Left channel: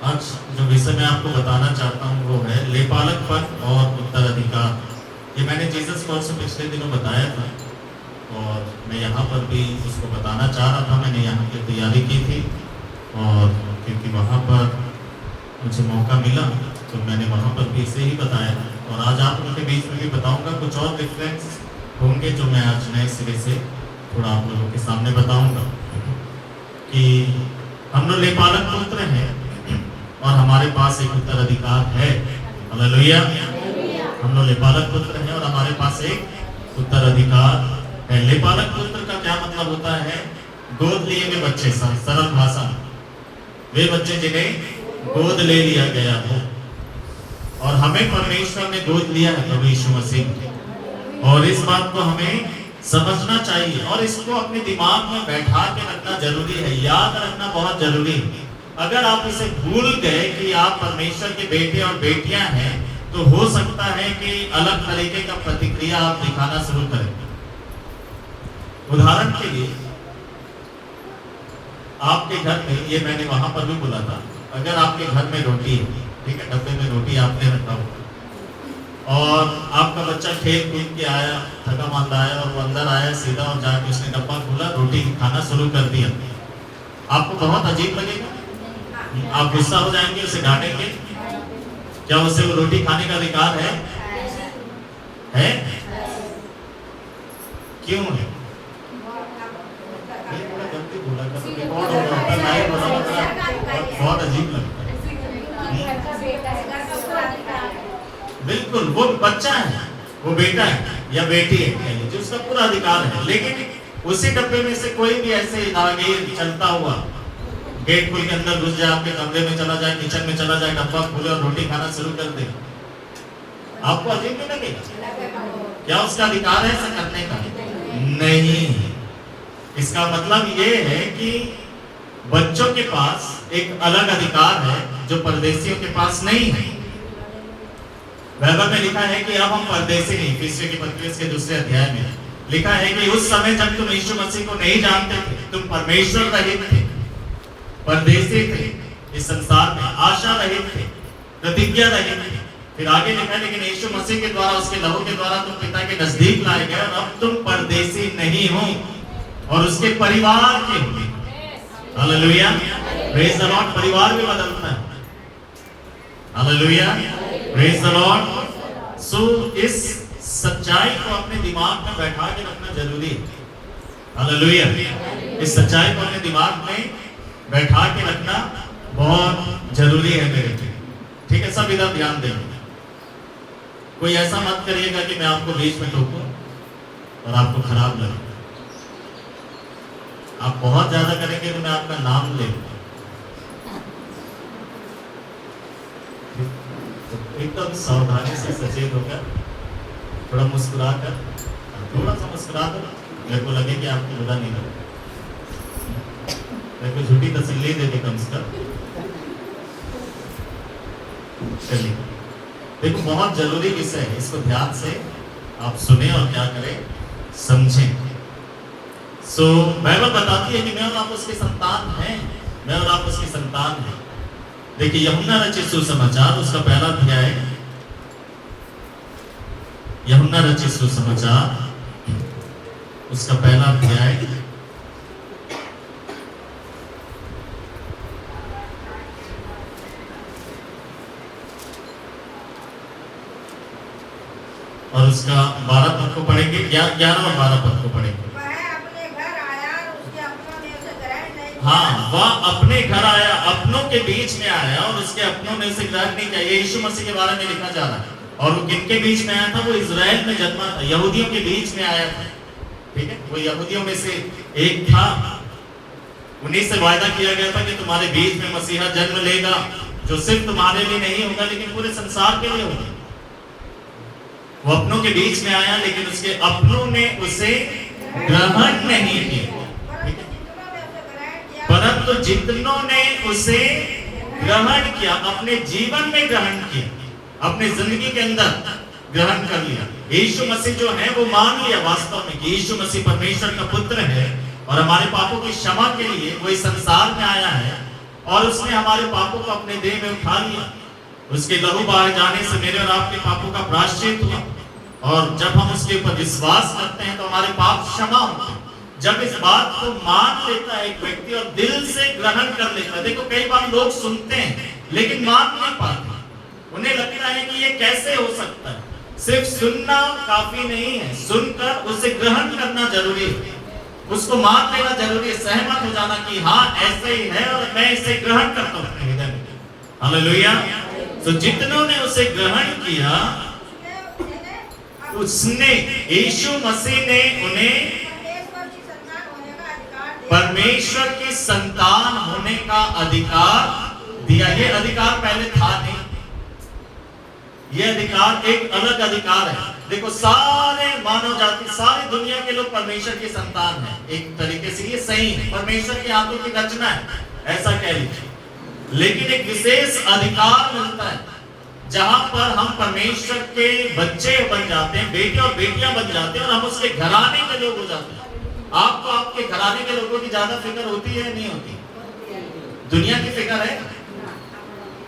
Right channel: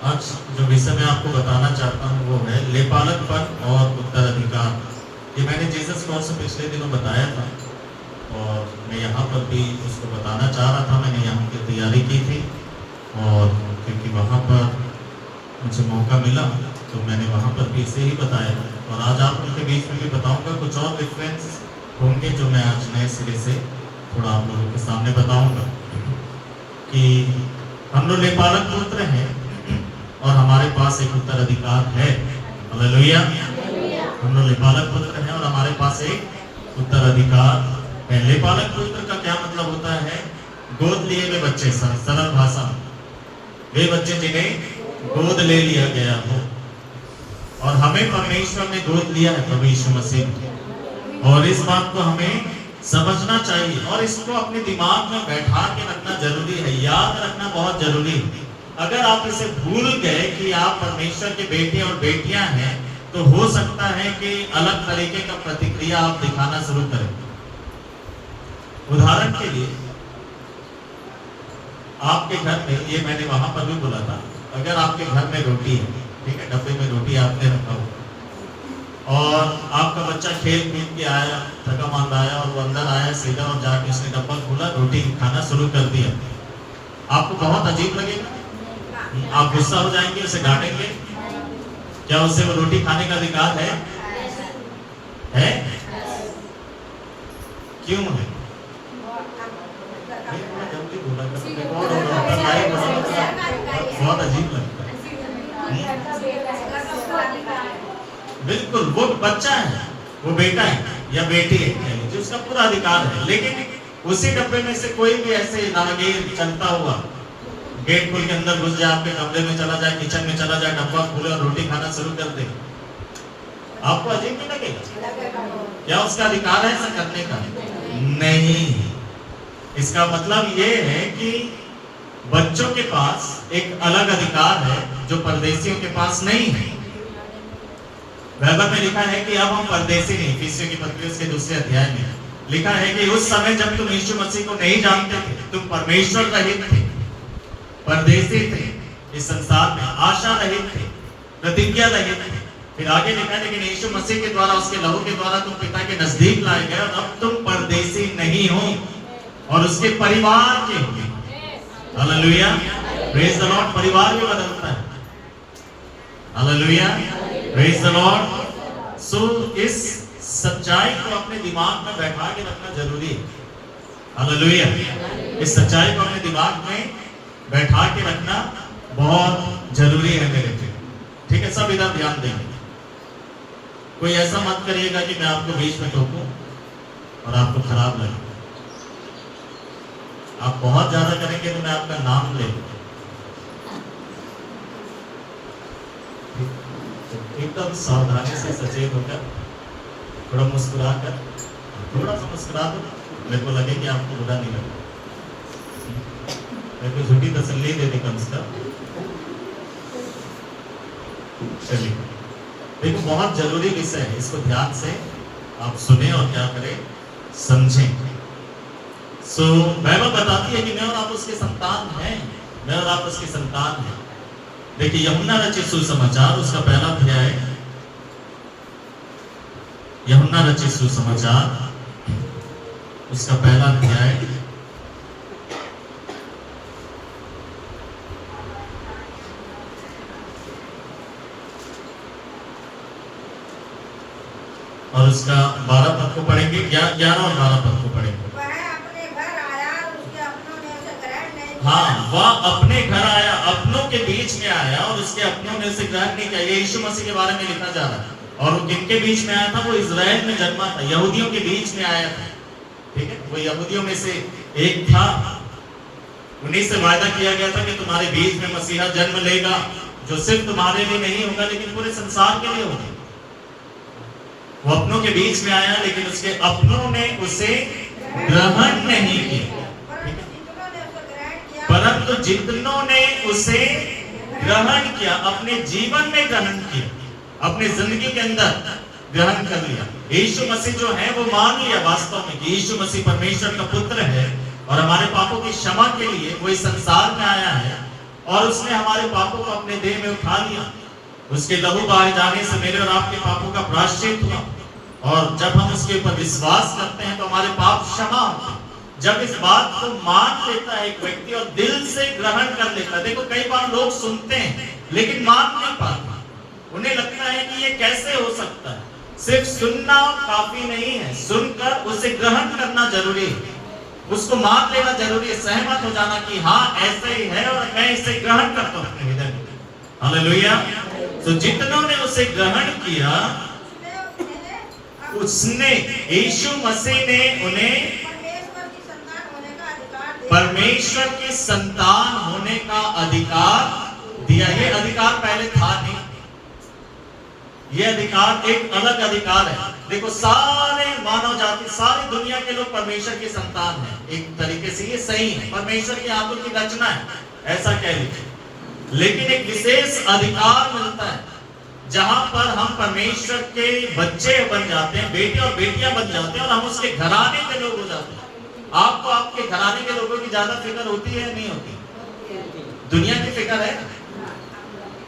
आज जो विषय मैं आपको बताना चाहता हूँ वो है लेपालकपन और उत्तराधिकार। ये मैंने जीसस कॉल से पिछले दिनों बताया था और मैं यहाँ पर भी उसको बताना चाह रहा था। मैंने यहाँ की तैयारी की थी और क्योंकि वहाँ पर मुझे मौका मिला तो मैंने वहाँ पर भी इसे ही बताया और आज आप उनके बीच में भी बताऊँगा। कुछ और डिफरेंस होंगे जो मैं आज नए सिरे से थोड़ा आप लोगों के सामने बताऊँगा कि हम लोग लेपालक पुत्र हैं और हमारे पास एक उत्तराधिकार है। हालेलुया। हम लोग लेपालक पुत्र हैं और हमारे पास एक उत्तराधिकार है। लेपालक पुत्र का क्या मतलब होता है? गोद लिए हुए बच्चे, सरल भाषा में वे बच्चे जिन्हें गोद ले लिया गया हो। और हमें परमेश्वर ने गोद लिया है प्रभु यीशु मसीह, और इस बात को हमें समझना चाहिए और इसको अपने दिमाग में बैठा के रखना जरूरी है, याद रखना बहुत जरूरी है। अगर आप इसे भूल गए कि आप परमेश्वर के बेटे और बेटियां हैं तो हो सकता है कि अलग तरीके का प्रतिक्रिया आप दिखाना शुरू करें। उदाहरण के लिए आपके घर में, ये मैंने वहां पर भी बोला था, अगर आपके घर में रोटी है, ठीक है, डब्बे में रोटी आपने रखा हुआ और आपका बच्चा खेल कूद के आया, थका मांदा आया और वो अंदर आया सीधा और जाके उसने डब्बा खोला, रोटी खाना शुरू कर दिया, आपको बहुत अजीब लगेगा? आप गुस्सा हो जाएंगे, उसे डांटेंगे? क्या उसे वो रोटी खाने का अधिकार है? क्यों है? जल्दी बोला रिकॉर्ड हो रहा था, लाइव हो रहा था, बहुत अजीब लगता है। बिल्कुल, वो बच्चा है, वो बेटा है या बेटी है, जो उसका पूरा अधिकार है। लेकिन उसी डब्बे में से कोई भी ऐसे नागीर चलता हुआ गेट खोल के अंदर घुस जाए, आपके कमरे में चला जाए, किचन में चला जाए, डब्बा खोले और रोटी खाना शुरू कर दे, आपको अजीब नहीं लगेगा? क्या उसका अधिकार है ऐसा करने का? नहीं। इसका मतलब ये है कि बच्चों के पास एक अलग अधिकार है जो परदेशियों के पास नहीं है। बाइबल में लिखा है कि अब हम परदेशी नहीं, इफिसियों की पत्री के दूसरे अध्याय में लिखा है कि उस समय जब तुम यीशु मसीह को नहीं जानते थे, तुम परमेश्वर रहित थे, परदेशी थे, इस संसार में आशा रहित थे, प्रतिज्ञा रहित थे। फिर आगे लिखा है लेकिन यीशु मसीह के द्वारा, उसके लहू के द्वारा तुम पिता के नजदीक लाए गए और अब तुम परदेशी नहीं हो और उसके परिवार के हो। Hallelujah, praise the lord. परिवार भी बदलता है। Hallelujah, praise the lord. So इस सच्चाई को अपने दिमाग में बैठा के रखना जरूरी है। हालेलुया, इस सच्चाई को अपने दिमाग में बैठा के रखना बहुत जरूरी है मेरे लिए, ठीक है? सब इधर ध्यान देंगे। कोई ऐसा मत करिएगा कि मैं आपको बीच में टोकूं और आपको खराब लगे। आप बहुत ज्यादा करेंगे तो मैं आपका नाम ले लूंगा। एकदम सावधानी से सचेत होकर, थोड़ा मुस्कुरा कर, थोड़ा सा मुस्कुरा दो, मेरे को लगे कि आपको बुरा नहीं लगे, मेरे को झूठी तसल्ली दे दे कम से कम। चलिए, देखो बहुत जरूरी विषय है, इसको ध्यान से आप सुने और क्या करें, समझें। सो बाइबल बताती है कि मैं और आप उसके संतान हैं, मैं और आप उसके संतान हैं। देखिए यूहन्ना रचित सुसमाचार, उसका पहला अध्याय, यूहन्ना रचित सुसमाचार, उसका पहला अध्याय और उसका 12 पद को पढ़ेंगे, 11 और 12 पद को पढ़ेंगे। हाँ, वह अपने घर आया, अपनों के बीच में आया और उसके अपनों ने उसे ग्रहण नहीं किया। यीशु मसीह के बारे में लिखा जा रहा है। और वो किनके बीच में आया था? वो इजराइल में जन्मा था, यहूदियों के बीच में आया था, ठीक है? वो यहूदियों में से एक था। उन्हीं से वायदा किया गया था कि तुम्हारे बीच में मसीहा जन्म लेगा, जो सिर्फ तुम्हारे लिए नहीं होगा लेकिन पूरे संसार के लिए होगा। वो अपनों के बीच में आया लेकिन उसके अपनों ने उसे ग्रहण नहीं किया, परंतु जितनों ने उसे ग्रहण किया, अपने जीवन में ग्रहण किया, अपने जिंदगी के अंदर ग्रहण कर लिया। यीशु मसीह जो है वो मान लिया वास्तव में कि यीशु मसीह परमेश्वर का पुत्र है और हमारे पापों की क्षमा के लिए वो इस संसार में आया है और उसने हमारे पापों को अपने देह में उठा लिया। उसके लहू बहाए जाने से मेरे और आपके पापों का प्रायश्चित हुआ, और जब हम उसके ऊपर विश्वास करते हैं तो हमारे पाप क्षमा होते हैं। जब इस बात को मान लेता है एक व्यक्ति और दिल से ग्रहण कर लेता है, देखो कई बार लोग सुनते हैं लेकिन मान नहीं पाते, उन्हें लगता है कि ये कैसे हो सकता है। सिर्फ सुनना काफी नहीं है, सुनकर उसे ग्रहण करना जरूरी है, उसको मान लेना जरूरी है, सहमत हो जाना कि हाँ ऐसे ही है और मैं इसे ग्रहण करता हूँ अपने हृदय में। हालेलुया। तो जितनों ने उसे ग्रहण किया, उसने, यीशु मसीह ने उन्हें परमेश्वर की संतान होने का अधिकार दिया। ये अधिकार पहले था नहीं, ये अधिकार एक अलग अधिकार है। देखो सारे मानव जाति, सारी दुनिया के लोग परमेश्वर की संतान हैं, एक तरीके से ये सही है, परमेश्वर के हाथों की रचना है, ऐसा कह लीजिए। लेकिन एक विशेष अधिकार मिलता है जहां पर हम परमेश्वर के बच्चे बन जाते हैं, बेटे और बेटियां बन जाते हैं, और हम उसके घराने के लोग हो जाते हैं। आपको आपके घराने के लोगों की ज्यादा फिक्र होती है नहीं होती? दुनिया की फिक्र है?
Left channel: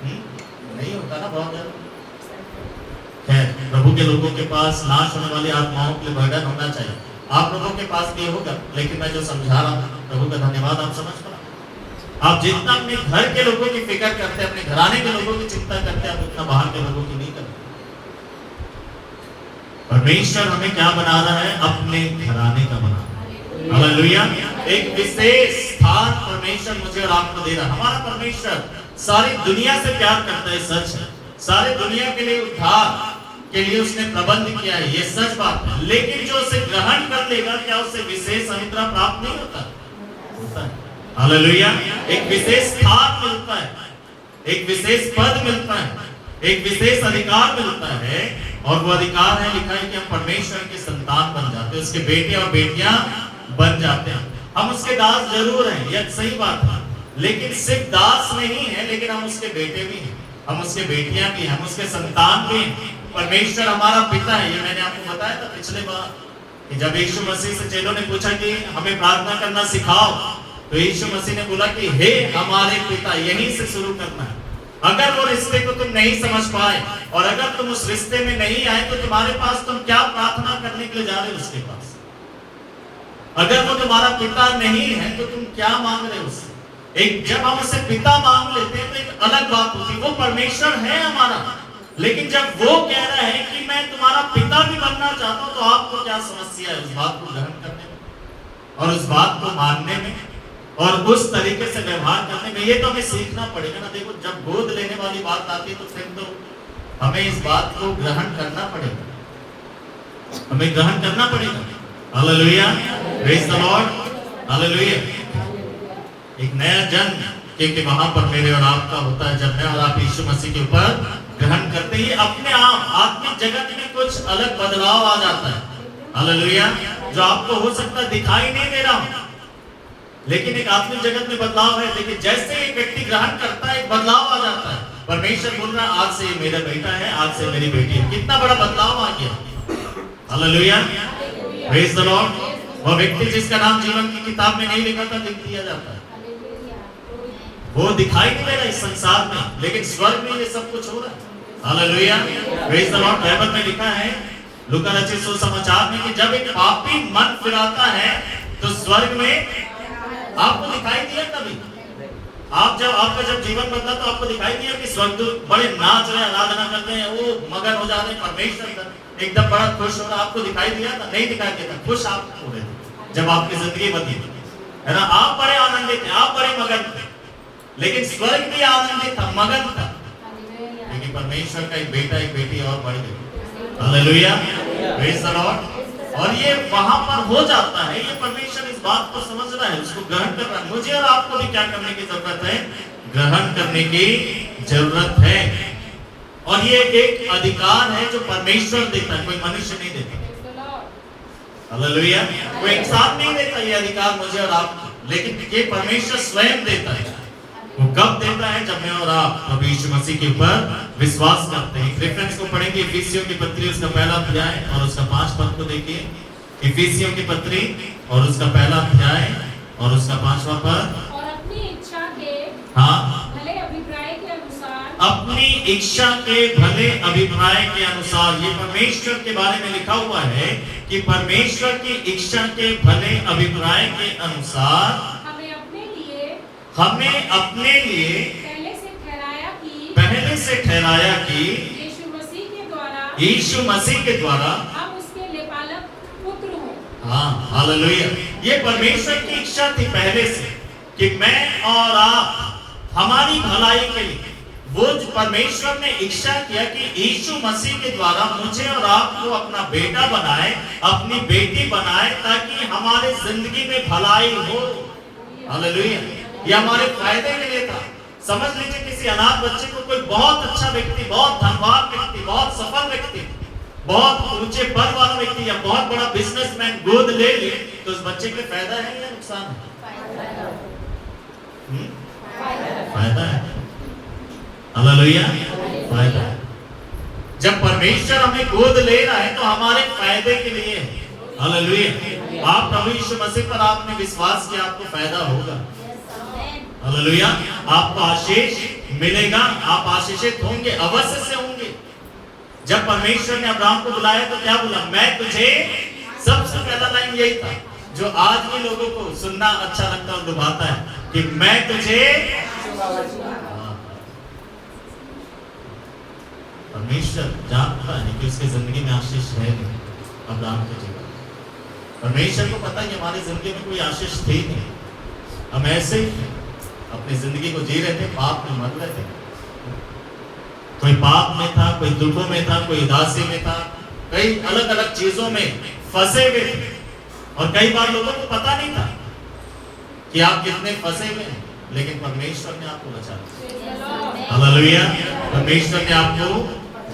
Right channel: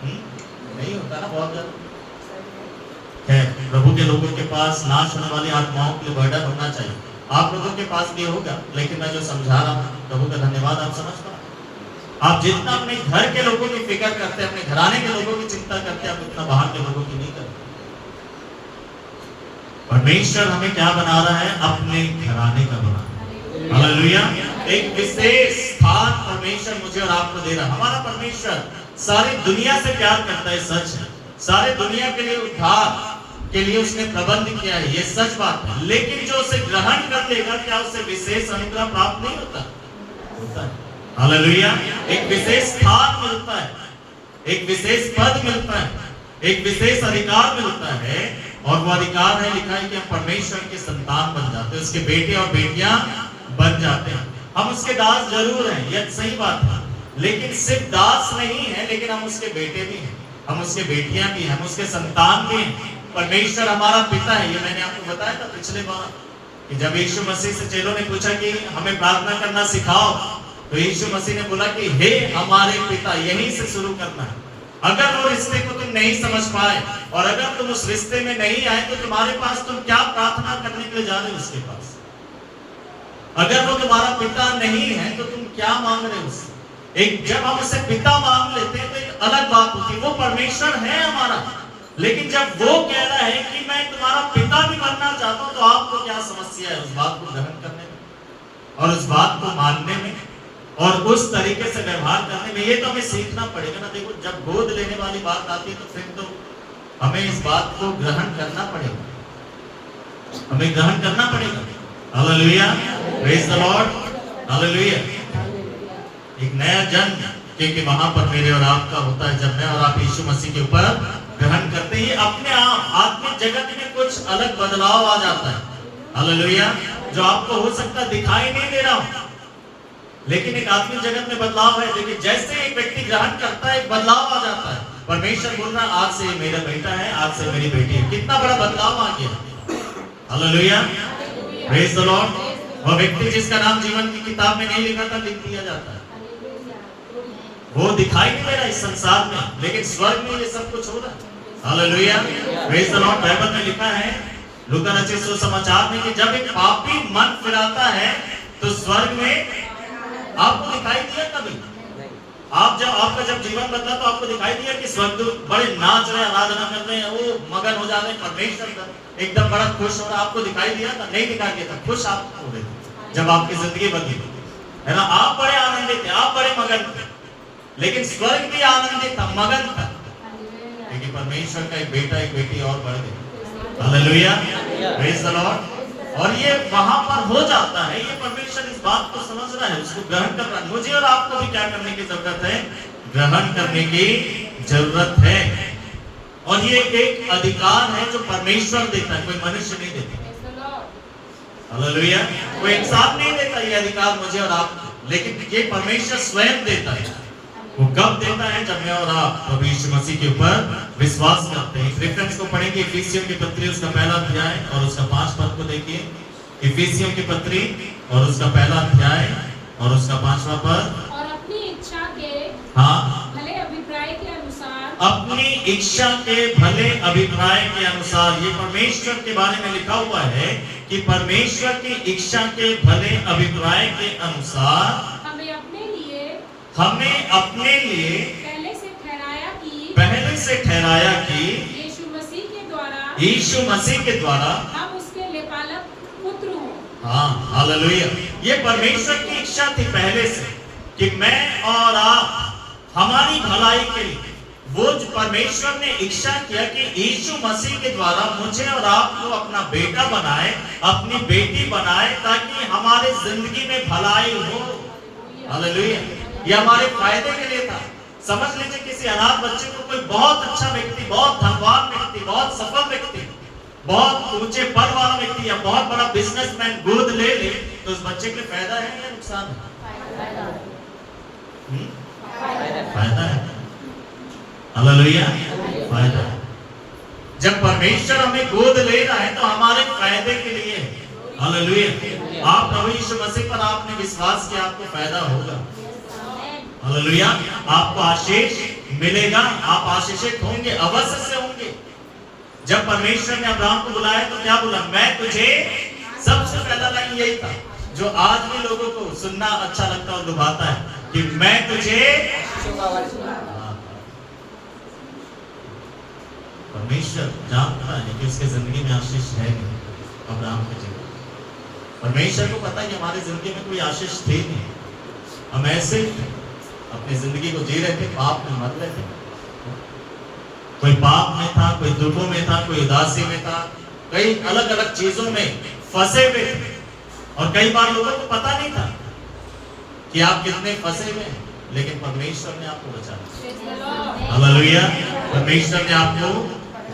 नहीं होता ना, बहुत ज्यादा है। प्रभु के लोगों के पास नाश होने वाली आत्माओं के लिए बर्डन होना चाहिए। आप लोगों के पास भी होगा, लेकिन मैं जो समझा रहा हूँ, प्रभु का धन्यवाद, आप समझ पा। आप जितना अपने घर के लोगों की फिक्र करते हैं, अपने घराने के लोगों की चिंता करते हैं, आप उतना बाहर के लोगों की नहीं करते। परमेश्वर हमें क्या बना रहा है? अपने घराने का बना रहा है। हालेलुया। एक विशेष स्थान परमेश्वर मुझे और आपको दे रहा है। हमारा परमेश्वर सारी दुनिया से प्यार करता है, सच है। सारे दुनिया के लिए उद्धार के लिए उसने प्रबंध किया है, ये सच बात है। लेकिन जो उसे ग्रहण कर लेगा, क्या उसे विशेष अनुग्रह प्राप्त नहीं होता? होता है। हालेलुया। एक विशेष स्थान मिलता है, एक विशेष पद मिलता है, एक विशेष अधिकार मिलता है, और वो अधिकार है, लिखा है कि हम परमेश्वर के संतान बन जाते हैं, उसके बेटे और बेटियां बन जाते हैं। हम उसके दास जरूर हैं, यह सही बात है, लेकिन सिर्फ दास नहीं है, लेकिन हम उसके बेटे भी हैं, हम उसके बेटियां भी हैं, हम उसके संतान भी हैं। परमेश्वर हमारा पिता है। ये मैंने आपको बताया था पिछले बार कि जब यीशु मसीह से चेलों ने पूछा कि हमें प्रार्थना करना सिखाओ, तो यीशु मसीह ने बोला कि हे हमारे पिता, यहीं से शुरू करना है। अगर वो रिश्ते को तुम नहीं समझ पाए और अगर तुम उस रिश्ते में नहीं आए, तो तुम्हारे पास तुम क्या प्रार्थना करने के लिए जा रहे हो उसके पास? अगर वो तुम्हारा पिता नहीं है तो तुम क्या मांग रहे हो उससे? एक जब हम उसे पिता मांग लेते हैं तो एक अलग बात होती है, वो परमेश्वर है हमारा। लेकिन जब वो कह रहा है कि मैं तुम्हारा पिता भी बनना चाहता हूं, तो आपको क्या समस्या है उस बात को ग्रहण करने में और उस बात को मानने में और उस तरीके से व्यवहार करने में? ये तो हमें सीखना पड़ेगा ना। देखो जब गोद लेने वाली बात आती है तो फिर तो हमें इस बात को ग्रहण करना पड़ेगा, हमें ग्रहण करना पड़ेगा। Hallelujah, praise the lord, hallelujah. एक नया जन्म क्योंकि वहां पर मेरे और आपका होता है जब मैं और आप यीशु मसीह के ऊपर ग्रहण करते ही अपने आप आत्मिक जगत में कुछ अलग बदलाव आ जाता है। हालेलुया। जो आपको हो सकता है दिखाई नहीं दे रहा हो, लेकिन एक आत्मिक जगत में बदलाव है। देखिए जैसे एक व्यक्ति ग्रहण करता है, एक बदलाव आ जाता है। परमेश्वर बोल रहा है आज से मेरा बेटा है, आज से मेरी बेटी है। कितना बड़ा बदलाव आ गया। Hallelujah, praise the Lord. वो व्यक्ति जिसका नाम जीवन की किताब में नहीं लिखा था, लिख दिया जाता है। वो दिखाई नहीं दे रहा इस संसार में, लेकिन स्वर्ग में ये सब कुछ हो रहा है। Hallelujah, praise the Lord. Bible में लिखा है लूका रचित सुसमाचार में कि जब एक पापी मन फिराता है तो स्वर्ग में आपको दिखाई दिया कभी? आप जब आपका जब जीवन बदला तो आपको दिखाई दिया कि स्वर्गदूत बड़े नाच रहे, आराधना कर रहे हैं, वो मगन हो जाते हैं, परमेश्वर एकदम बड़ा खुश हो रहा? आपको दिखाई दिया था? नहीं दिखाई दिया था। खुश आप हो रहे थे जब आपकी जिंदगी बदली, है ना? आप बड़े आनंदित थे, आप बड़े मगन थे, लेकिन स्वर्ग भी आनंदित था, मगन था, लेकिन परमेश्वर का एक बेटा एक बेटी और बढ़ गई। Hallelujah, praise the Lord. और ये वहां पर हो जाता है। ये परमेश्वर इस बात को समझ रहा है, उसको ग्रहण कर रहा है। मुझे और आपको भी क्या करने की जरूरत है? ग्रहण करने की जरूरत है। और ये एक अधिकार है जो परमेश्वर देता है, कोई मनुष्य नहीं देता। हालेलुया, कोई इंसान नहीं देता ये अधिकार मुझे और आपको, लेकिन ये परमेश्वर स्वयं देता है। वो कब देता है? जब मैं और आप प्रभु यीशु मसीह के ऊपर विश्वास करते हैं। रेफरेंस को पढ़ेंगे, इफिसियों की पत्री उसका पहला अध्याय और उसका 5 पद को देखिए। इफिसियों की पत्री और उसका पहला अध्याय और उसका 5वां पद। और अपनी इच्छा के हाँ अपनी इच्छा के भले अभिप्राय के अनुसार। ये परमेश्वर के बारे में लिखा हुआ है कि परमेश्वर की इच्छा के भले अभिप्राय के अनुसार हमें अपने लिए पहले से ठहराया कि यीशु मसीह के द्वारा हम उसके लेपालक पुत्र हों। हाँ, हालेलुया। ये परमेश्वर की इच्छा थी पहले से कि मैं और आप हमारी भलाई के लिए, वो जो परमेश्वर ने इच्छा किया कि यीशु मसीह के द्वारा मुझे और आपको अपना बेटा बनाए, अपनी बेटी बनाए, ताकि हमारे जिंदगी में भलाई हो। हालेलुया। ये हमारे फायदे के लिए था। समझ लीजिए किसी अनाथ बच्चे को कोई बहुत अच्छा व्यक्ति, बहुत धनवान व्यक्ति, बहुत सफल व्यक्ति, बहुत ऊंचे पद वाला व्यक्ति या बहुत बड़ा बिजनेसमैन गोद ले ले, तो उस बच्चे के लिए फायदा है या नुकसान है? फायदा है। हालेलुया, फायदा है। जब परमेश्वर हमें गोद ले रहा है तो हमारे फायदे के लिए। हालेलुया। आप प्रभु यीशु मसीह पर आपने विश्वास किया, आपको फायदा होगा। हालेलुया। आपको आशीष मिलेगा, आप आशीषित होंगे, अवश्य से होंगे। जब परमेश्वर ने अब्राहम को बुलाया तो क्या बोला? मैं तुझे, सबसे पहला लाइन यही था जो आज भी लोगों को सुनना अच्छा लगता है और लुभाता है कि मैं तुझे। परमेश्वर जानता है कि उसके जिंदगी में आशीष है नहीं अब्राहम की जगह। परमेश्वर को पता है कि हमारी जिंदगी में कोई आशीष थी नहीं, हम ऐसे ही अपनी जिंदगी को जी रहे थे, पाप में मर रहे थे। कोई पाप में था, कोई दुखों में था, कोई उदासी में था, कई अलग अलग चीजों में फंसे हुए थे। और कई बार लोगों को पता नहीं था कि आप कितने फंसे हुए हैं, लेकिन परमेश्वर ने आपको बचा लिया। हालेलुया। परमेश्वर ने आपको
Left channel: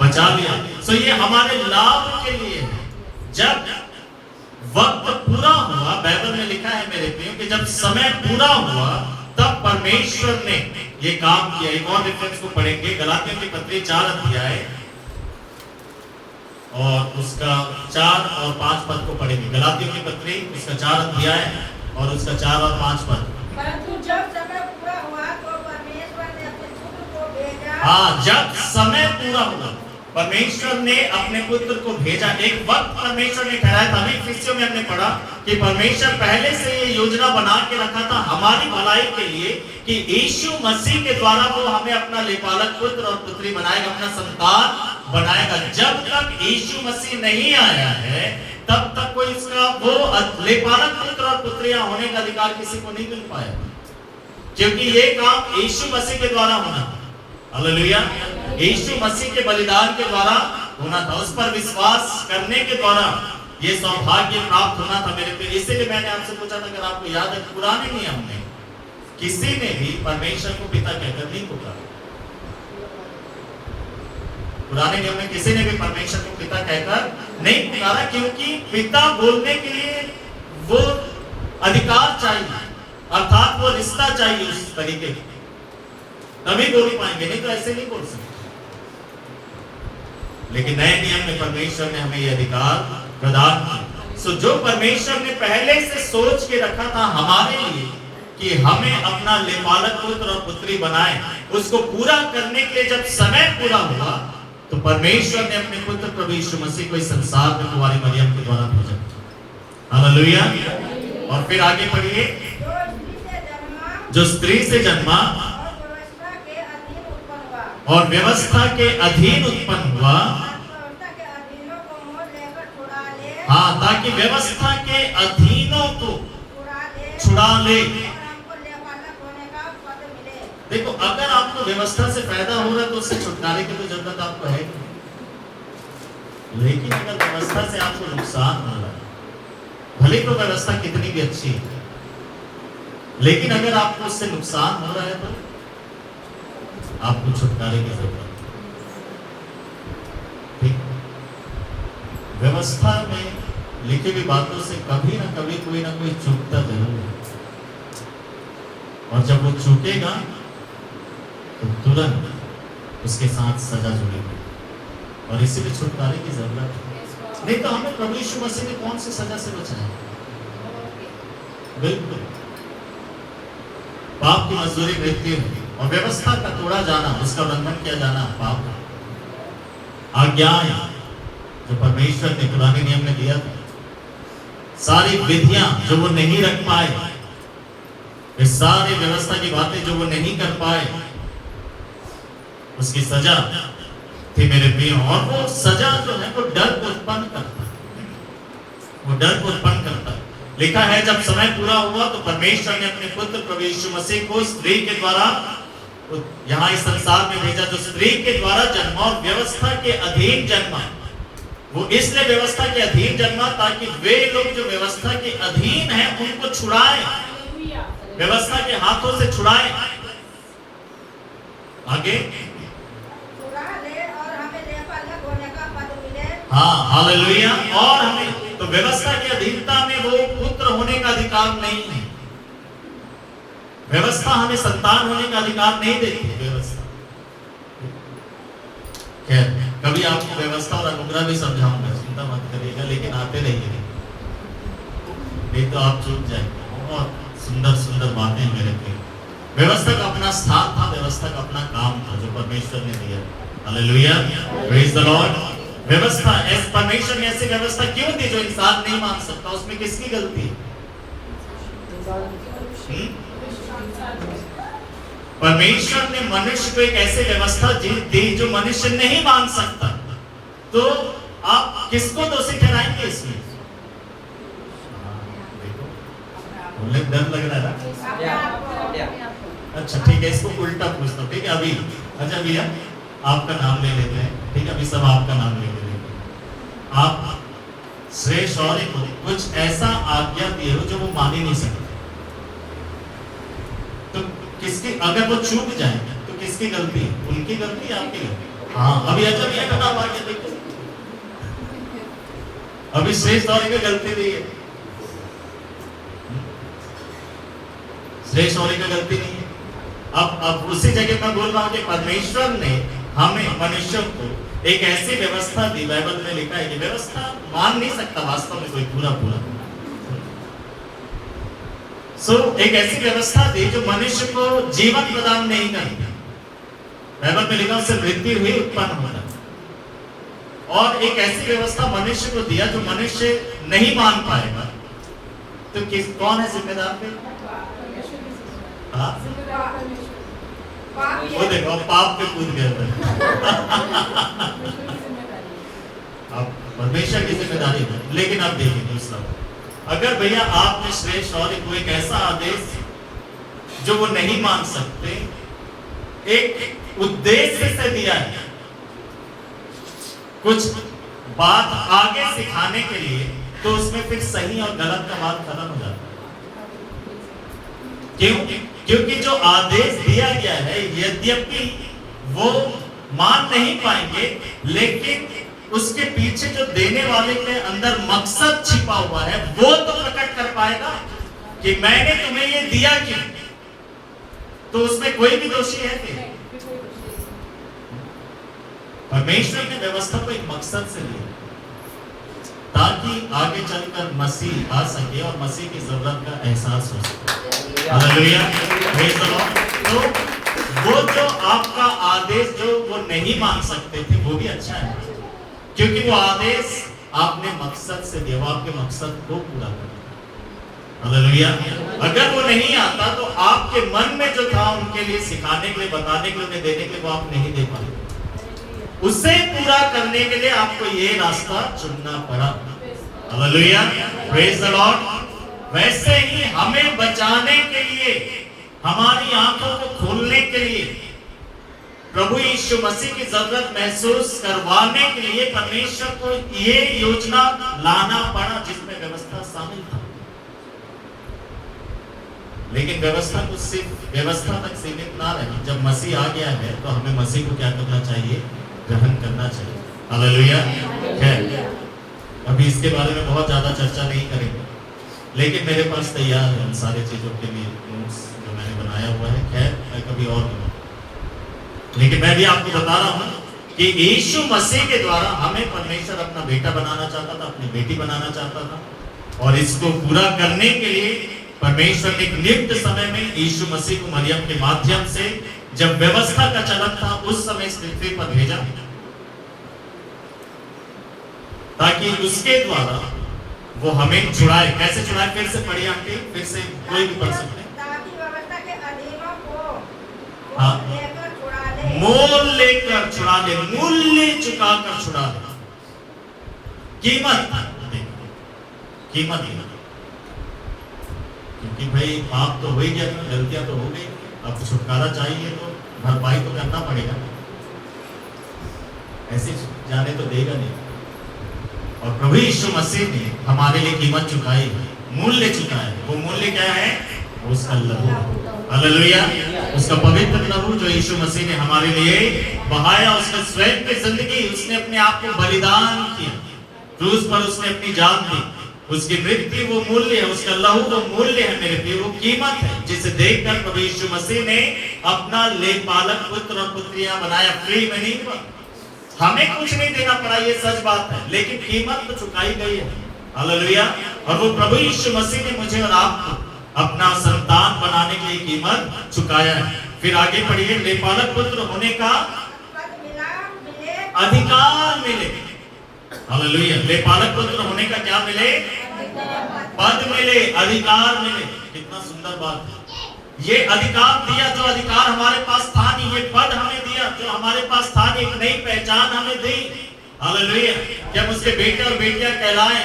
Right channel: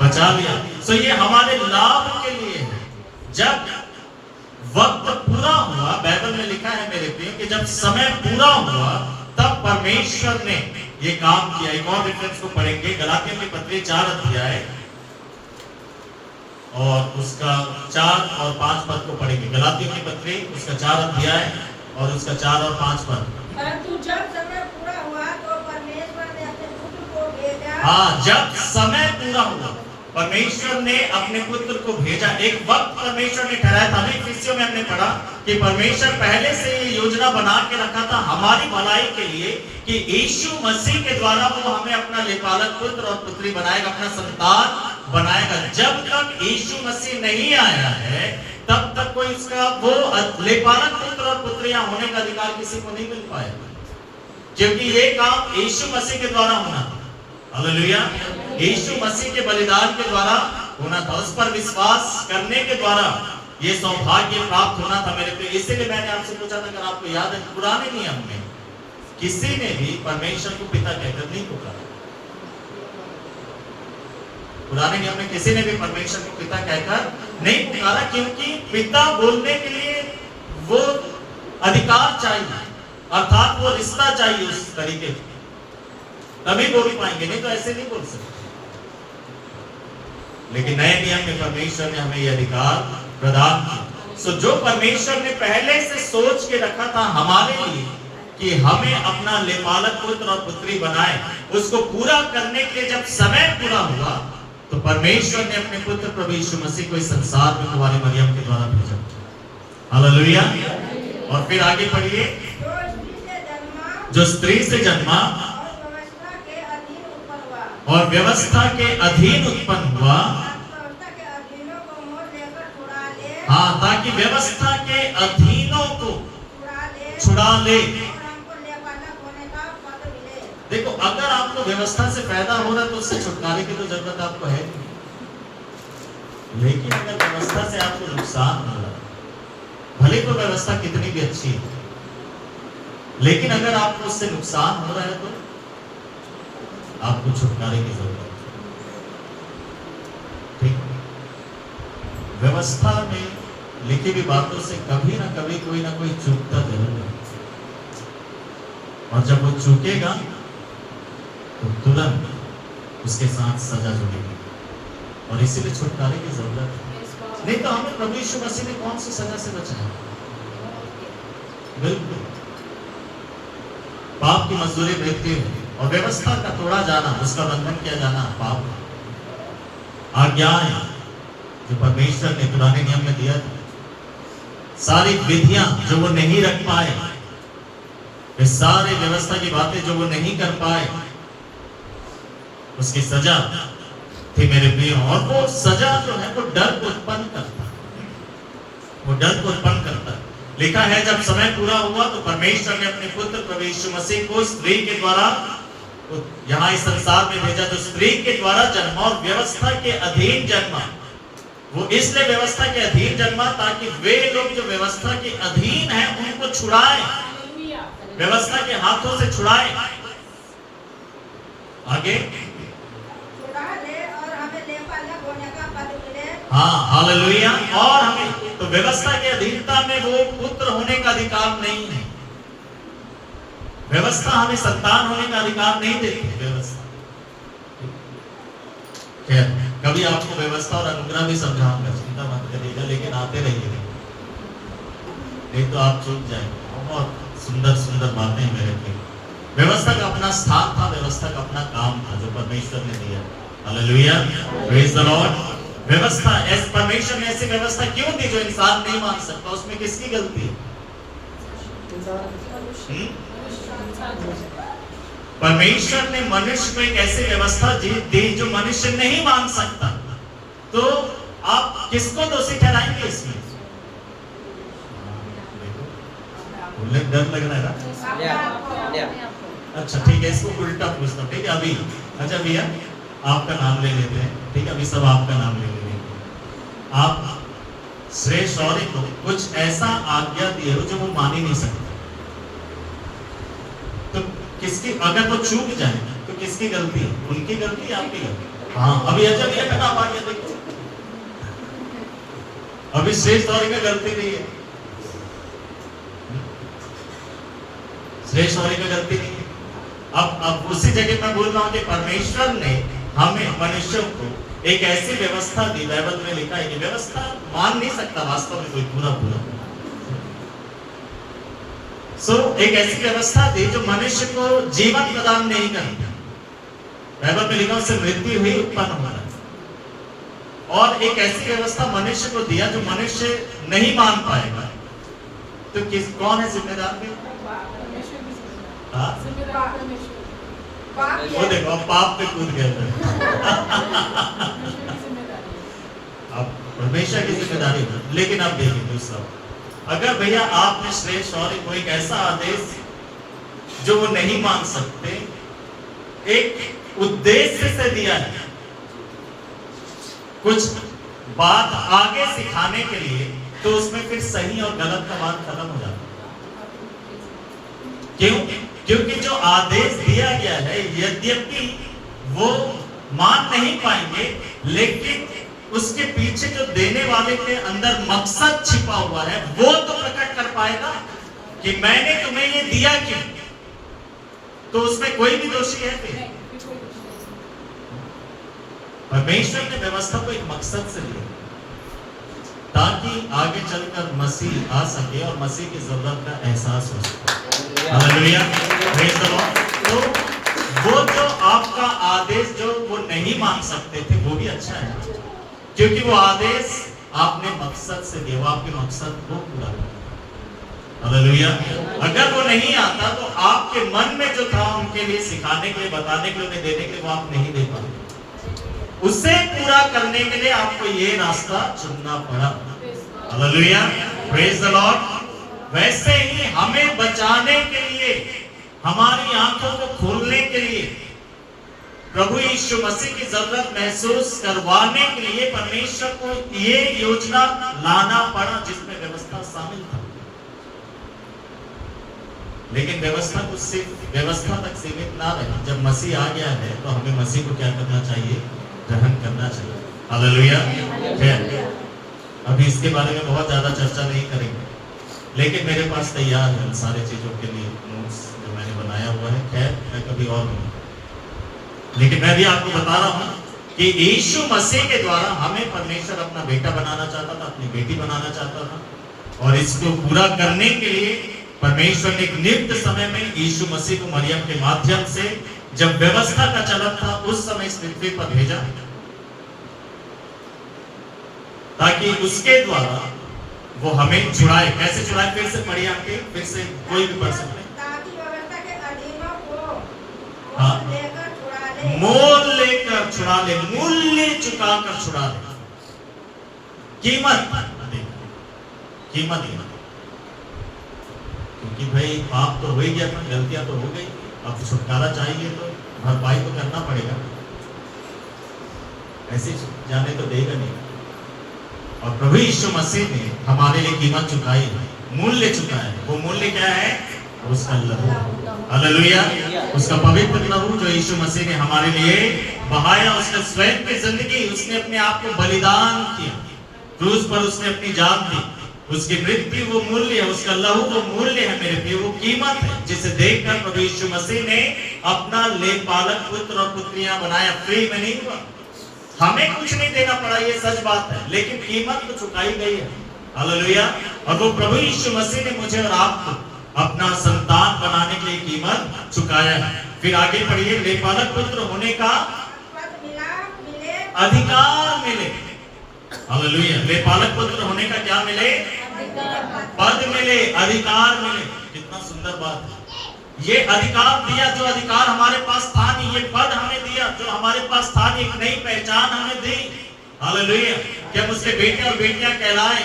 बचा लिया। सो ये हमारे लाभ के लिए है। जब वक्त पूरा हुआ, बाइबल में लिखा है मेरे प्रियो कि जब समय पूरा हुआ तब परमेश्वर ने ये काम किया। एक और रेफरेंस को पढ़ेंगे, गलातियों की पत्री 4 अध्याय और उसका 4 और 5 पद को पढ़ेंगे। गलातियों की पत्री उसका 4 अध्याय और उसका 4 और 5 पद। परंतु जब समय पूरा हुआ तो परमेश्वर ने अपने पुत्र को भेजा। हाँ, जब समय पूरा हुआ परमेश्वर ने अपने पुत्र को भेजा। एक वक्त परमेश्वर ने ठहराया था। इफिसियों में हमने पढ़ा कि परमेश्वर पहले से ये योजना बना के रखा था हमारी भलाई के लिए कि यीशु मसीह के द्वारा वो हमें अपना लेपालक पुत्र और पुत्री बनाएगा, अपना संतान बनाएगा। जब तक यीशु मसीह नहीं आया है तब तक कोई इसका वो लेपालक पुत्र और पुत्रियां होने का अधिकार किसी को नहीं मिल पाया, क्योंकि ये काम यीशु मसीह के द्वारा होना था। हालेलुया। यीशु मसीह के बलिदान के द्वारा होना था, उस पर विश्वास करने के द्वारा ये सौभाग्य प्राप्त होना था मेरे पे। इसीलिए मैंने आपसे पूछा था, अगर आपको याद है, पुराने नियम में किसी ने भी परमेश्वर को पिता कहकर नहीं पुकारा। पुराने नियम में किसी ने भी परमेश्वर को पिता कहकर नहीं पुकारा, क्योंकि पिता बोलने के लिए वो अधिकार चाहिए, अर्थात वो रिश्ता चाहिए उस तरीके का, तभी बोल पाएंगे, नहीं तो ऐसे नहीं बोल सकते। लेकिन नए नियम में परमेश्वर ने हमें यह अधिकार प्रदान किया। सो जो परमेश्वर ने पहले से सोच के रखा था हमारे लिए कि हमें अपना लेपालक पुत्र और पुत्री बनाए, उसको पूरा करने के लिए जब समय पूरा हुआ तो परमेश्वर ने अपने पुत्र प्रभु यीशु मसीह को इस संसार में कुंवारी मरियम के द्वारा भेजा। हालेलुया। और फिर आगे पढ़िए, जो स्त्री से जन्मा और व्यवस्था के अधीन उत्पन्न हुआ। हाँ, ताकि व्यवस्था के अधीनों को छुड़ा ले। देखो, अगर आपको व्यवस्था से फायदा हो रहा है तो उससे छुटकारे की तो जरूरत आपको है, लेकिन अगर व्यवस्था से आपको नुकसान हो रहा है, भले तो व्यवस्था कितनी भी अच्छी है, लेकिन अगर आपको उससे नुकसान हो रहा है तो आपको छुटकारे की जरूरत है। ठीक, व्यवस्था में लिखी हुई बातों से कभी ना कभी कोई ना कोई चूकता जरूर है, और जब वो चूकेगा तो तुरंत उसके साथ सजा जुड़ेगी, और इसीलिए छुटकारे की जरूरत है। नहीं तो हमें प्रभु यीशु मसीह ने कौन सी सजा से बचाया? बिल्कुल, पाप की मजदूरी मृत्यु है, और व्यवस्था का तोड़ा जाना, उसका उल्लंघन किया जाना पाप है। आज्ञाएं जो परमेश्वर ने पुराने नियम में दिया था, सारी विधियां जो वो नहीं रख पाए, ये सारी व्यवस्था की बातें जो वो नहीं कर पाए, उसकी सजा थी मेरे प्रिय। और वो सजा जो है वो डर को उत्पन्न करता है, वो डर को उत्पन्न करता है। लिखा है जब समय पूरा हुआ तो परमेश्वर ने अपने पुत्र प्रभु यीशु मसीह को स्त्री के द्वारा यहाँ इस संसार में भेजा, जो स्त्री के द्वारा जन्मा और व्यवस्था के अधीन जन्मा। वो इसलिए व्यवस्था के अधीन जन्मा ताकि वे लोग जो व्यवस्था के अधीन हैं उनको छुड़ाए, व्यवस्था के हाथों से छुड़ाए। आगे छुड़ा ले और हमें लेपालक होने का पद मिले। हाँ, हालेलुया। और हमें तो व्यवस्था की अधीनता में वो पुत्र होने का अधिकार नहीं है। व्यवस्था हमें संतान होने का अधिकार नहीं देती। व्यवस्था खैर, कभी आपको व्यवस्था और अनुग्रह भी समझाऊंगा, चिंता मत करिएगा, लेकिन आते रहिए, नहीं तो आप चूक जाएंगे। बहुत सुंदर सुंदर बातें हैं मेरे प्रिय। व्यवस्था का अपना स्थान था, व्यवस्था का अपना काम था जो परमेश्वर ने दिया। Hallelujah, praise the Lord. व्यवस्था, परमेश्वर ने ऐसी व्यवस्था क्यों दी जो इंसान नहीं मान सकता? उसमें किसकी गलती है? परमेश्वर ने मनुष्य को एक ऐसी व्यवस्था दी जो मनुष्य नहीं मान सकता, तो आप किसको दोषी ठहराएंगे इसमें? देखो, डर लग रहा है। अच्छा ठीक है, इसको उल्टा पूछता हूँ, ठीक है? अभी अच्छा भैया आपका नाम ले लेते हैं, ठीक है? अभी सब आपका नाम ले लेते हैं। आप श्रेष्ठ और को कुछ ऐसा आज्ञा दिए हो जो वो मान ही नहीं सकते, तो किसकी, अगर वो चूक जाए तो किसकी गलती है? उनकी गलती है, आपकी गलती? हाँ, अभी अच्छा भैया का नाम आ गया, देखो अभी श्रेष्ठ और का गलती नहीं है, श्रेष्ठ और का गलती नहीं है। अब उसी जगह मैं बोल रहा हूँ कि परमेश्वर ने हमें मनुष्यों को एक ऐसी व्यवस्था दी, बाइबल में लिखा है कि व्यवस्था मान नहीं सकता वास्तव में कोई पूरा एक ऐसी व्यवस्था दी जो मनुष्य को जीवन प्रदान नहीं करती। बाइबल में लिखा उससे मृत्यु ही उत्पन्न होना। और एक ऐसी व्यवस्था मनुष्य को दिया जो मनुष्य नहीं मान पाएगा, तो कौन है जिम्मेदार? वो देखो अब पाप पे कूद गया। अब परमेश्वर की जिम्मेदारी है। लेकिन अब देखिए दूसरा, अगर भैया आपने श्रेष्ठ और को एक ऐसा आदेश जो वो नहीं मान सकते, एक उद्देश्य से दिया है, कुछ बात आगे सिखाने के लिए, तो उसमें फिर सही और गलत का बात खत्म हो जाता है। क्यों? क्योंकि जो आदेश दिया गया है, यद्यपि वो मान नहीं पाएंगे, लेकिन उसके पीछे जो देने वाले के अंदर मकसद छिपा हुआ है, वो तो प्रकट कर पाएगा कि मैंने तुम्हें ये दिया क्यों। तो उसमें कोई भी दोषी है कि परमेश्वर ने व्यवस्था को एक मकसद से दिया, ताकि आगे चलकर मसीह आ सके और मसीह की जरूरत का एहसास हो सके। Hallelujah, praise the Lord. तो वो जो आपका आदेश जो वो नहीं मान सकते थे, वो भी अच्छा है, क्योंकि वो आदेश आपने मकसद से दिया, वो आपके मकसद को पूरा कर। हालेलुया। अगर वो नहीं आता तो आपके मन में जो था उनके लिए सिखाने के लिए, बताने के लिए, उन्हें देने के लिए, वो आप नहीं दे पाए। उसे पूरा करने के लिए आपको ये रास्ता चुनना पड़ा। Hallelujah, praise the Lord. वैसे ही हमें बचाने के लिए, हमारी आंखों को खोलने के लिए, प्रभु यीशु मसीह की जरूरत महसूस करवाने के लिए परमेश्वर को ये योजना लाना पड़ा, जिसमें व्यवस्था शामिल था। लेकिन व्यवस्था को सिर्फ व्यवस्था तक सीमित ना रही। जब मसीह आ गया है तो हमें मसीह को क्या करना चाहिए? ग्रहण करना चाहिए। हालेलुया। खैर, अभी इसके बारे में बहुत ज्यादा चर्चा नहीं करेंगे, लेकिन मेरे पास तैयार है उन सारी चीजों के लिए नोट्स जो मैंने बनाया हुआ है। खैर, मैं कभी और बोलूँ, लेकिन मैं भी आपको बता रहा हूँ कि यीशु मसीह के द्वारा हमें परमेश्वर अपना बेटा बनाना चाहता था, अपनी बेटी बनाना चाहता था, और इसको पूरा करने के लिए परमेश्वर ने एक नियुक्त समय में यीशु मसीह को मरियम के माध्यम से, जब व्यवस्था का चलन था, उस समय इस पृथ्वी पर भेजा, ताकि उसके द्वारा वो हमें छुड़ाए। कैसे छुड़ाए? फिर से पढ़िए आके, फिर से कोई भी पढ़ सकते हैं। ताकि व्यवस्था के अधीनों को हाँ। लेकर छुड़ा ले। मोल लेकर छुड़ा ले, मूल्य चुकाकर छुड़ा ले, कीमत कीमत देना। क्योंकि भाई पाप तो हो ही गया था, गलतियां तो हो गई, अब छुटकारा चाहिए तो भरपाई तो करना पड़ेगा, ऐसे जाने तो देगा नहीं। और प्रभु यीशु मसीह ने हमारे लिए कीमत चुकाई है, मूल्य चुकाया है। वो मूल्य क्या है? उसका लहू, हालेलुया, उसका पवित्र लहू जो यीशु मसीह ने हमारे लिए बहाया। उसने स्वयं की जिंदगी, उसने अपने आप को बलिदान किया, क्रूस पर उसने अपनी जान दी। उसकी मृत्यु वो मूल्य है, उसका लहू वो मूल्य है मेरे प्रिय, वो कीमत है, जिसे देखकर प्रभु यीशु मसीह ने अपना लेखपालक पुत्र और पुत्रियां बनाया। फ्री में नहीं हुआ, हमें कुछ नहीं देना पड़ा, ये सच बात है, लेकिन कीमत तो चुकाई गई है। हालेलुया। और वो प्रभु यीशु मसीह ने मुझे और आपको अपना संतान बनाने के लिए कीमत चुकाया है। फिर आगे पढ़िए, लेखपालक पुत्र होने का अधिकार मिले। हालेलुया। लेखपालक पुत्र होने का क्या मिले? पद मिले, अधिकार मिले। कितना सुंदर बात है। ये अधिकार दिया, जो अधिकार हमारे पास था नहीं, ये पद हमें दिया जो हमारे पास था नहीं, एक नई पहचान हमें दी। हालेलुया। कि हम उसके बेटे और बेटियां कहलाएं।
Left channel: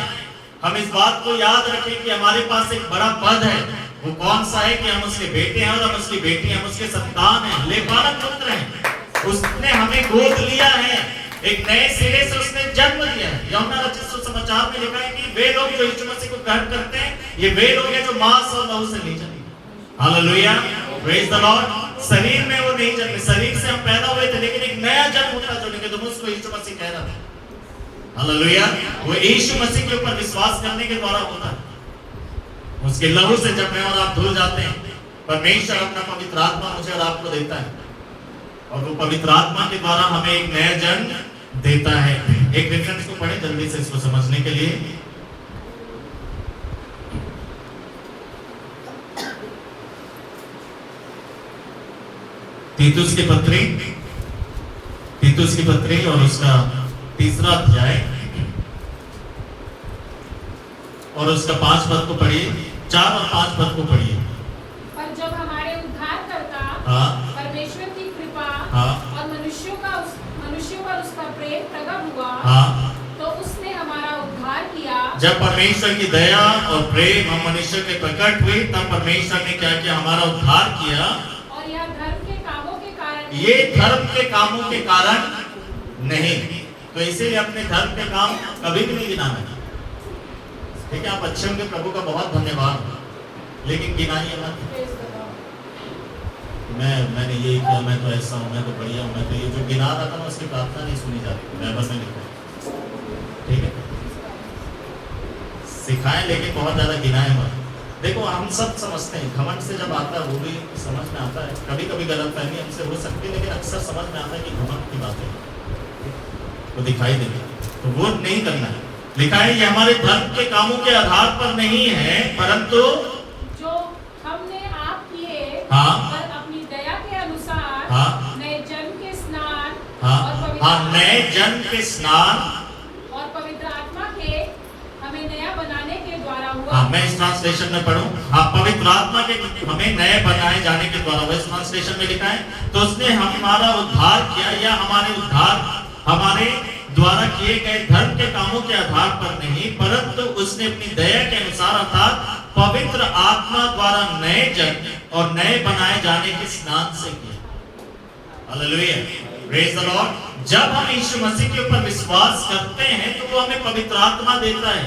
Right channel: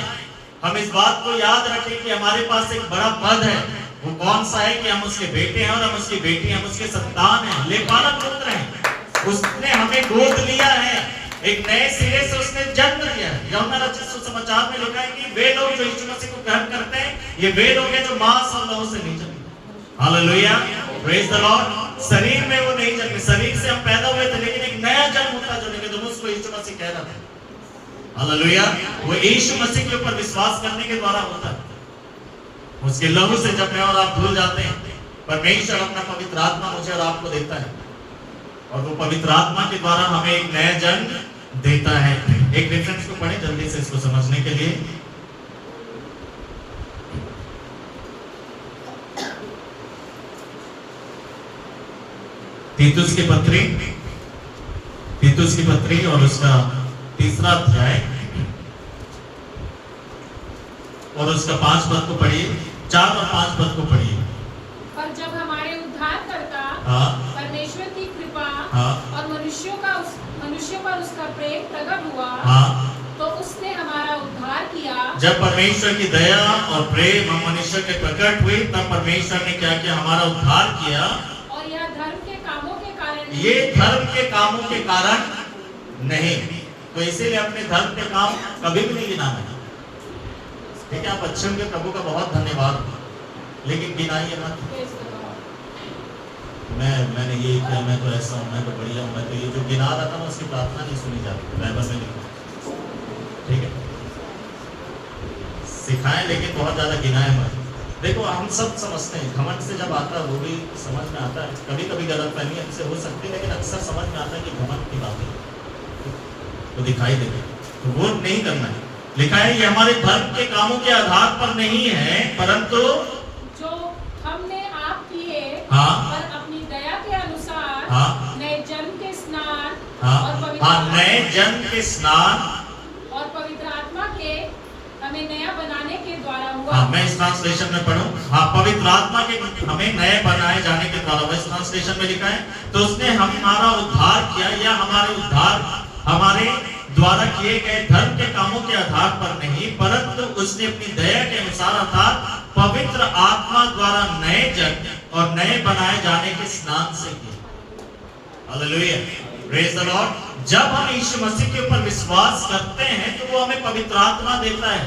हम इस बात को याद रखें कि हमारे पास एक बड़ा पद है। वो कौन सा है? कि हम उसके बेटे हैं और हम उसकी बेटी, हम उसके संतान हैं, लेखपालक पुत्र हैं। उसने हमें गोद लिया है, एक नए सिरे से उसने जन्म दिया है। यूहन्ना रचित सुसमाचार में लिखा है कि वे लोग जो यीशु मसीह को ग्रहण करते हैं, ये वे लोग हैं जो मांस और लहू से नहीं जन्मे। Hallelujah, praise the Lord. शरीर में वो नहीं जन्मे, शरीर से हम पैदा हुए थे, लेकिन एक नया जन्म होता है जो निकोदेमुस को यीशु मसीह कह रहा था। हालेलुया। वो यीशु मसीह के ऊपर विश्वास करने के द्वारा होता है। उसके लहू से जब मैं और आप धुल जाते हैं, परमेश्वर अपना पवित्र आत्मा मुझे और आपको देता है, और वो पवित्र आत्मा के द्वारा हमें एक नया जन्म देता है। एक रेफरेंस को पढ़ें जल्दी से इसको समझने के लिए। तीतुस की पत्री और उसका 3रा अध्याय और उसका 5 पद को पढ़िए, 4 और 5 पद को पढ़िए। पर जब हमारे उद्धारकर्ता परमेश्वर की कृपा और मनुष्यों पर उसका प्रेम प्रकट हुआ, तो उसने हमारा उद्धार किया। जब परमेश्वर की दया और प्रेम हम मनुष्य के प्रकट हुई, तब परमेश्वर ने क्या किया? हमारा उद्धार किया। और यह धर्म के कामों के कारण, ये धर्म के कामों के कारण नहीं। तो इसीलिए अपने धर्म के काम कभी भी नहीं गिनाना है। ठीक है, आप अच्छे होंगे, प्रभु का बहुत धन्यवाद, लेकिन गिनाइए मत। मैंने ये किया, मैं तो ऐसा हूँ, मैं तो बढ़िया हूँ, मैं तो ये जो गिना रहा था ना, उसकी प्रार्थना नहीं सुनी जाती थी, बाइबल में लिखा। ठीक है, सिखाएं लेकिन बहुत ज्यादा गिनाएं मत। देखो, हम सब समझते हैं, घमंड से जब आता है वो भी समझ में आता है। कभी कभी गलतफहमी हमसे हो सकती है, लेकिन अक्सर समझ में आता है कि घमंड की बात है, वो दिखाई देगी, तो वो नहीं करना है। लिखा है ये हमारे धर्म के कामों के आधार पर नहीं है, परंतु जो हमने आप किए और अपनी दया के अनुसार नए जन्म के स्नान नए जन्म के स्नान और पवित्र आत्मा के हमें नया बनाने के द्वारा हुआ। मैं इस ट्रांसलेशन में पढ़ूं। पवित्र आत्मा के हमें नए बनाए जाने के द्वारा, इस ट्रांसलेशन में लिखा है, तो उसने हमारा उद्धार किया, या हमारे उद्धार हमारे द्वारा किए गए धर्म के कामों के आधार पर नहीं, परंतु उसने अपनी दया के अनुसार अर्थात पवित्र आत्मा द्वारा नए जन्म और नए बनाए जाने के स्नान से किया। Hallelujah, praise the Lord. जब हम यीशु मसीह के ऊपर विश्वास करते हैं, तो वो हमें पवित्र आत्मा देता है।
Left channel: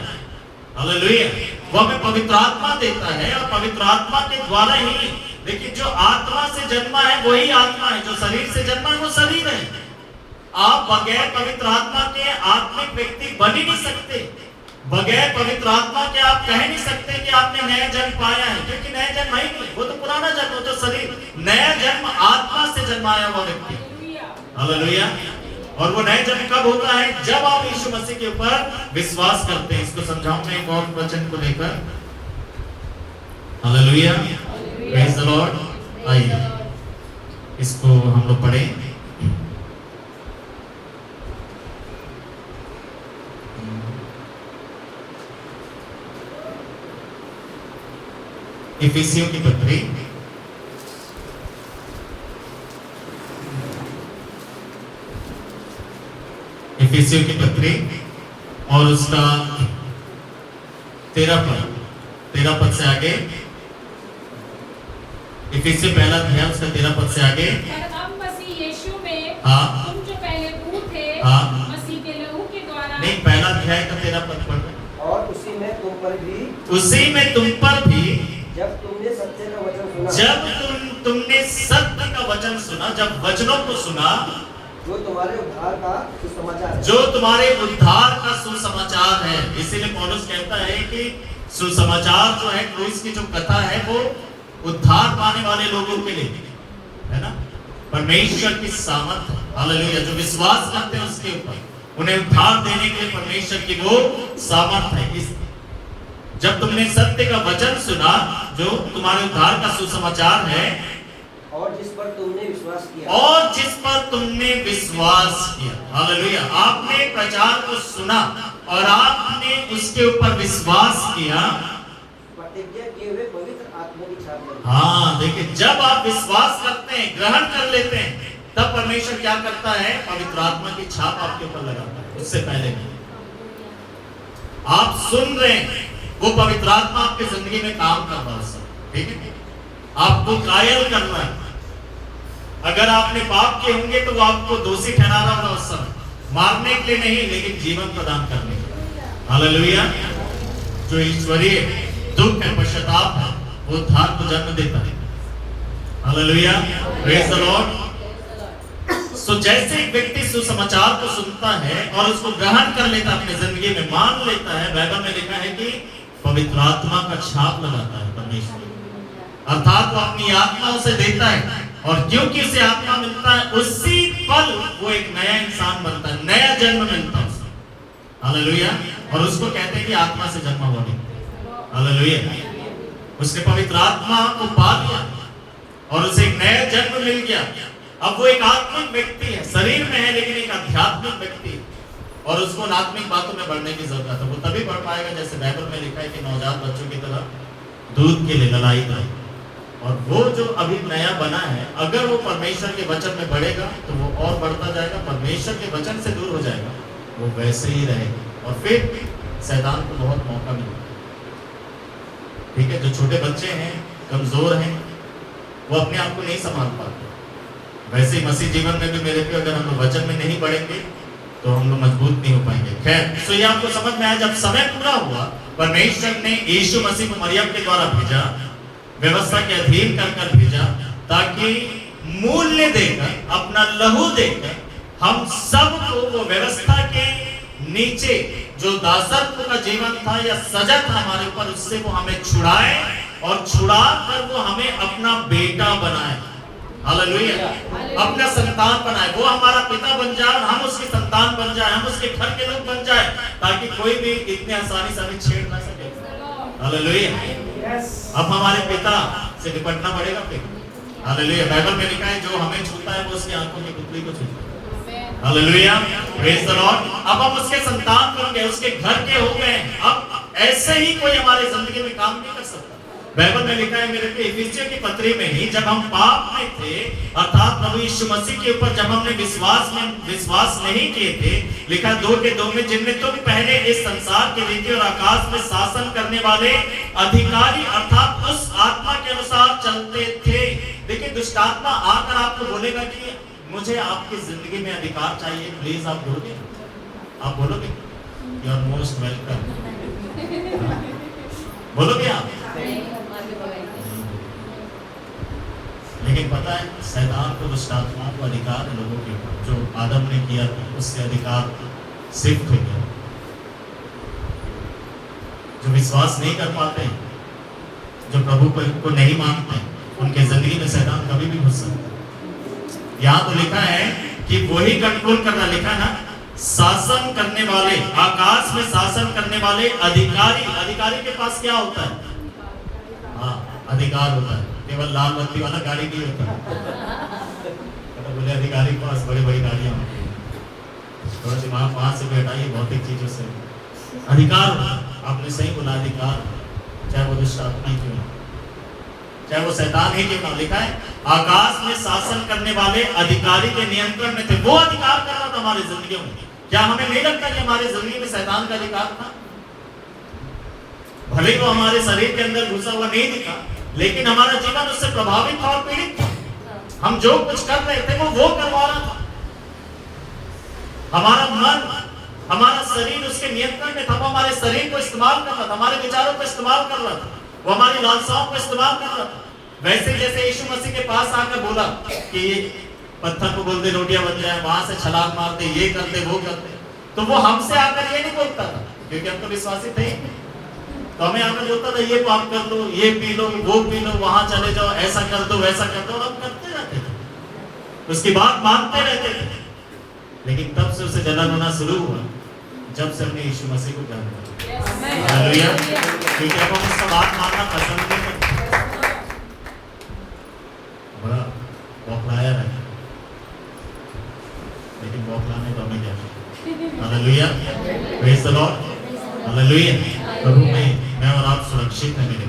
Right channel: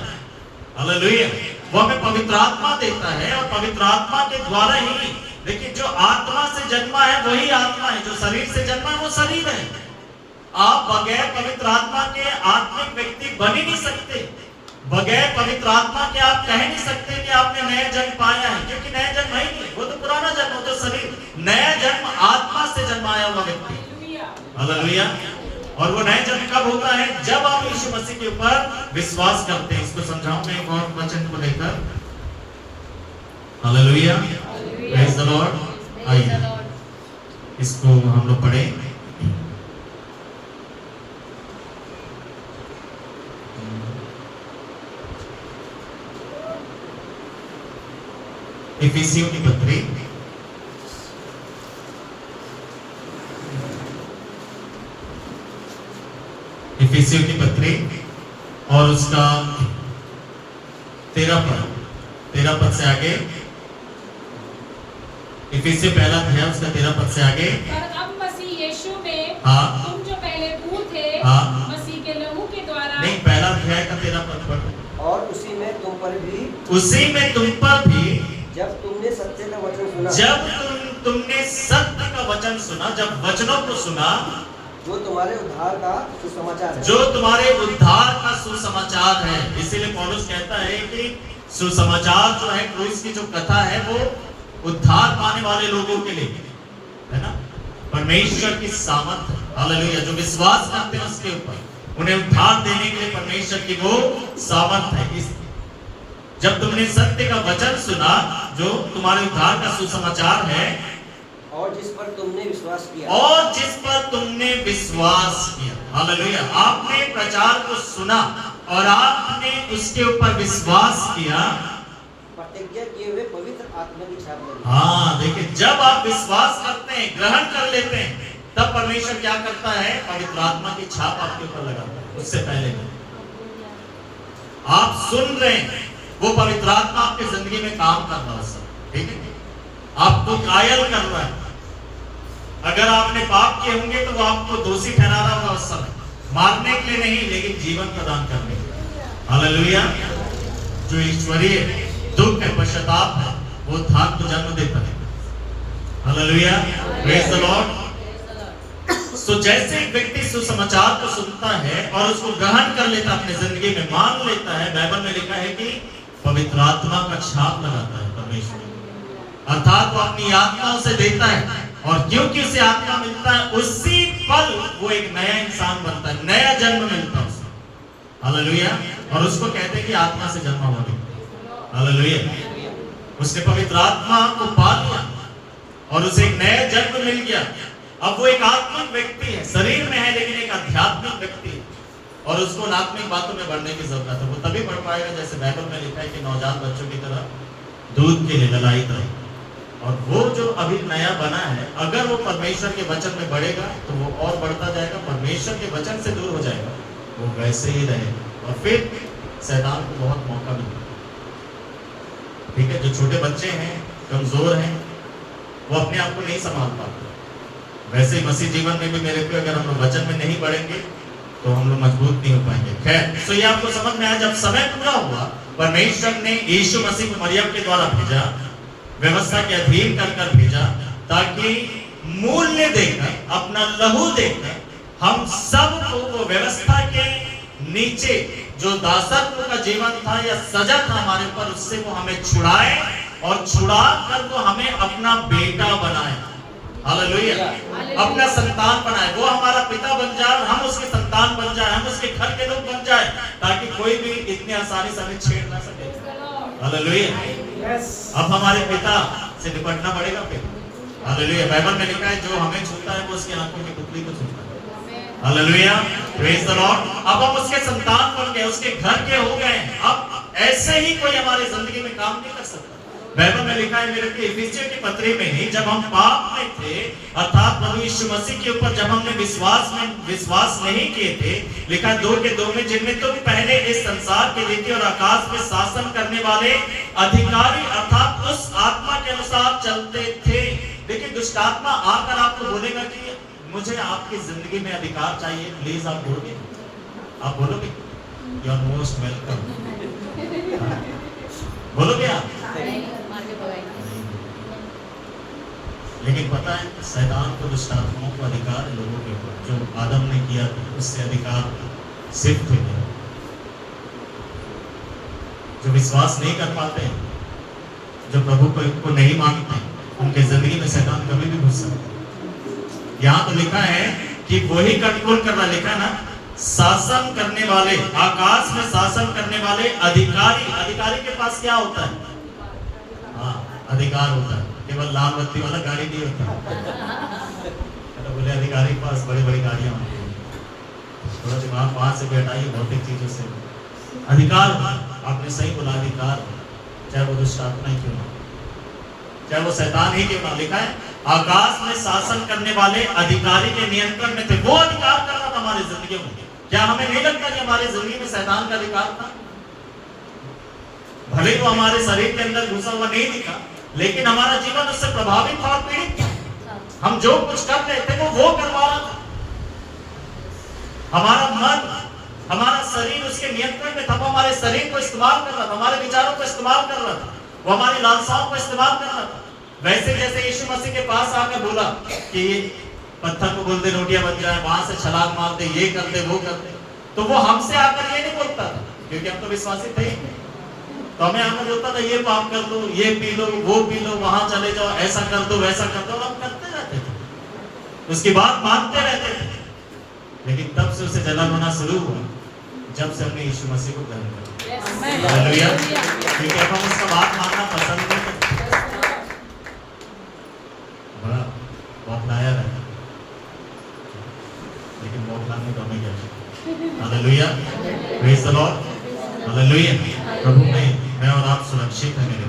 हालेलुया, वो हमें पवित्र आत्मा देता है, और पवित्र आत्मा के द्वारा ही, देखिए, जो आत्मा से जन्मा है वही आत्मा है, जो शरीर से जन्मा है वो शरीर है। आप बगैर पवित्र आत्मा के आत्मिक व्यक्ति बन ही नहीं सकते। बगैर पवित्र आत्मा के आप कह नहीं सकते कि आपने नया जन्म पाया है, क्योंकि नया जन्म है ही नहीं, वो तो पुराना जन्म, वो तो शरीर। नया जन्म आत्मा से जन्माया हुआ व्यक्ति। हालेलुया। और वो नया जन्म कब होता है? जब आप यीशु मसीह के ऊपर विश्वास करते हैं। इसको समझाऊं मैं एक और वचन को लेकर। Hallelujah, praise the Lord. आइए इसको हम लोग पढ़ें। इफिसियों की पत्री इफिसियों की पत्री और उसका 13 पद से आगे। इफिसियों पहला अध्याय उसका 13 पद से आगे। पर अब मसीह यीशु में हाँ। तुम जो पहले दूर थे, हाँ। मसीह के लहू के द्वारा। नहीं, पहला अध्याय का 13 पद पढ़ रहे। और उसी में तुम पर भी जब तुमने सत्य का वचन सुना, तुमने सत्य का वचन सुना, जब वचनों को सुना, जो तुम्हारे उद्धार का सुसमाचार है, जो तुम्हारे उद्धार का सुसमाचार है। इसीलिए पौलुस कहता है कि सुसमाचार जो है, क्रूस की जो कथा है, वो उद्धार पाने वाले लोगों के लिए है ना, परमेश्वर की सामर्थ है। हालेलुया, जो विश्वास करते हैं उसके ऊपर, उन्हें उद्धार देने के लिए परमेश्वर की वो सामर्थ है। जब तुमने सत्य का वचन सुना, जो तुम्हारे उद्धार का सुसमाचार है, और जिस पर तुमने विश्वास किया। हालेलुया, आपने प्रचार को सुना और आपने उसके ऊपर विश्वास किया, प्रतिज्ञा किए हुए पवित्र आत्मा की छाप लगी। हाँ, देखिए, जब आप विश्वास करते हैं, ग्रहण कर लेते हैं, तब परमेश्वर क्या करता है? पवित्र आत्मा की छाप आपके ऊपर लगाता है। उससे पहले नहीं। आप सुन रहे हैं, वो पवित्र आत्मा आपकी जिंदगी में काम कर रहा है, ठीक है, आपको कायल कर रहा है। अगर आपने पाप किए होंगे तो वो आपको दोषी ठहरा रहा होगा उस समय, मारने के लिए नहीं, लेकिन जीवन प्रदान करने के लिए। हालेलुया, जो ईश्वरीय दुख है, पश्चाताप है, वो उद्धार को जन्म देता है। Hallelujah, praise the lord. So जैसे एक व्यक्ति सुसमाचार को सुनता है और उसको ग्रहण कर लेता है, अपनी जिंदगी में मान लेता है, बाइबल में लिखा है कि पवित्र आत्मा का छाप लगाता है परमेश्वर, अर्थात वो अपनी आत्मा उसे देता है, और क्योंकि उसे आत्मा मिलता है, उसी पल वो एक नया इंसान बनता है, नया जन्म मिलता है उसे। हालेलुया, और उसको कहते हैं कि आत्मा से जन्मा हुआ व्यक्ति। हालेलुया, उसने पवित्र आत्मा को पा लिया और उसे एक नया जन्म मिल गया। अब वो एक आत्मिक व्यक्ति है, शरीर में है लेकिन एक आध्यात्मिक व्यक्ति है, और उसको आत्मिक बातों में बढ़ने की जरूरत है। वो तभी बढ़ पाएगा जैसे बाइबल में लिखा है कि नवजात बच्चों की तरह दूध के लिए ललायित रहे। और वो जो अभी नया बना है, अगर वो परमेश्वर के वचन में बढ़ेगा तो वो और बढ़ता जाएगा, परमेश्वर के वचन से दूर हो जाएगा, वो वैसे ही रहेगा, और फिर शैतान को बहुत मौका मिलेगा। ठीक है, जो छोटे बच्चे हैं, कमजोर हैं, वो अपने आप को नहीं संभाल पाते। वैसे ही मसीह जीवन में भी मेरे पे अगर हम लोग वचन में नहीं बढ़ेंगे तो हम लोग मजबूत नहीं हो पाएंगे। खैर, तो ये आपको समझ में आया, जब समय पूरा हुआ, परमेश्वर ने यीशु मसीह को मरियम के द्वारा भेजा, व्यवस्था के अधीन कर भेजा, ताकि मूल्य देकर, अपना लहू देकर हम सबको वो व्यवस्था के नीचे जो दासत्व का जीवन था या सजा था हमारे ऊपर, उससे वो हमें छुड़ाए और छुड़ा कर वो हमें अपना बेटा बनाए। हालेलुया, अपना संतान बनाए, वो हमारा पिता बन जाए और हम उसके संतान बन जाए, हम उसके घर के लोग बन जाए, ताकि कोई भी इतनी आसानी से हमें छेड़ ना सके। हालेलुया, अब हमारे पिता से निपटना पड़ेगा फिर। हालेलुया, बाइबल में लिखा है जो हमें छूता है वो उसकी आंखों की पुतली को छूता है। Hallelujah, praise the Lord. अब हम उसके संतान बन गए, उसके घर के हो गए। अब ऐसे ही कोई हमारी जिंदगी में काम नहीं कर सकता। बाइबल में लिखा है मेरे पे, इफिसियों की पत्री में ही, जब हम पाप में थे, अर्थात प्रभु यीशु मसीह के ऊपर जब हमने विश्वास नहीं किए थे, लिखा 2 के 2 में, जिनमें तुम पहले इस संसार की रीति और आकाश में शासन करने वाले अधिकारी अर्थात उस आत्मा के अनुसार चलते थे। देखिए, दुष्ट आत्मा आकर आपको बोलेगा कि मुझे आपकी जिंदगी में अधिकार चाहिए, प्लीज आप बोलोगे, आप बोलोगे, यू आर मोस्ट वेलकम, बोलोगे आप? लेकिन पता है, शैतान को, दुष्ट आत्माओं को अधिकार है लोगों के ऊपर। जो आदम ने किया था उससे अधिकार शिफ्ट हो गया। जो विश्वास नहीं कर पाते हैं, जो प्रभु को नहीं मानते हैं, उनके जिंदगी में शैतान कभी भी घुस सकता है। यहाँ तो लिखा है कि वही कंट्रोल कर रहा, लिखा ना, शासन करने वाले, आकाश में शासन करने वाले अधिकारी। अधिकारी के पास क्या होता है? हाँ, अधिकार होता है, केवल लाल बत्ती वाला गाड़ी नहीं होता। तो बोले अधिकारी के पास बड़ी बड़ी गाड़ियां होती हैं, थोड़ा दिमाग वहां से बैठाइए भौतिक चीजों से। अधिकार होता है, आपने सही बोला, अधिकार, चाहे वो दुष्ट आत्मा ही क्यों ना, चाहे वो शैतान ही क्यों ना। लिखा है आकाश में शासन करने वाले अधिकारी के नियंत्रण में थे, वो अधिकार कर रहा था हमारी जिंदगी में। क्या हमें नहीं लगता कि हमारी जिंदगी में शैतान का अधिकार था? भले ही वो हमारे शरीर के अंदर घुसा हुआ नहीं दिखा, लेकिन हमारा जीवन उससे प्रभावित था और पीड़ित था। हम जो कुछ कर रहे थे वो करवा रहा था। हमारा मन, हमारा शरीर उसके नियंत्रण में था। वो हमारे शरीर को इस्तेमाल कर रहा था, हमारे विचारों को इस्तेमाल कर रहा था, वो हमारी लालसाओं को इस्तेमाल कर रहा था। वैसे जैसे यीशु मसीह के पास आकर बोला कि पत्थर को बोल दे रोटियां बन जाए, वहां से छलांग मार दे, ये कर दे, वो कर दे, तो वो हमसे आकर ये नहीं बोलता था, क्योंकि हम तो विश्वासी थे। तो हमें आकर बोलता था ये पाप कर लो, ये पी लो, वो पी लो, वहां चले जाओ, ऐसा कर दो, वैसा कर दो, और हम करते रहते थे, उसकी बात मानते रहते थे। लेकिन तब से उसे जलन होना शुरू हुआ जब से हमने यीशु मसीह को ग्रहण किया। हालेलुया। क्योंकि अब हम उसका बात मानना पसंद नहीं करते, बड़ा बौखलाया रहता, लेकिन बौखलाने को हमें क्या। Hallelujah, praise the lord, hallelujah. प्रभु में मैं और आप सुरक्षित हैं मेरे।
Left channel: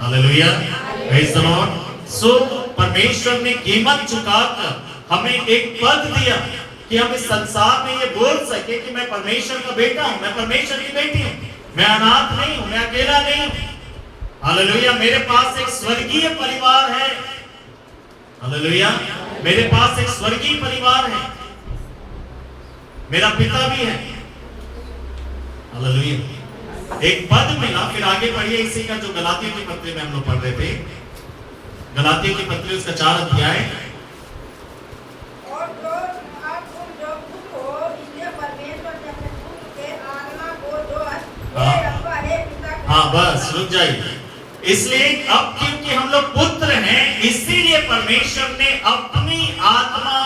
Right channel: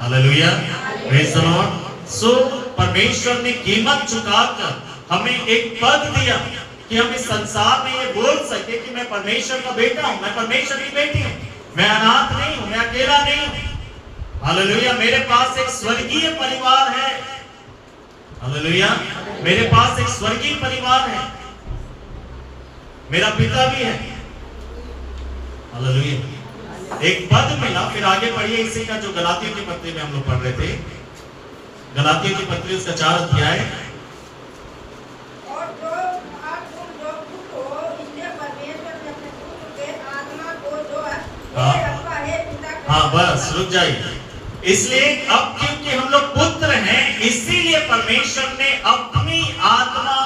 Hallelujah, praise the lord. So परमेश्वर ने कीमत चुकाकर हमें एक पद दिया कि हम इस संसार में ये बोल सके कि मैं परमेश्वर का बेटा हूं, मैं परमेश्वर की बेटी हूं, मैं अनाथ नहीं हूं, मैं अकेला नहीं हूं। हालेलुया, मेरे पास एक स्वर्गीय परिवार है। हालेलुया, मेरे पास एक स्वर्गीय परिवार है, मेरा पिता भी है। हालेलुया, एक पद मिला। फिर आगे पढ़िए इसी का, जो गलातियों की पत्री में हम लोग पढ़ रहे थे, गलातियों की पत्री उसका 4 अध्याय। और जो जो पुत्र हो, इसलिए परमेश्वर ने अपने पुत्र के आत्मा को जो है पिता के। हाँ बस रुक जाइए। इसलिए अब क्योंकि हम लोग पुत्र हैं, इसीलिए परमेश्वर ने अपनी आत्मा,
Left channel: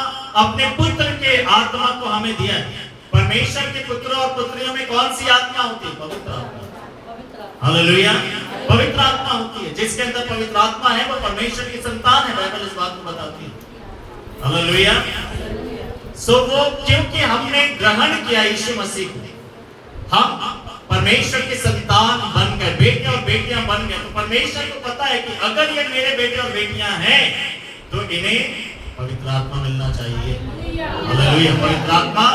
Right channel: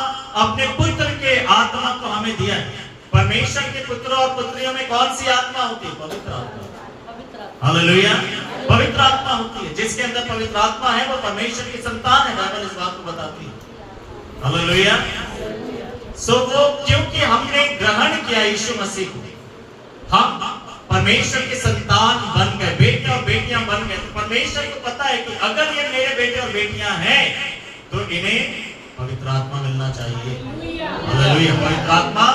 अपने पुत्र के आत्मा को हमें दिया है। परमेश्वर के पुत्रों और पुत्रियों में कौन सी आत्मा होती है? पवित्र आत्मा। हालेलुया, पवित्र आत्मा होती है। जिसके अंदर पवित्र आत्मा है वो परमेश्वर की संतान है, बाइबल इस बात को बताती है। हालेलुया। सो वो क्योंकि हमने ग्रहण किया यीशु मसीह को, हम परमेश्वर के संतान बन गए, बेटे और बेटियां बन गए। तो परमेश्वर को पता है कि अगर ये मेरे बेटे और बेटियां हैं तो इन्हें पवित्र आत्मा मिलना चाहिए। हालेलुया, पवित्र आत्मा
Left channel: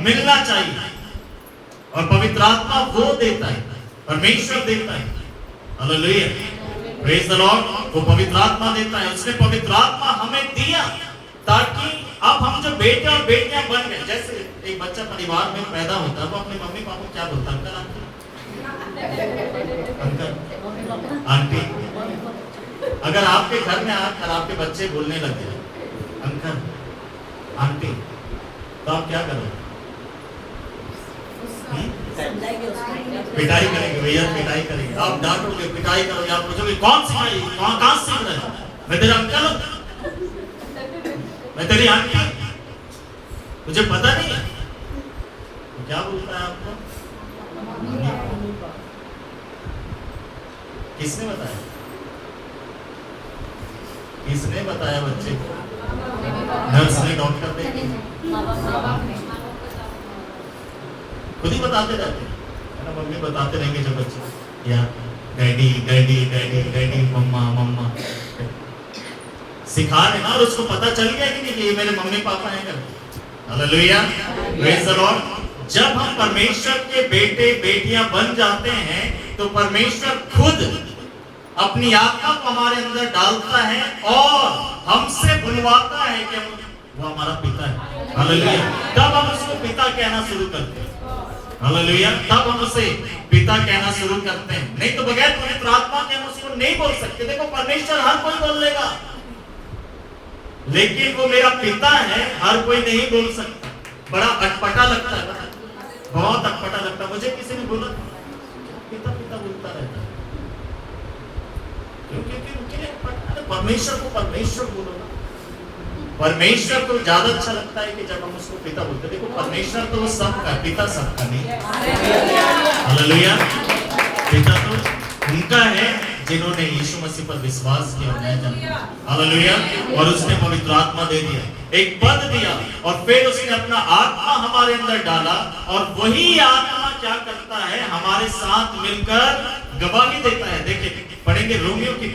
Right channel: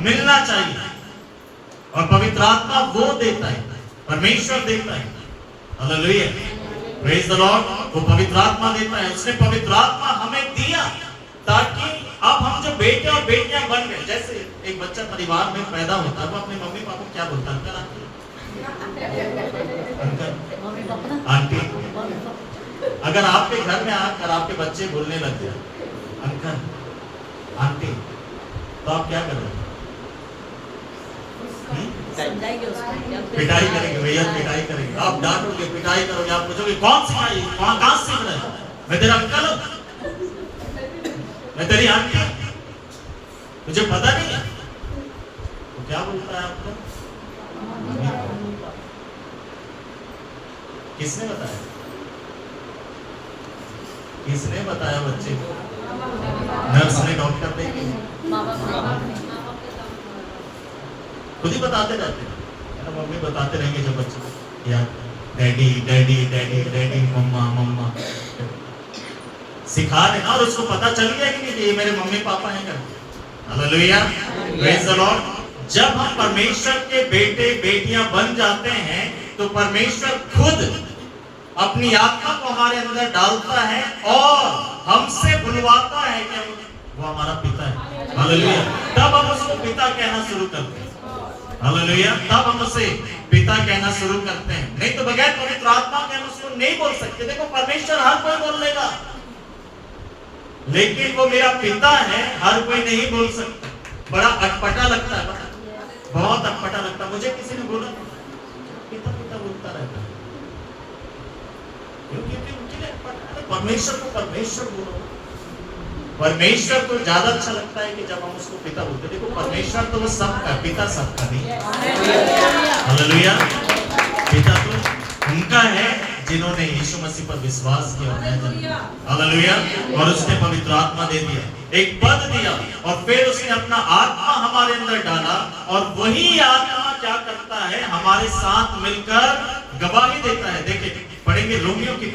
मिलना चाहिए। और पवित्र आत्मा वो देता है, परमेश्वर देता है। Hallelujah, praise the Lord. वो पवित्र आत्मा देता है, उसने पवित्र आत्मा हमें दिया ताकि अब हम जो बेटे और बेटियां बन गए। जैसे एक बच्चा परिवार में पैदा होता है, वो अपने मम्मी पापा को क्या बोलता है? Uncle, aunty. अगर आपके घर में आकर आपके बच्चे बोलने लग जाए अंकल, आंटी, तो आप क्या करोगे? पिटाई करेंगे भैया, पिटाई करेंगे। आप डांटोगे, पिटाई करोगे, आप पूछोगे कौन सिखाई, कहां सीख रहे हो? मैं तेरा अंकल हूं, मैं तेरी आंटी, तुझे पता नहीं है? तो क्या बोलता है आपको? किसने बताया? किसने बताया बच्चे को? नर्स ने, डॉक्टर ने, खुद ही बताते रहते हैं, है ना? मम्मी बताते रहेंगे जो बच्चे, या डैडी डैडी डैडी डैडी, मम्मा मम्मा सिखा रहे ना, और उसको पता चल गया कि नहीं कि ये मेरे मम्मी पापा हैं करके। Hallelujah, praise the Lord. जब हम परमेश्वर के बेटे बेटियां बन जाते हैं तो परमेश्वर खुद अपनी आत्मा को हमारे अंदर डालता है और हमसे बुलवाता है कि वो हमारा पिता है। हालेलुया, तब हम उसको पिता कहना शुरू करते हैं। हालेलुया, तब हम उसे पिता कहना शुरू करते हैं। नहीं तो बगैर पवित्र आत्मा के हम उसको नहीं बोल सकते। देखो, परमेश्वर हर कोई बोल लेगा, लेकिन वो मेरा पिता है हर कोई नहीं बोल सकता। बड़ा अटपटा लगता है, बहुत अटपटा लगता है। मुझे किसी ने बोला पिता पिता बोलता रहता है, क्योंकि परमेश्वर को परमेश्वर बोलो ना। परमेश्वर को ज्यादा अच्छा लगता है कि जब हम उसको पिता बोलते। देखो, परमेश्वर तो वो सबका, पिता सबका नहीं। हालेलुया, पिता तो उनका है जिन्होंने यीशु मसीह पर विश्वास किया और नया जन्म लिया। हालेलुया। और उसने पवित्र आत्मा दे दिया, एक पद दिया, और फिर उसने अपना आत्मा हमारे अंदर डाला, और वही आत्मा क्या करता है, हमारे साथ मिलकर गवाही देता है। देखिए पढ़ेंगे रोमियो की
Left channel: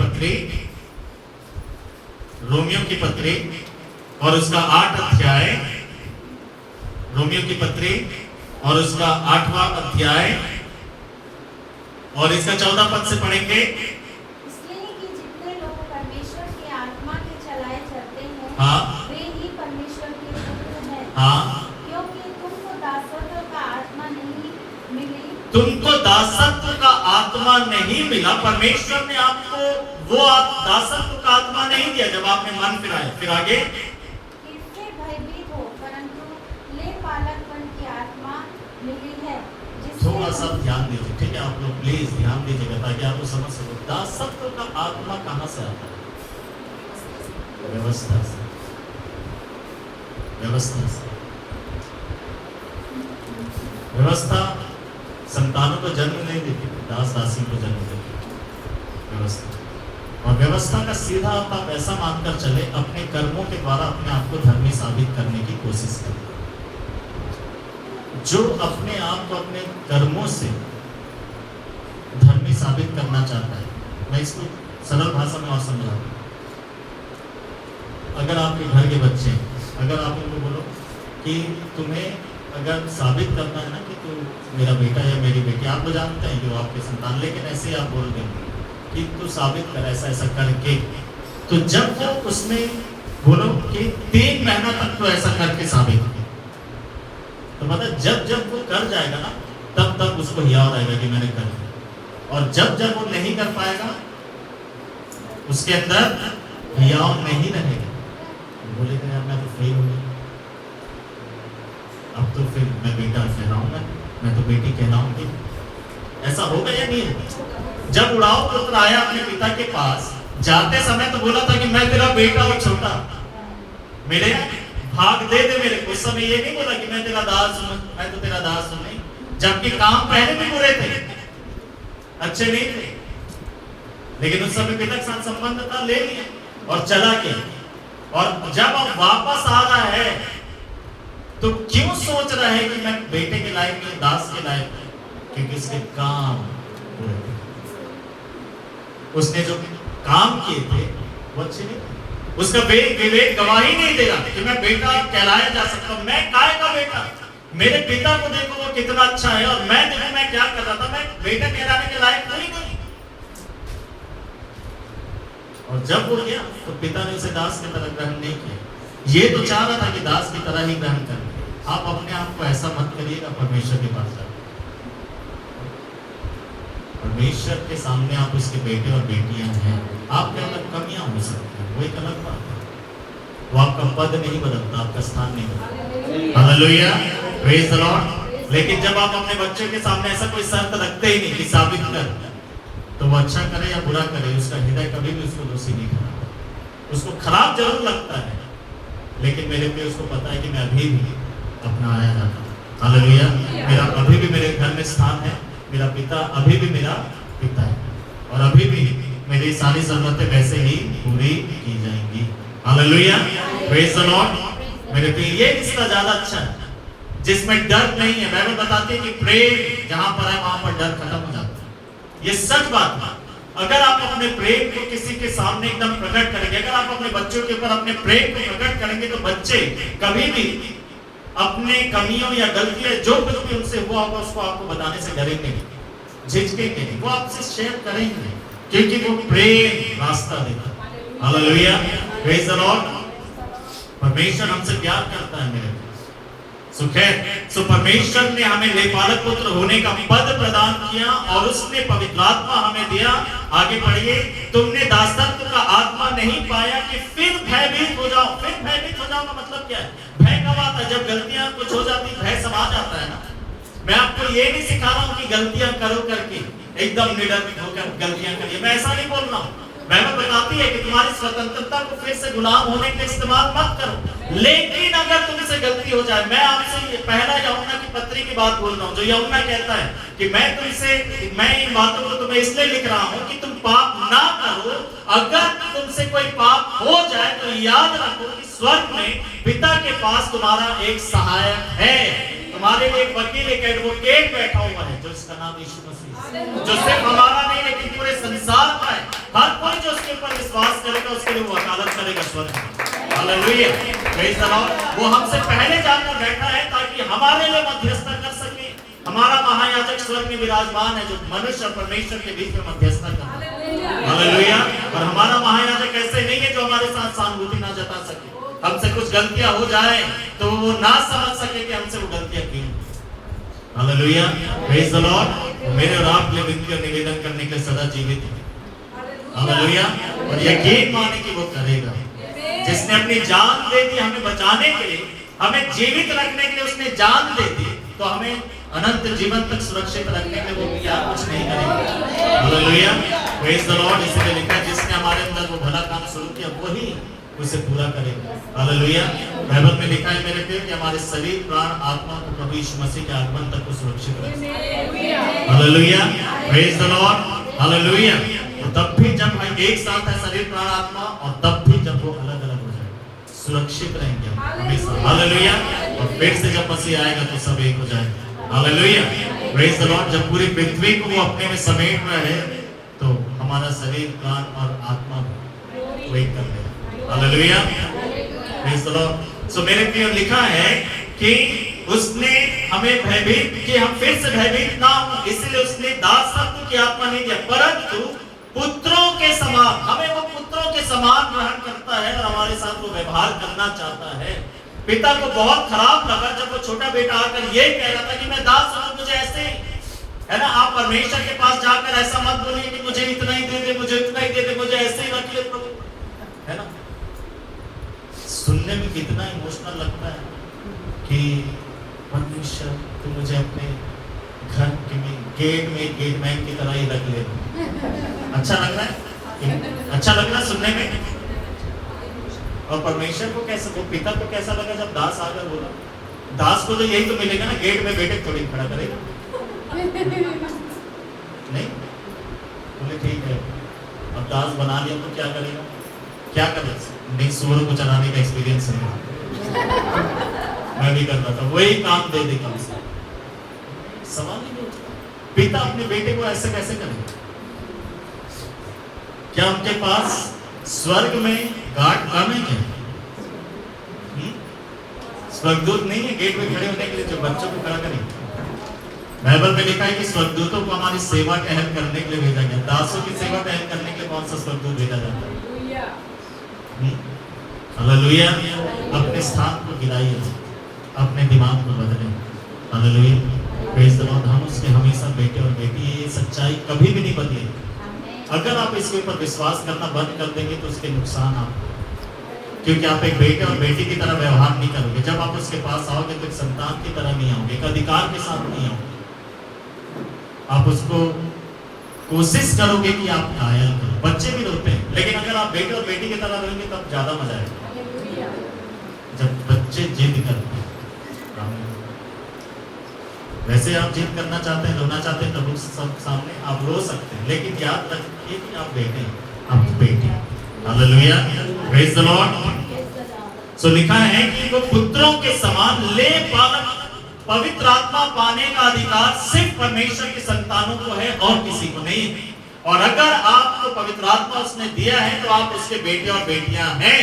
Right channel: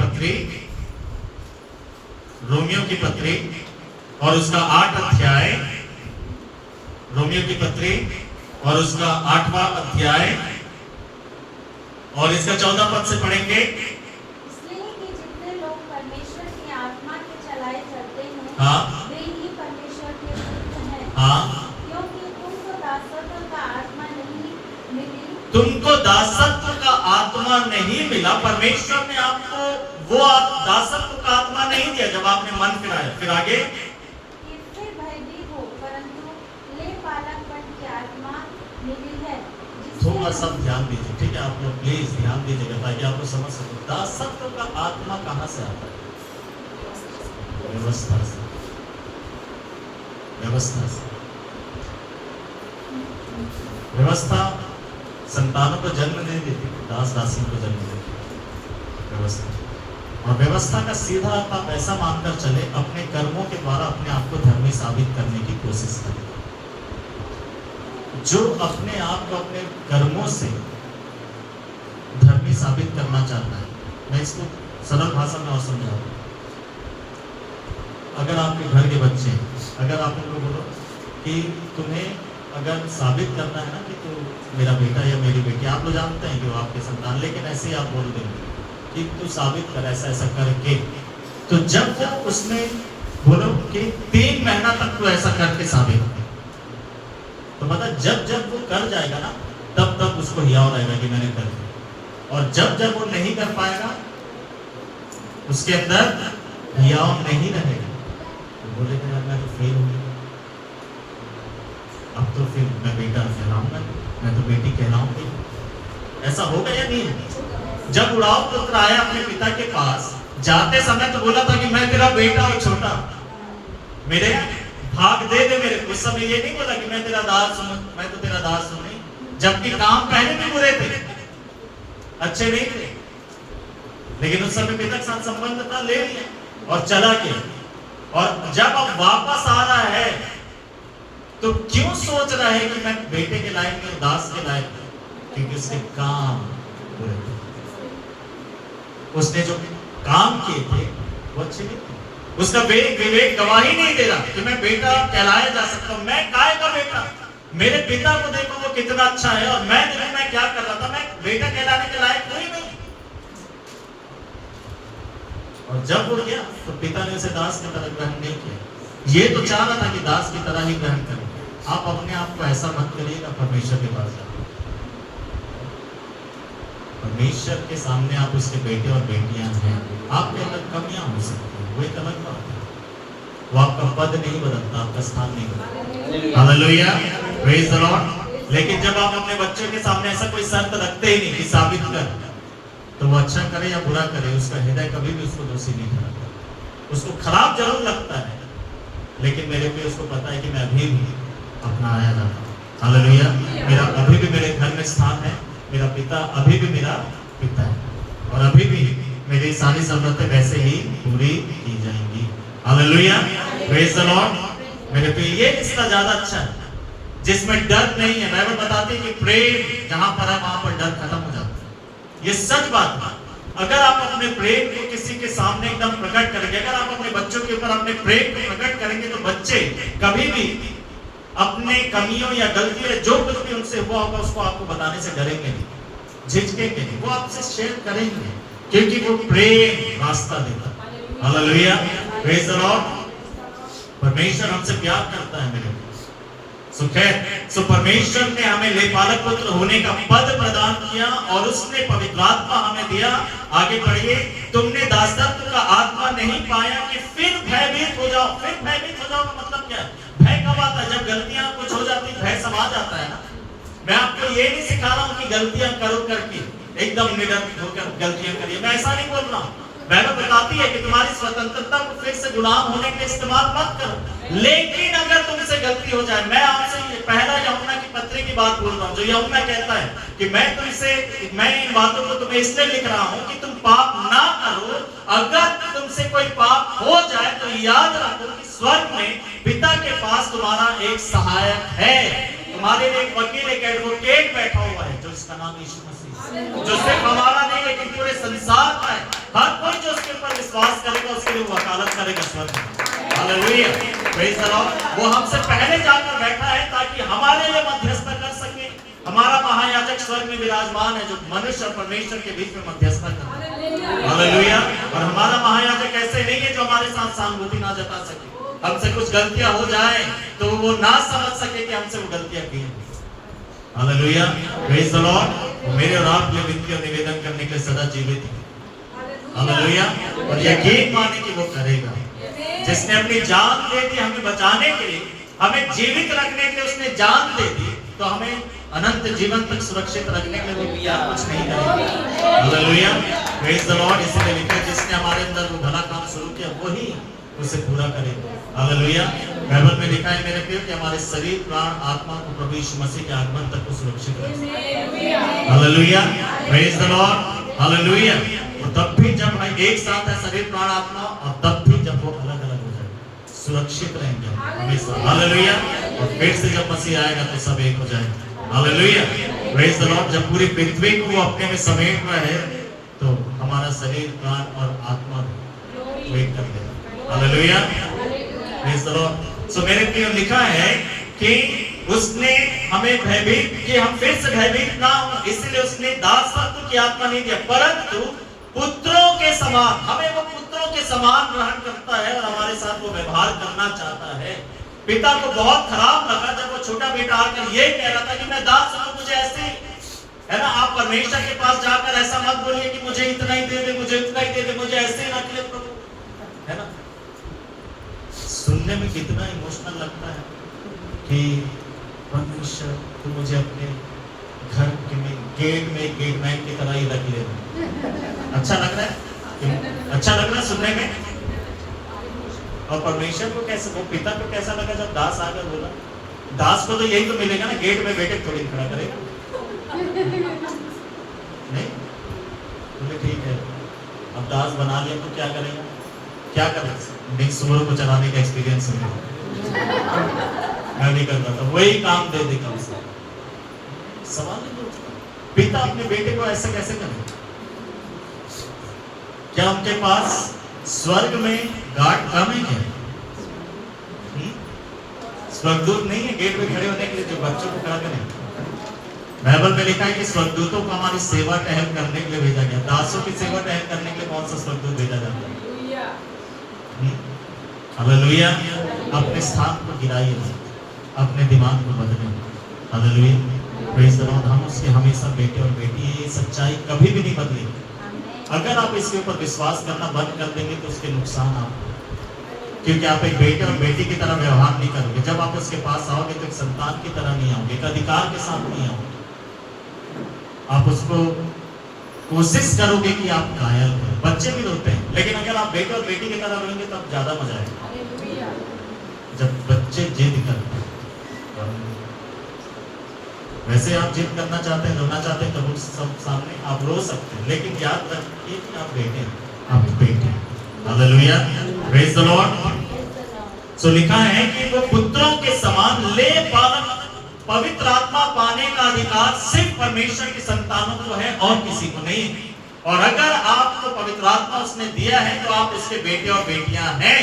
पत्री और उसका 8 अध्याय, रोमियो की पत्री और उसका 8वां अध्याय और इसका 14 पद से पढ़ेंगे। इसलिए कि जितने लोग परमेश्वर की आत्मा के चलाए जाते हैं, हाँ, वे ही परमेश्वर के पुत्र हैं। हाँ, क्योंकि तुमको दासत्व का आत्मा नहीं मिली, तुमको दासत्व का आत्मा नहीं मिला। परमेश्वर ने आपको वो दासत्व का आत्मा नहीं दिया जब आपने मन फिराया। फिर आगे, कि फिर भयभीत हो, परंतु ले पालकपन की आत्मा मिली है, थोड़ा सा ध्यान दीजिए, ठीक है? आप लोग प्लीज ध्यान दीजिएगा ताकि आप लोग समझ सको दासत्व का आत्मा कहां से आता है। व्यवस्था से। व्यवस्था संतानों को जन्म नहीं देती, दास दासियों को जन्म देती व्यवस्था। और व्यवस्था का सीधा आप ऐसा मानकर चले, अपने कर्मों के द्वारा अपने आप को धर्मी साबित करने की कोशिश करें। जो अपने आप को अपने कर्मों से धर्मी साबित करना चाहता है, मैं इसको सरल भाषा में और समझा दूं। अगर आपके घर के बच्चे, अगर आप उनको बोलो कि तुम्हें अगर साबित करना है ना कि तू मेरा बेटा या मेरी बेटी, आप लोग जानते हैं कि वो आपके संतान, लेकिन ऐसे ही आप बोल देंगे कि तू साबित कर ऐसा ऐसा करके, तो जब वो उसमें बोलो कि 3 महीना तक तो ऐसा करके साबित कर, तो मतलब जब जब वो कर जाएगा ना, तब तब उसको हियाव रहेगा कि मैंने कर दिया। और जब जब वो नहीं कर पाएगा, उसके अंदर हियाव नहीं रहेगा। बोलेगा यार मैं तो फेल हो गया, अब तो फिर मैं बेटा कहलाऊंगा, मैं तो बेटी कहलाऊंगी। ऐसा होगा या नहीं होगा? जब उड़ाऊ पुत्र आया अपने पिता के पास, जाते समय तो बोला था कि मैं तेरा बेटा और छोटा, मेरे भाग दे दे मेरे। उस समय ये नहीं बोला कि मैं तेरा दास हूं, मैं तो तेरा दास हूं, नहीं। जबकि काम पहले भी बुरे थे, अच्छे नहीं थे, लेकिन उस समय पिता के साथ संबंध था, ले लिया और चला गया। और जब अब वापस आ रहा है तो क्यों सोच रहा है कि मैं बेटे के लायक नहीं, दास के लायक? क्योंकि उसके काम बुरे थे। उसने जो काम किए थे वो अच्छे नहीं थे। उसका विवेक गवाही नहीं दे रहा कि मैं बेटा कहलाया जा सकता हूं। मैं काय का बेटा? मेरे पिता को देखो वो कितना अच्छा है, और मैं देखो मैं क्या कर रहा था, मैं बेटा कहलाने के लायक कोई नहीं। और जब वो गया तो पिता ने उसे दास की तरह ग्रहण नहीं किया। ये तो चाह रहा था कि दास की तरह ही ग्रहण करें। आप अपने आप को ऐसा मत करिएगा परमेश्वर के पास जाकर। परमेश्वर के सामने आप उसके बेटे और बेटियां हैं। आपके अंदर कमियां हो सकती हैं, वो एक अलग बात है। वो आपका पद नहीं बदलता, आपका स्थान नहीं बदलता। Hallelujah, praise the Lord. लेकिन जब आप अपने बच्चों के सामने ऐसा कोई शर्त रखते ही नहीं कि साबित कर, तो वो अच्छा करे या बुरा करे, उसका हृदय कभी भी उसको दोषी नहीं ठहराता। उसको खराब जरूर लगता है, लेकिन मेरे पे उसको पता है कि मैं अभी भी अपना आया जाता हूँ। हालेलुया, मेरा अभी भी मेरे घर में स्थान है, मेरा पिता अभी भी मेरा पिता है, और अभी भी मेरी सारी जरूरतें वैसे ही पूरी की जाएंगी। Hallelujah, praise the Lord. मेरे पे ये रिश्ता ज्यादा अच्छा है जिसमें डर नहीं है। बाइबल बताती है कि प्रेम जहां पर है वहां पर डर खत्म हो जाता है। ये सच बात है। अगर आप अपने प्रेम को किसी के सामने एकदम प्रकट करेंगे, अगर आप अपने बच्चों के ऊपर अपने प्रेम को प्रकट करेंगे, तो बच्चे कभी भी अपने कमियों या गलतियां जो कुछ भी उनसे हुआ होगा उसको आपको बताने से डरेंगे नहीं, झिझकेंगे नहीं, वो आपसे शेयर करेंगे, क्योंकि वो प्रेम रास्ता देता है। Hallelujah, praise the Lord. परमेश्वर हमसे प्यार करता है मेरे। सो परमेश्वर ने हमें लेपालक पुत्र होने का पद प्रदान किया, और उसने पवित्र आत्मा हमें दिया। आगे पढ़िए, तुमने दासत्व का आत्मा नहीं पाया कि फिर भयभीत हो जाओ। फिर भयभीत हो जाओ का मतलब क्या है? भय कब आता है? जब गलतियां कुछ हो जाती, भय समा जाता है ना। मैं आपको ये नहीं सिखा रहा हूं कि गलतियां करो करके एकदम निडर होकर गलतियां करिए, मैं ऐसा नहीं बोल रहा हूं। बाइबल बताती है कि तुम्हारी स्वतंत्रता को फिर से गुलाम होने के लिए इस्तेमाल मत करो। लेकिन अगर तुमसे गलती हो जाए, मैं आपसे ये पहला यूहन्ना की पत्री की बात बोल रहा हूँ, जो यूहन्ना कहता है कि मैं इन बातों को तुम्हें इसलिए लिख रहा हूँ कि तुम पाप ना करो। अगर तुमसे कोई पाप हो जाए तो याद रखो कि स्वर्ग में पिता के पास तुम्हारा एक सहायक है, तुम्हारे लिए एक वकील, एक एडवोकेट बैठा हुआ है, जो इसका नाम यीशु मसीह, जो सिर्फ हमारा नहीं लेकिन पूरे संसार का है। हर कोई जो उसके ऊपर विश्वास करेगा उसके लिए वकालत करेगा स्वर्ग में। Hallelujah, praise the Lord. वो हमसे पहले जाकर बैठा है ताकि हमारे लिए मध्यस्थता कर सके। हमारा महायाजक स्वर्ग में विराजमान है, जो मनुष्य और परमेश्वर के बीच में मध्यस्थता करता है। हालेलुया। और हमारा महायाजक ऐसे नहीं है जो हमारे साथ सहानुभूति ना जता सके। हमसे कुछ गलतियां हो जाए तो वो ना समझ सके कि हमसे वो गलतियां की। Hallelujah, praise the Lord. मेरे और आप लिए विनती और निवेदन करने के सदा जीवित है। हालेलुया। और यकीन माने कि वो करेगा। जिसने अपनी जान दे दी हमें बचाने के लिए, हमें जीवित रखने के लिए उसने जान दे दी, तो हमें अनंत जीवन तक सुरक्षित रखने के लिए वो क्या कुछ नहीं करेगा। Hallelujah, praise the Lord. इसलिए लिखा है जिसने हमारे अंदर वो भला काम शुरू किया वही उसे पूरा करेगा। हालेलुया। बाइबल में लिखा है मेरे प्रिय कि हमारे शरीर, प्राण, आत्मा को प्रभु यीशु मसीह के आगमन तक को सुरक्षित रखेगा। Hallelujah, praise the lord. Hallelujah. तो तब भी जब हम एक साथ है शरीर, प्राण, आत्मा, और तब भी जब वो अलग अलग हो जाए सुरक्षित रहेंगे हमेशा। हालेलुया। और फिर से जब मसीह आएगा तो सब एक हो जाएंगे। Hallelujah, praise the Lord. जब पूरी पृथ्वी को वो अपने में समेट रहे तो हमारा शरीर, प्राण और आत्मा वेट कर लेगा। Hallelujah, praise the lord. So मेरे प्रिय लिखा है कि उसने हमें भयभीत कि हम फिर से भयभीत ना हो, इसलिए उसने दासत्व की आत्मा नहीं दिया, परंतु पुत्रों के समान, हमें वो पुत्रों के समान ग्रहण करता है और हमारे साथ वो व्यवहार करना चाहता है। पिता को बहुत खराब लगा जब वो छोटा बेटा आकर ये कह रहा था कि मैं दास हूं, मुझे ऐसे, है ना, आप परमेश्वर के पास जाकर ऐसा मत बोलिए कि मुझे इतना ही दे दे, मुझे इतना ही दे दे, मुझे ऐसे ही रख ले प्रभु, है ना। सुनने में कितना इमोशनल लगता है कि परमेश्वर तू मुझे अपने घर के में गेट में गेटमैन की तरह ही रख ले। अच्छा लग रहा है, अच्छा लग रहा है सुनने में। और परमेश्वर को कैसे, वो पिता को कैसा लगा जब दास आकर बोला। दास को तो यही तो मिलेगा ना, गेट में बेटे थोड़ी खड़ा करेगा, नहीं बोले ठीक है। अब दास बना लिया तो क्या करेगा, क्या कर नहीं, सूअर को चलाने का एक्सपीरियंस है, मैं भी कर रहा था, वही काम दे दे कम से। सवाल नहीं पूछता पिता अपने बेटे को ऐसे कैसे करेगा। क्या उनके पास स्वर्ग में गार्ड कम है क्या? स्वर्गदूत नहीं है गेट पे खड़े होने के लिए जो बच्चों को खड़ा करें। बाइबल में लिखा है कि स्वर्गदूतों को हमारी सेवा टहल करने के लिए भेजा गया। दासों की सेवा टहल करने के लिए कौन सा स्वर्गदूत भेजा जाता है? हालेलुया। अपने स्थान को गिराइए, अपने दिमाग को बदलें। Hallelujah, praise the Lord. हम उसके हमेशा बेटे और बेटी, ये सच्चाई कभी भी नहीं बदलेगी। अगर आप इसके ऊपर विश्वास करना बंद कर देंगे तो उसके नुकसान आप, क्योंकि आप एक बेटे और बेटी की तरह व्यवहार नहीं करोगे। जब आप उसके पास आओगे तो एक संतान की तरह नहीं आओगे, एक अधिकार के साथ नहीं आओगे। आप उसको कोशिश करोगे कि आप कायल करो। बच्चे भी रोते हैं, लेकिन अगर आप बेटे और बेटी की तरह रहेंगे तब ज्यादा मजा आएगा। जब बच्चे जिद करते हैं, वैसे आप जिद करना चाहते हैं, रोना चाहते हैं, तब उस सब सामने आप रो सकते हैं, लेकिन याद रखिए कि आप बेटे हैं, आप बेटी हैं। Hallelujah, praise the lord. So लिखा है कि वो पुत्रों के समान ले पालन, पवित्र आत्मा पाने का अधिकार सिर्फ परमेश्वर की संतानों को है और किसी को नहीं। और अगर आपको पवित्र आत्मा उसने दिया है तो आप उसके बेटे और बेटियां हैं।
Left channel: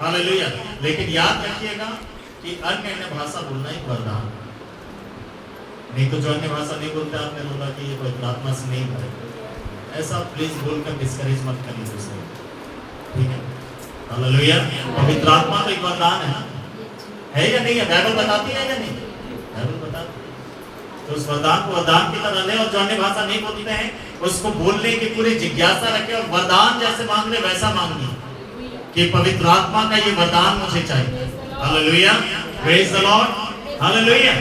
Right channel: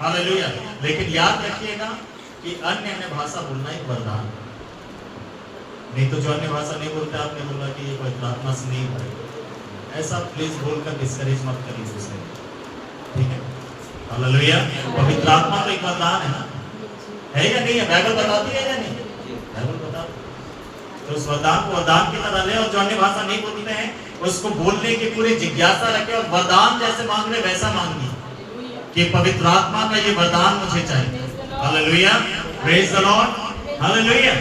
हालेलुया। लेकिन याद रखिएगा कि अन्य भाषा बोलना ही वरदान, नहीं तो जो अन्य भाषा नहीं बोलते, आपने बोला कि ये पवित्र आत्मा से नहीं भरे, ऐसा प्लीज बोलकर डिस्करेज मत करिए दूसरे, ठीक है। हालेलुया। पवित्र आत्मा तो एक वरदान है ना, है या नहीं है? बाइबल बताती है या नहीं? बाइबल बता तो उस वरदान को वरदान की तरह ले, और जो अन्य भाषा नहीं बोलते हैं उसको बोलने की पूरी जिज्ञासा रखे, और वरदान जैसे मांग रहे वैसा मांगिए कि पवित्र आत्मा का ये वरदान मुझे चाहिए। Hallelujah, praise the lord. Hallelujah.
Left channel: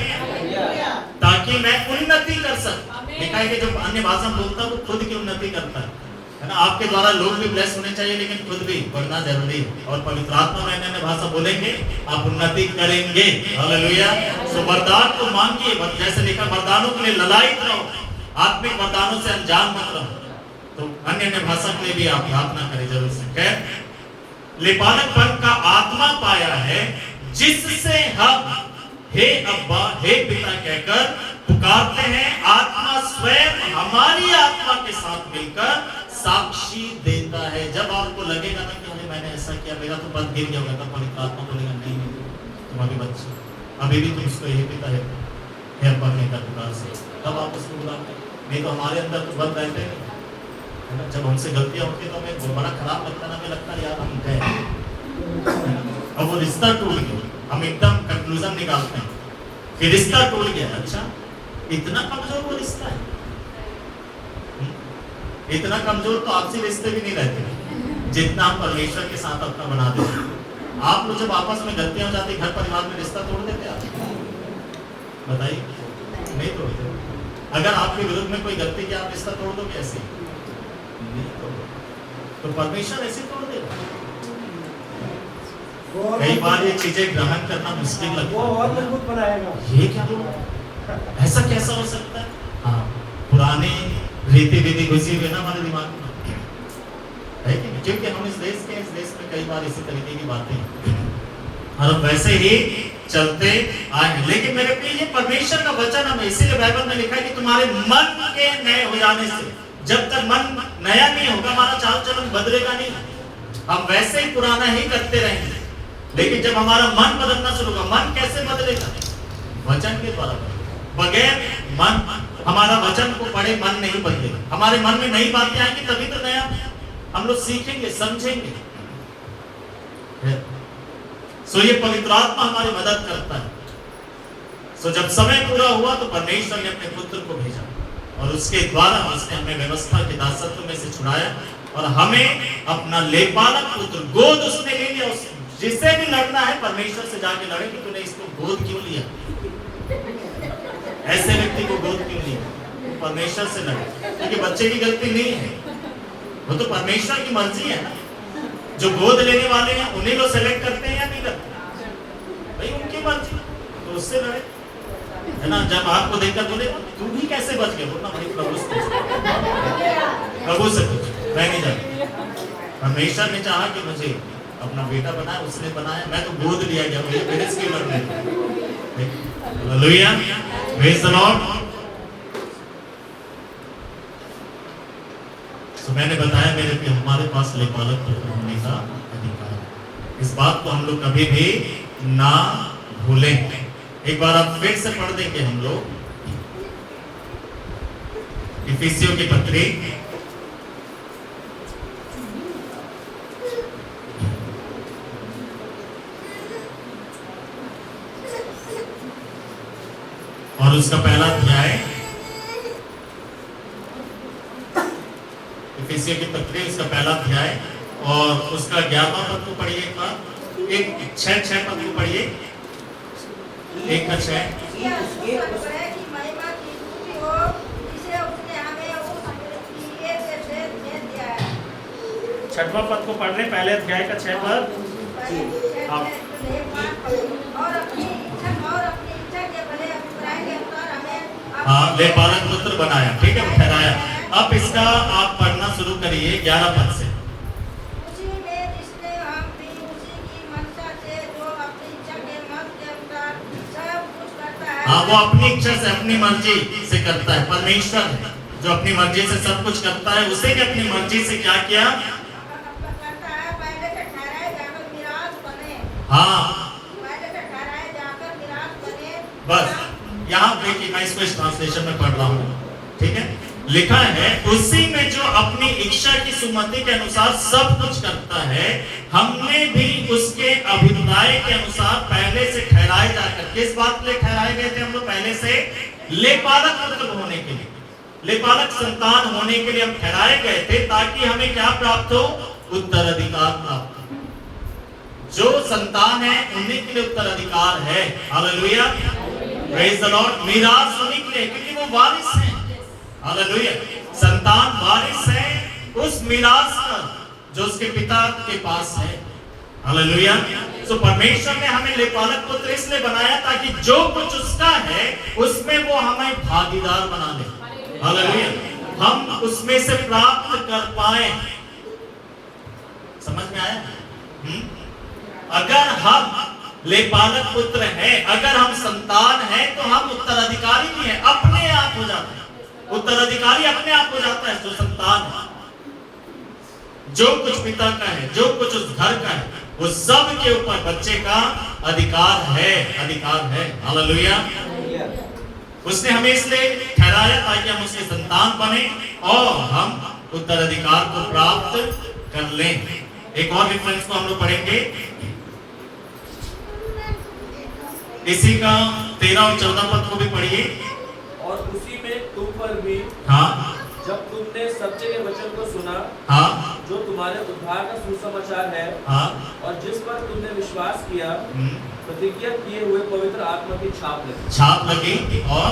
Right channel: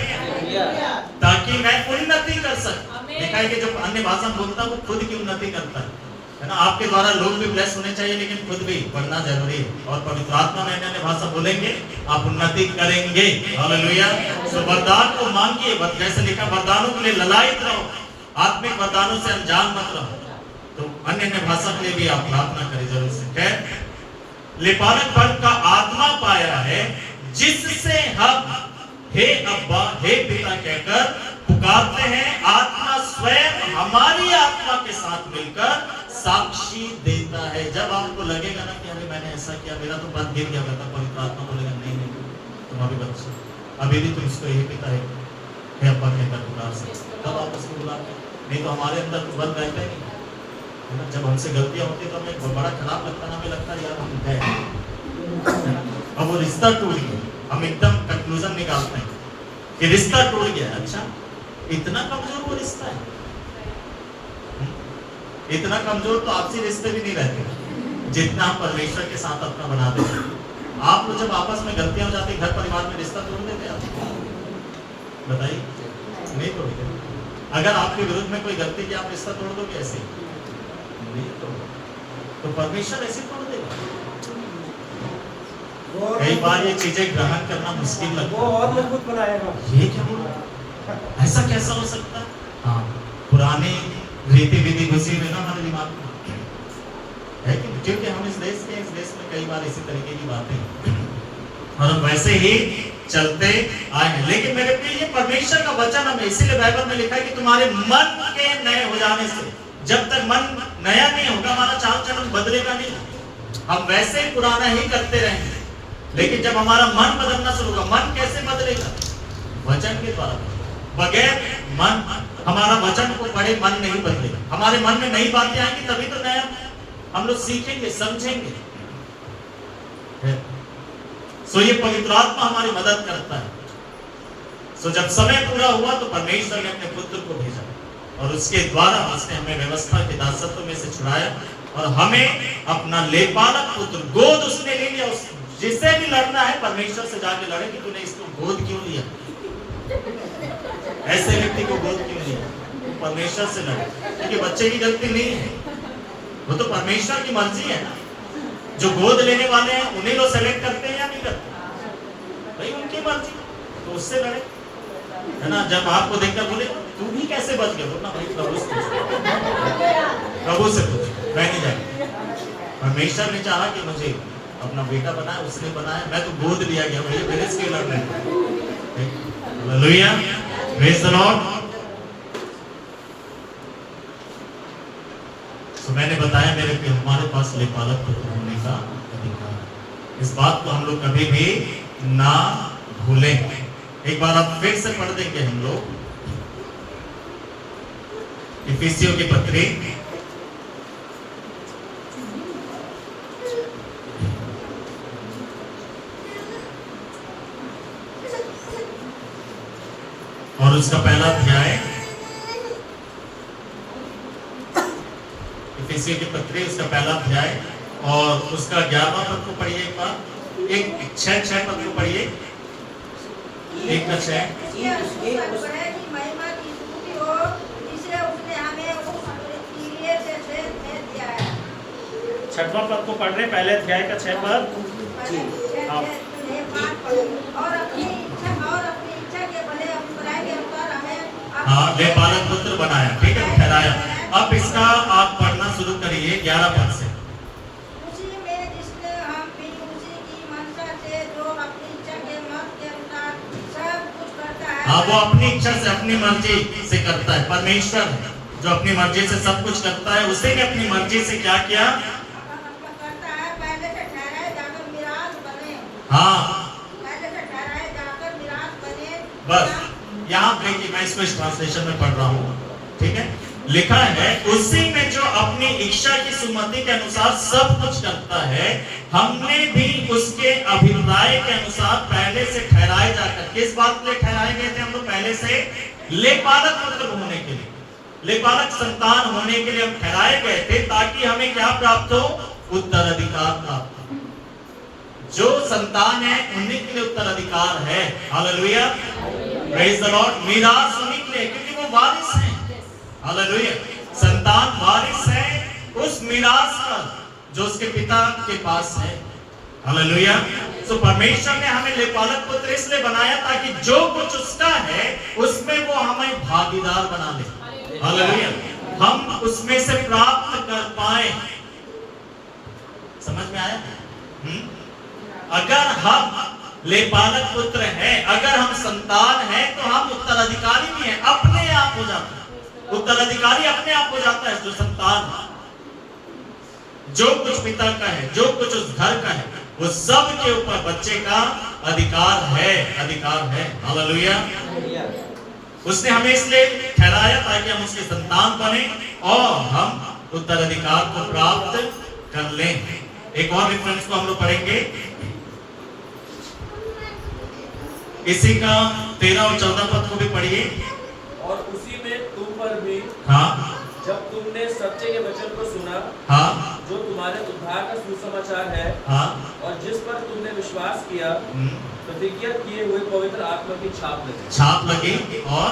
ताकि मैं उन्नति कर सकूं। देखा है कि जो अन्य भाषा बोलता है वो खुद की उन्नति करता है, है ना। आपके द्वारा लोग भी ब्लेस होने चाहिए, लेकिन खुद भी बढ़ना जरूरी है। और पवित्र आत्मा में अन्य भाषा बोलेंगे, आप उन्नति करेंगे। हालेलुया। तो वरदान को मांगिए, जैसे लिखा वरदानों के लिए ललायित रहो, आत्मिक वरदानों से अनजान मत रहो। तो अन्य भाषा के लिए भी आप प्रार्थना करें जरूर से। खैर लेपानकपन का आत्मा पाया है, जिससे हम हे अब्बा हे पिता कहकर पुकारते हैं। आत्मा स्वयं हमारी आत्मा के साथ मिलकर साक्षी देता है। जब आपको लगेगा ना कि अरे मैंने ऐसा किया, मेरा तो बंद गिर गया होगा, तब पवित्र आत्मा बोलेगा नहीं नहीं तुम अभी बच्चे, अभी भी तुम इसको यही पिता है हे अब्बा कहकर पुकार सकते। तब आप उसको बुलाते हैं, नहीं तो हमारे अंदर तो बंद रहते हैं, है ना। जब हमसे गलतियां होती है तो हमें बहुत बड़ा खराब लगता है ना, हमें लगता है यार हम गए, अब वो रिश्ता टूट गया, हम एकदम कंक्लूजन निकालते हैं कि रिश्ता टूट गया। अच्छा इतना कमजोर वो रिश्ता है, इतना कमजोर तो आपसी रिश्ते भी नहीं रहते जितना हम परमेश्वर के साथ अपना बना देते हैं। आप लोग जब आपस में गलतियां हो जाती, घर परिवार में रिश्ता तोड़ देते आप, बताइए नहीं तोड़ते। अगर आपके विरुद्ध में कोई गलती की, आप रिश्ता तोड़ दो कैसे? नहीं तोड़, तो परमेश्वर ऐसे तोड़ देगा। कई बार ये चीजें ग्रहण करना मुश्किल लगता है, और मजबूत बनाएगा। ये क्या बोल रहा है, ऐसा कैसा हो सकता है? हाँ, पुराने रीति विधि घुसी हुई ना हमारे दिमाग में, है कि नहीं? क्योंकि हम इस देश में कई बार इसी तरीके की बातें और हम वैसे ही चलते आए हैं। लेकिन मेरे प्रिय ये परमेश्वर का वचन हमें, इसीलिए बाइबल में लिखा है कि तुम्हारे मन के नए हो जाने से, जब तक मन नया नहीं होगा हमारा चाल चलन बदलेगा नहीं, हम वैसे ही पुराना ही करते रहेंगे। लेकिन जब हमारा मन बदलना शुरू होगा, मन कैसे बदलेगा? वचन के द्वारा। बगैर मन, हमारा वचन को पढ़े मन नहीं बदलेगा। हमारे मन में नई बातें आएंगी तभी तो नया हम लोग सीखेंगे, समझेंगे। सो ये पवित्र आत्मा हमारी मदद करता है। सो जब समय पूरा हुआ तो परमेश्वर ने अपने पुत्र को भेजा और उसके द्वारा उसने हमें व्यवस्था के दासत्व में से छुड़ाया और हमें अपना लेपालक पुत्र गोद उसने ले लिया। जिसे भी लड़ना है परमेश्वर से जाके लड़े कि तूने इसको गोद क्यों लिया, ऐसे व्यक्ति को गोद क्यों लिया? तो परमेश्वर से लड़े, क्योंकि बच्चे की गलती नहीं है, वो तो परमेश्वर की मर्जी है ना। जो गोद लेने वाले हैं उन्हीं को सेलेक्ट करते हैं या नहीं करते, भाई उनकी मर्जी, तो उससे लड़े, है ना। जब आपको देखकर बोले तू भी कैसे बच गया, बोलना भाई प्रभु से पूछ, मैं नहीं जानता। परमेश्वर ने चाहा कि मुझे अपना बेटा बनाया, उसने बनाया, मैं तो गोद लिया गया, मुझे मेरे से क्यों लड़ने? Hallelujah, praise the Lord. तो मैंने बताया मेरे कि हमारे पास लेपालक पुत्र होने का अधिकार है। इस बात को हम लोग कभी भी ना भूलें। एक बार आप फिर से पढ़ देंगे हम लोग इफिसियों की पत्री और उसका पहला अध्याय, इफिसियों की पत्री उसका पहला अध्याय और उसका 11वां पद को पढ़िए। एक बार, एक 6 पद को पढ़िए, 1 का 6। छठवां पद को पढ़ रहे, पहले अध्याय का 6 पद। हाँ, लेपालक पुत्र बनाया, ठीक है, ठहराया। अब इसका आप पढ़ना शुरू करिए 11 पद से। उसी में जिसने हम भी उसी की मनसा से जो अपनी इच्छा के मत के अनुसार सब कुछ करता है। हाँ, वो अपनी इच्छा से अपनी मर्जी से करता है। परमेश्वर है जो अपनी मर्जी से सब कुछ करता है। उसी ने अपनी मर्जी से क्या किया करता है, पहले से ठहराए जाकर मिरास बने। हाँ, पहले से ठहराए जाकर मिरास बने। बस यहाँ देखिए, मैं इसको इस ट्रांसलेशन में पढ़ रहा हूँ, ठीक है। लिखा है उसी में जो अपनी इच्छा की सुमति के अनुसार सब कुछ करता है, हमने भी उसके अभिप्राय के अनुसार पहले से ठहराए जाकर। किस बात के लिए ठहराए गए थे हम लोग? पहले से लेपालक पुत्र होने के लिए, लेपालक संतान होने के लिए हम ठहराए गए थे, ताकि हमें क्या प्राप्त हो? उत्तराधिकार प्राप्त हो। जो संतान है उन्हीं के लिए उत्तराधिकार है। Hallelujah, praise the lord. मीरास उन्हीं के लिए, क्योंकि वो वारिस हैं। हालेलुया, संतान वारिस है, उस मिरास का जो उसके पिता के पास है। हालेलुया। तो परमेश्वर ने हमें लेपालक पुत्र इसलिए बनाया ताकि जो कुछ उसका है उसमें वो हमें भागीदार बना दे। हालेलुया। हम उसमें से प्राप्त कर पाए। समझ में आया? अगर हम लेपालक पुत्र हैं, अगर हम संतान हैं, तो हम उत्तराधिकारी भी हैं। अपने आप हो जाते हैं उत्तराधिकारी, अपने आप हो जाता है जो संतान है। जो कुछ पिता का है, जो कुछ उस घर का है, वो सब के ऊपर बच्चे का अधिकार है, अधिकार है। हालेलुया। उसने हमें इसलिए ठहराया ताकि हम उसके संतान बने और हम उत्तराधिकार को प्राप्त कर लें। एक और रेफरेंस को हम लोग पढ़ेंगे, इसी का 13 और 14 पद को भी पढ़िए। और उसी में तुम पर भी, हाँ, जब तुमने सत्य के वचन को सुना, हाँ, जो तुम्हारे उद्धार का सुसमाचार है, हाँ, और जिस पर तुमने विश्वास किया, प्रतिज्ञा किए हुए पवित्र आत्मा की छाप लगी और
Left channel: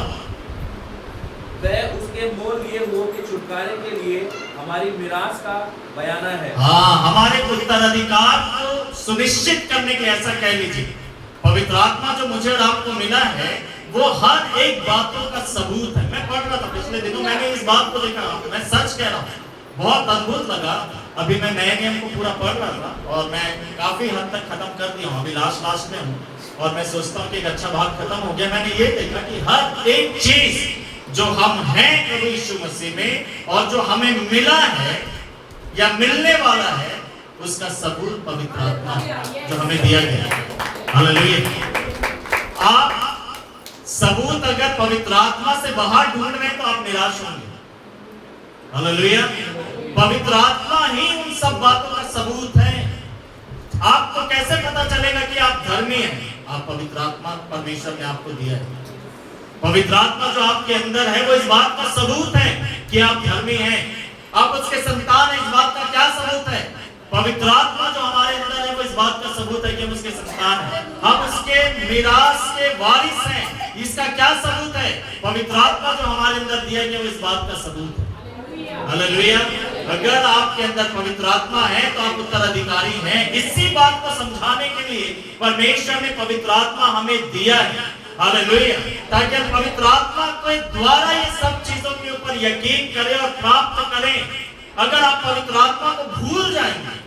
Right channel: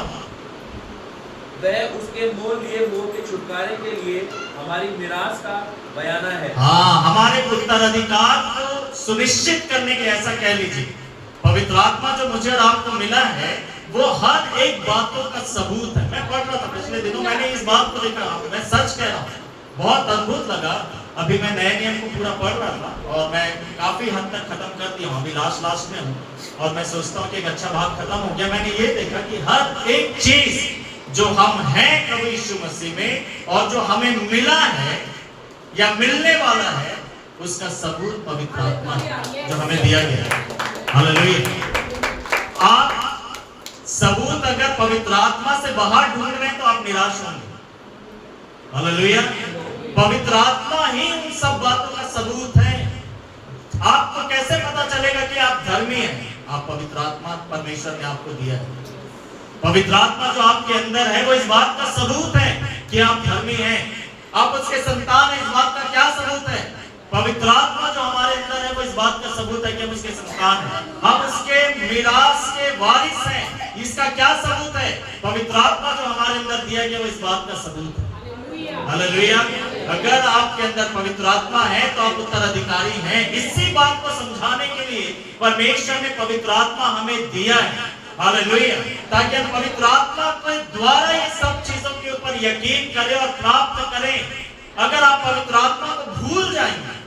वह उसके मोल लिए हुओं के छुटकारे के लिए हमारी मिरास का बयाना है। हाँ, हमारे उत्तराधिकार को सुनिश्चित करने के, ऐसा कह लीजिए, पवित्र आत्मा जो मुझे और आपको मिला है वो हर एक बातों का सबूत है। मैं पढ़ रहा था पिछले दिनों, मैंने इस बात को देखा, मैं सच कह रहा हूँ, बहुत अद्भुत लगा। अभी मैं नए नियम को पूरा पढ़ रहा था और मैं काफी हद तक खत्म कर दिया हूँ, अभी लास्ट में हूँ और मैं सोचता हूँ कि एक अच्छा भाग खत्म हो गया। मैंने ये देखा कि हर एक चीज जो हम हैं प्रभु यीशु मसीह में और जो हमें मिला है या मिलने वाला है, उसका सबूत पवित्र आत्मा जो हमें दिया गया है। हालेलुया। आप सबूत अगर पवित्र आत्मा से बाहर ढूंढ रहे हैं तो आप निराश होंगे। हालेलुया। पवित्र आत्मा ही उन सब बातों का सबूत है। आपको कैसे पता चलेगा कि आप धर्मी हैं? आप पवित्र आत्मा परमेश्वर ने आपको दिया है। पवित्र आत्मा जो आपके अंदर है वो इस बात का सबूत है कि आप धर्मी हैं, आप उसके संतान हैं। इस बात का क्या सबूत है? पवित्र आत्मा जो हमारे अंदर है वो इस बात का सबूत है कि हम उसके संतान हैं, हम उसके मिरास के वारिस हैं। इसका क्या सबूत है? पवित्र आत्मा जो हमारे अंदर दिया गया वो इस बात का सबूत है। हालेलुया। अगर आपके अंदर पवित्र आत्मा है तो आप उत्तराधिकारी हैं। इसी बात को समझाने के लिए परमेश्वर ने पवित्र आत्मा हमें दिया है। हालेलुया। ताकि हम पवित्र आत्मा के द्वारा ये सब चीजों के ऊपर यकीन करें और प्राप्त करें। अगर आप पवित्र आत्मा को भूल जाएंगे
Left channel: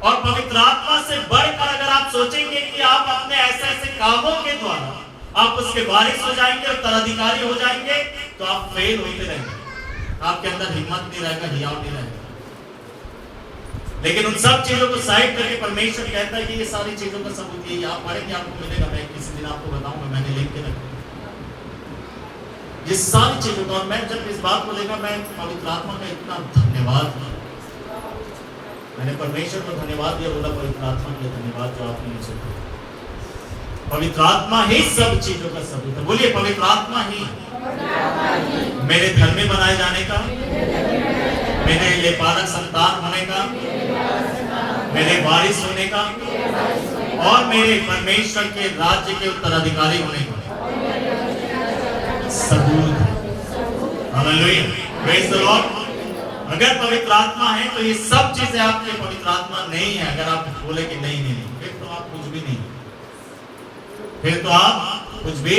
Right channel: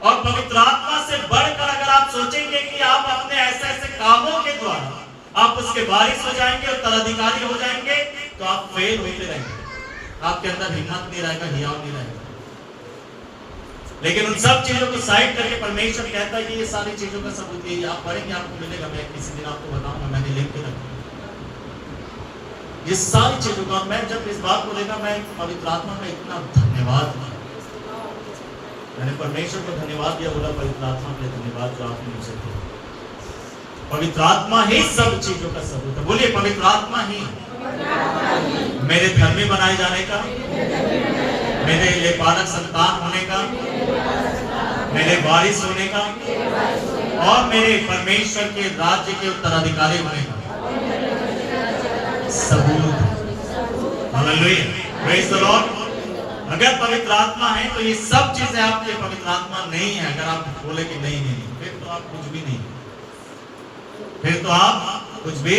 और पवित्र आत्मा से बढ़कर अगर आप सोचेंगे कि आप अपने ऐसे ऐसे कामों के द्वारा आप उसके वारिस हो जाएंगे, उत्तराधिकारी हो जाएंगे, तो आप फेल होते रहेंगे। आपके अंदर हिम्मत नहीं रहेगा, हियाव नहीं रहेगा। लेकिन उन सब चीजों को साइड करके परमेश्वर कहता है कि ये सारी चीजों का सबूत ये आप पढ़ेंगे, आपको मिलेगा। मैं किसी दिन आपको बताऊंगा, मैंने लिख के रखा ये सारी चीजों का। मैं जब इस बात को देखा, मैं पवित्र आत्मा का इतना धन्यवाद, मैंने परमेश्वर को धन्यवाद दिया, बोला पवित्र आत्मा के लिए धन्यवाद जो आपने मुझे दिया। पवित्र आत्मा ही सब चीजों का सबूत है। बोलिए, पवित्र आत्मा ही मेरे धर्मी बनाए जाने का, मेरे लेपालक संतान होने का, मेरे वारिस होने का और मेरे परमेश्वर के राज्य के उत्तराधिकारी होने का सबूत है। Hallelujah, praise the Lord. अगर पवित्र आत्मा है तो ये सब चीजें आपके पवित्र आत्मा नहीं है। अगर आप बोले कि नहीं नहीं नहीं, फिर तो आप कुछ भी नहीं, फिर तो आप कुछ भी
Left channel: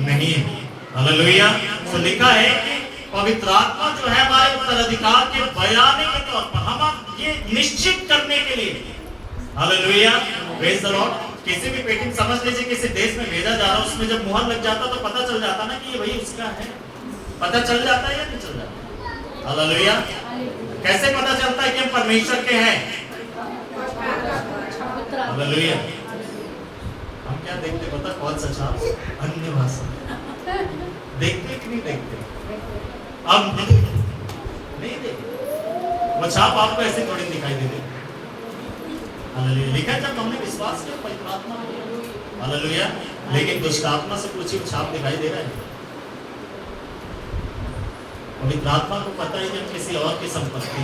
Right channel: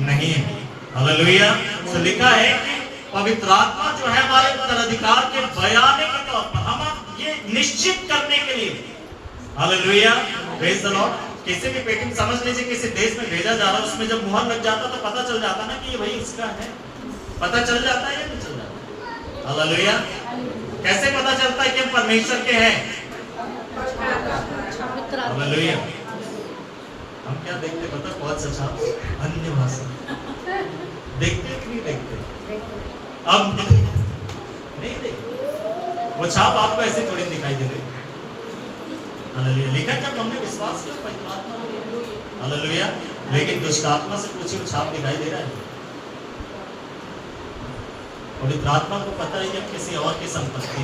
नहीं है। हालेलुया। तो लिखा है कि पवित्र आत्मा जो है हमारे उत्तराधिकार के बयाने के तौर पर, हम ये निश्चित करने के लिए, हालेलुया, प्रेज द लॉर्ड। किसी भी पेटिंग समझ लीजिए किसी देश में भेजा जा रहा है, उसमें जब मुहर लग जाता तो पता चल जाता ना कि ये भाई उसका है। पता चल जाता है या नहीं चल जाता? हालेलुया। कैसे पता चलता है कि हम परमेश्वर के हैं? हालेलुया। हम क्या देखते पता? कौन सा छाप? अन्य भाषा देखते कि नहीं देखते? अब नहीं देखते। वो छाप आपको ऐसे थोड़ी दिखाई दे रही। हालेलुया। लिखा जब हमने विश्वास किया पवित्र आत्मा में। हालेलुया। लेकिन दुष्ट आत्मा से कुछ ही छाप दिखाई दे रहा है। पवित्र आत्मा को पता है कि हम किसी और की संपत्ति,